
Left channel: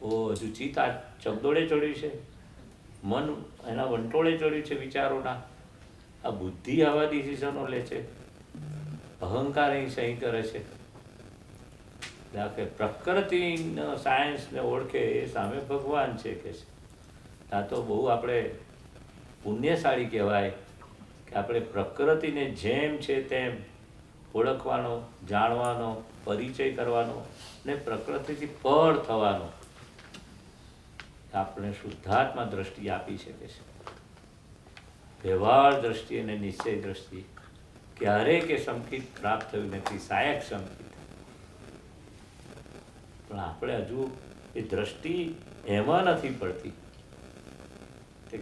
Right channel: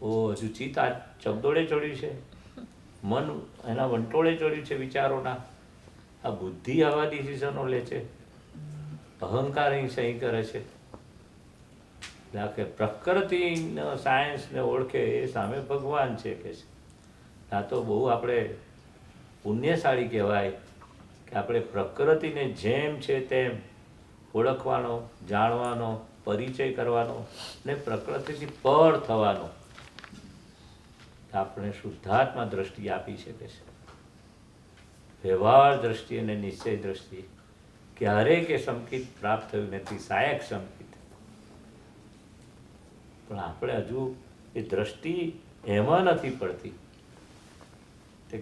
ઓ હજુ ચિત્ત આ ચગદોડે ચડ્યું છે, મન એના વંટોળે ચડ્યું છે વિચારોના, આ બુદ્ધિ આવા ડિસિઝનો લે છે, અહંકાર અહીં સહી કરે છે. કે પ્રકૃતિનો સાયન્સને ઓળખે એ સામે ભગવાન છે કે છે. આ તો બહુ આપણે પુણ્યશાળી કહેવાય કે આપણે પ્રકૃતિને જેમ છે તેમ ઓળખવાનો, જાણવાનો, પરિચય કરવાનો ને પ્રકૃતિથી પર થવાનો આપણે શુદ્ધાત્મા દ્રષ્ટિ આપી શકે છે. વ્યવહાર દ્રષ્ટિ અને નિશ્ચય દ્રષ્ટિ ક્યારેય કે સંકિત પ્રાપ્ત થયું નથી, સહાયક સંકિત. પણ આપણે હજુ એ દ્રષ્ટિ એમાં નથી પડતી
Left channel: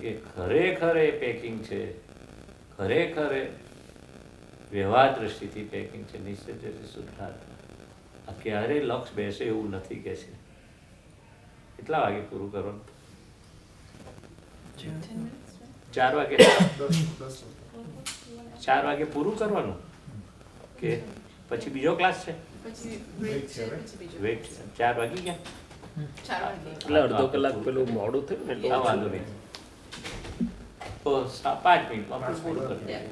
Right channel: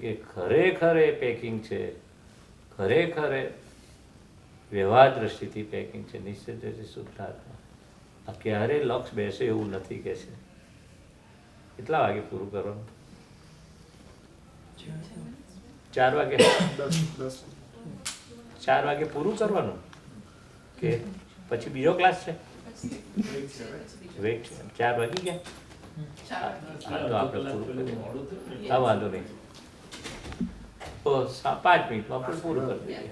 કે ખરેખર એ પેકિંગ છે, ખરેખર એ વ્યવહાર દ્રષ્ટિથી પેકિંગ છે, નિશ્ચય દ્રષ્ટિ શુદ્ધાત્મા. આ ક્યારેય લક્ષ બેસે એવું નથી કે છે. કેટલા વાગે પૂરું કરવાનું? 4 વાગે? 4 વાગે પૂરું કરવાનું કે પછી બીજો ક્લાસ છે? વેઇટ 4 વાગી ગયા? એટલે અડધો કલાક પેલું મોડું થયું ને એટલે હા, વાંધો નહીં. તો 5 મિનિટમાં આપણે પૂરું કરી દઈએ.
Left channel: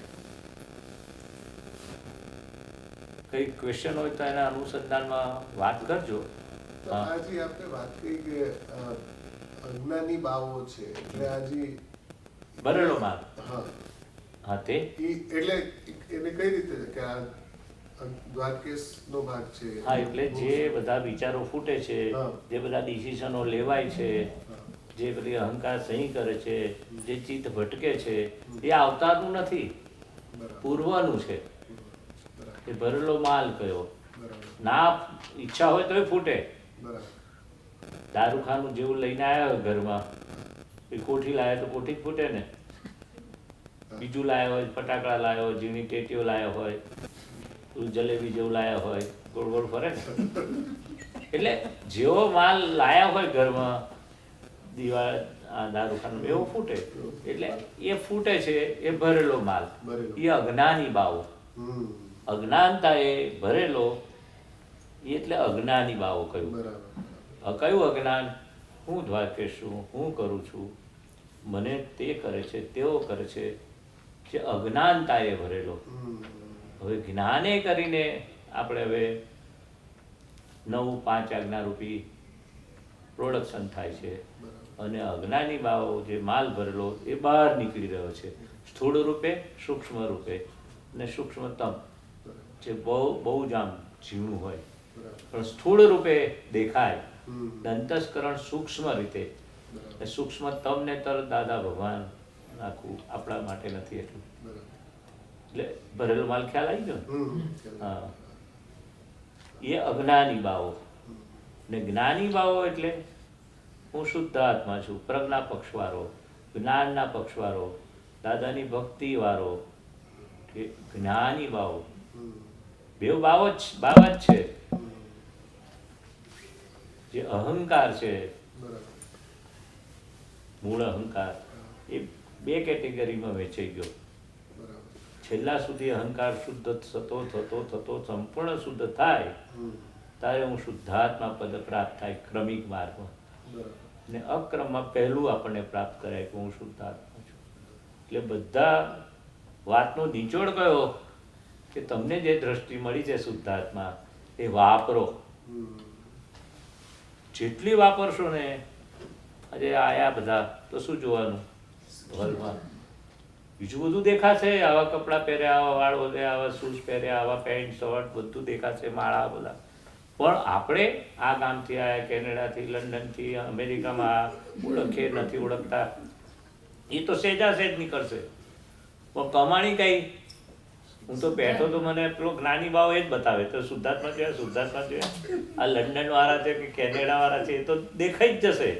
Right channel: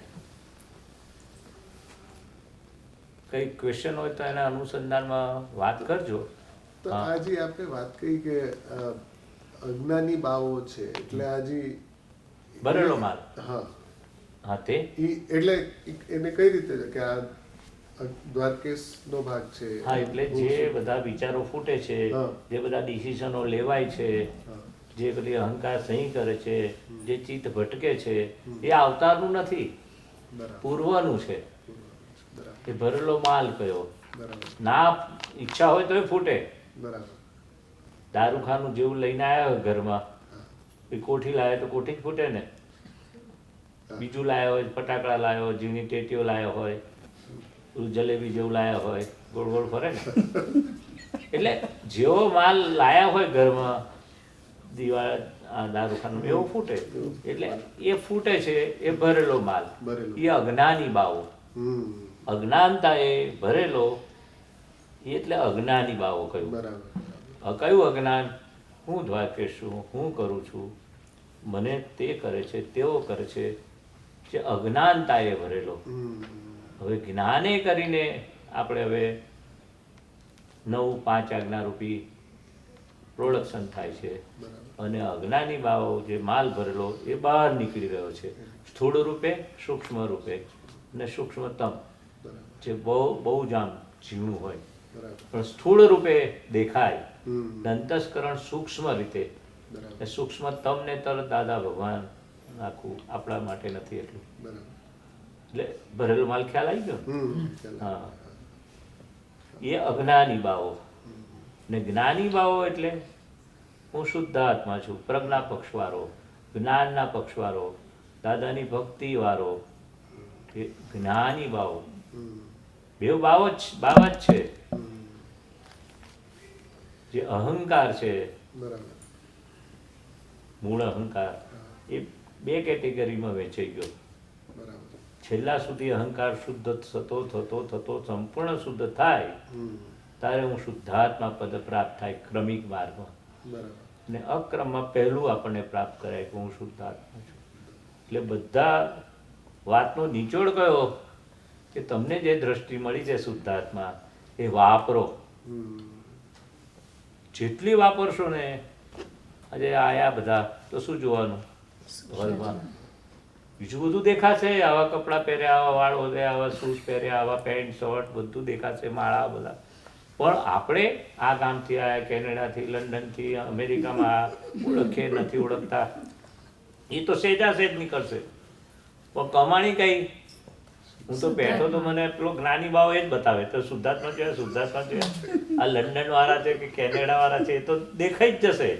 કઈ ક્વેશ્ચન હોય તો એના અનુસંધાનમાં વાત કરજો. તો આજે આપણે વાત કરી કે અજ્ઞાની બાવો છે એટલે આજે ભરેલો માલ. હા હા, તે એટલે એને કઈ રીતે છે કે આ દ્વારકેશનો ભાગ છે? હા, એટલે જે બધા વિચારો ફૂટે છે, હા. જે બધા ડિસિઝનો લેવાય છે, હા. જે બધી અહંકાર સહી કરે છે, જે ચિત્ત ભટકે છે, એ અવતારનું નથી, બરાબર પૂર્વનું છે. બરાબર એ ભરેલો માલ કયો બરાબર ના ઈચ્છા હોય તોય ફૂટે. બરાબર દારૂખાનું જેવું લઈને આવ્યા ઘરમાં, એ કોઠી લાવે તો કોઠી જ ફૂટે ને. બીજું લાવ્યો હોય, ફટાકડા લાવ્યો હોય, ઝીણી ટેટીઓ લાવ્યો હોય, પેલું જલેબી જેવું લાવ્યો હોય, ગોળ ગોળ ફરે ને. એટલે જેવો માલ લાયા હોય ઘરમાં, દિવાળ આ દારૂખાનું એવો ફૂટે. એટલે એ ફૂટે છે એ ભરેલો માલ, ભરેલો. એ અજ્ઞાની બાવો. અજ્ઞાનતા એ ભરેલો એટલે અજ્ઞાની બાવો કયું. બરાબર કયું અજ્ઞાન? હું દ્વારકેશ છું, હું કરું છું, મને તે કરે છે, તેઓ કરે છે, જે અજ્ઞાનતા એ ભરેલો. હવે જ્ઞાને કરીને આપણે હવે 9-5 આજ્ઞારૂપી પ્રોડક્શન થાય છે અને અજ્ઞાની બાવો જે માલ ભરેલો એ બહાર નીકળી રહ્યો છે, સ્થૂળ રૂપે, સૂક્ષ્મ રૂપે અને સૂક્ષ્મતમ, જે બહુ બહુ જ આમ ઝીણું હોય પણ સ્થૂળ રૂપે દેખાય. અંતસ્કરણ સૂક્ષ્મ રીતે, એ સૂક્ષ્મતમ ને તરત દાદા ભગવાન આખું આપણા માટે નથી એટલું. એટલે ભરેલો માલ ખ્યાલ આવી ગયો ને? હા, એ અજ્ઞાની બાવો. ને જ્ઞાની બાવો એટલે હું શુદ્ધ આત્મા છું, પ્રજ્ઞા પક્ષવાળો, જ્ઞાનના પક્ષવાળો, દાદાની ભક્તિ વાળો, કે જ્ઞાની બાવો. બે બાવા જ છે. જે અહંકાર છે, મૂળ અહંકાર, એ 2 કેટેગરીમાં વેચાઈ ગયો. છેલ્લા સુધી અહંકાર શુદ્ધ થતો સંપૂર્ણ શુદ્ધ થાય ત્યારે હું શુદ્ધાત્મા પદ પ્રાપ્ત થાય ક્રમિક માર્ગમાં. અને અક્રમમાં પહેલું આપણને પ્રાપ્ત કરાય કે હું શુદ્ધાત્મા છું. એટલે બધા વાતનો નિચોડ કયો કે તમને જે દ્રષ્ટિ મળી છે શુદ્ધાત્મા એ વાપરો. જેટલી વાપરશો ને, આજે આયા બધા તો શું જોવાનું હોલમાં? બીજું બધું દેખાશે, આવા કપડાં પહેર્યા, આવા વાળ વધ્યા, આવા શૂઝ પહેર્યા, આવા પેન્ટ શર્ટ બધું દેખાશે, માળા બધા. પણ આપણે આ ગામથી આવ્યા, કેનેડાથી, લંડનથી, અમેરિકામાં ઓળખીએ નથી ઓળખતા, એ તો સેજા સેજ નીકળશે. પણ કમાણી કઈ? હું તો બેઠો તો મને પેલો જ્ઞાની ભાવ એ જ બતાવે તો શુદ્ધાત્મા જોયા, શુદ્ધાત્મા જોયા. આ લંડન વાળા છે કે કેનેડા વાળા છે એ તો દેખાઈ જ જશે.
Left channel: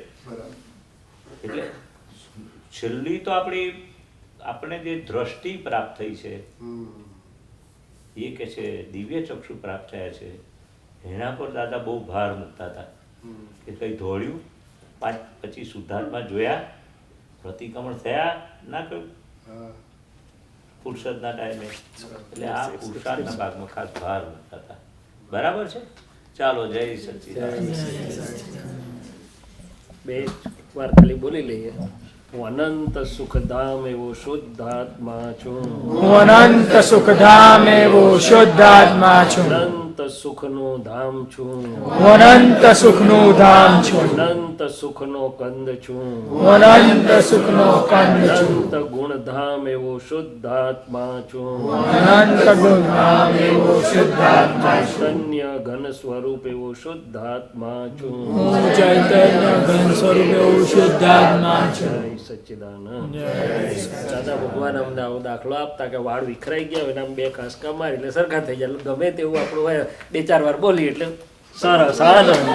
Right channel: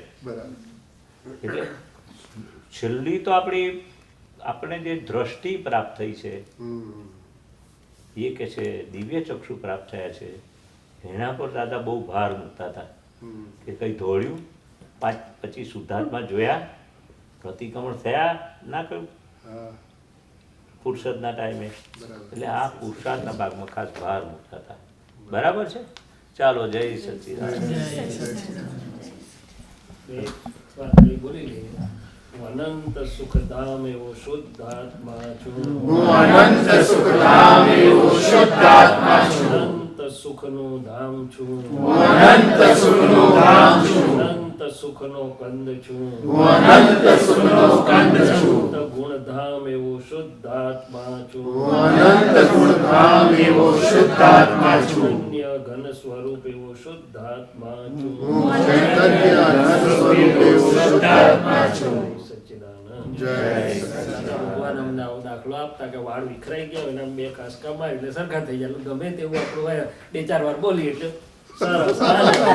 એટલે છેલ્લી તો આપણે જે દ્રષ્ટિ પ્રાપ્ત થઈ છે એ કે છે દિવ્ય ચક્ષુ પ્રાપ્ત થયા છે, એના પર દાદા બહુ ભાર મૂકતા હતા કે કઈ દોડ્યું, પછી શુદ્ધાત્મા જોયા, પ્રતિક્રમણ થયા ના કહ્યું ફુરસદના ટાઈમે. એટલે આ પુરુષાર્થના ભાગમાં ખાસ ભાર મૂકતા હતા. બરાબર છે? ચાલો, જય સચ્ચિદાનંદ. 2 વાર ખાલી બોલી લઈએ. હું અનંત સુખધામ એવો શુદ્ધાત્મા છું. હું અનંત સુખધામ એવો શુદ્ધાત્મા છું. અનંત અનંત સુખનું ધામ છું અનંત સુખનું ધામ છું અનંત સુખનો કંદ છું અનંત સુખનો કંદ છું અનંત ગુણધામ એવો શુદ્ધાત્મા છું અનંત ગુણધામ એવો શુદ્ધાત્મા છું અનન્ય ઘન સ્વરૂપ એવો શુદ્ધાત્મા છું શુદ્ધાત્મા છું જય સચ્ચિદાનંદ દાદા ભગવાન અમને આવો દાખલો આપતા કે વાળ વિખરાઈ ગયા હોય ને આમ બે કાસકા મારી એટલે સરખા થઈ જાય એટલે ગમે તેવું આપણું હોય 2-4 વાર બોલીએ એટલે સરસ આનંદ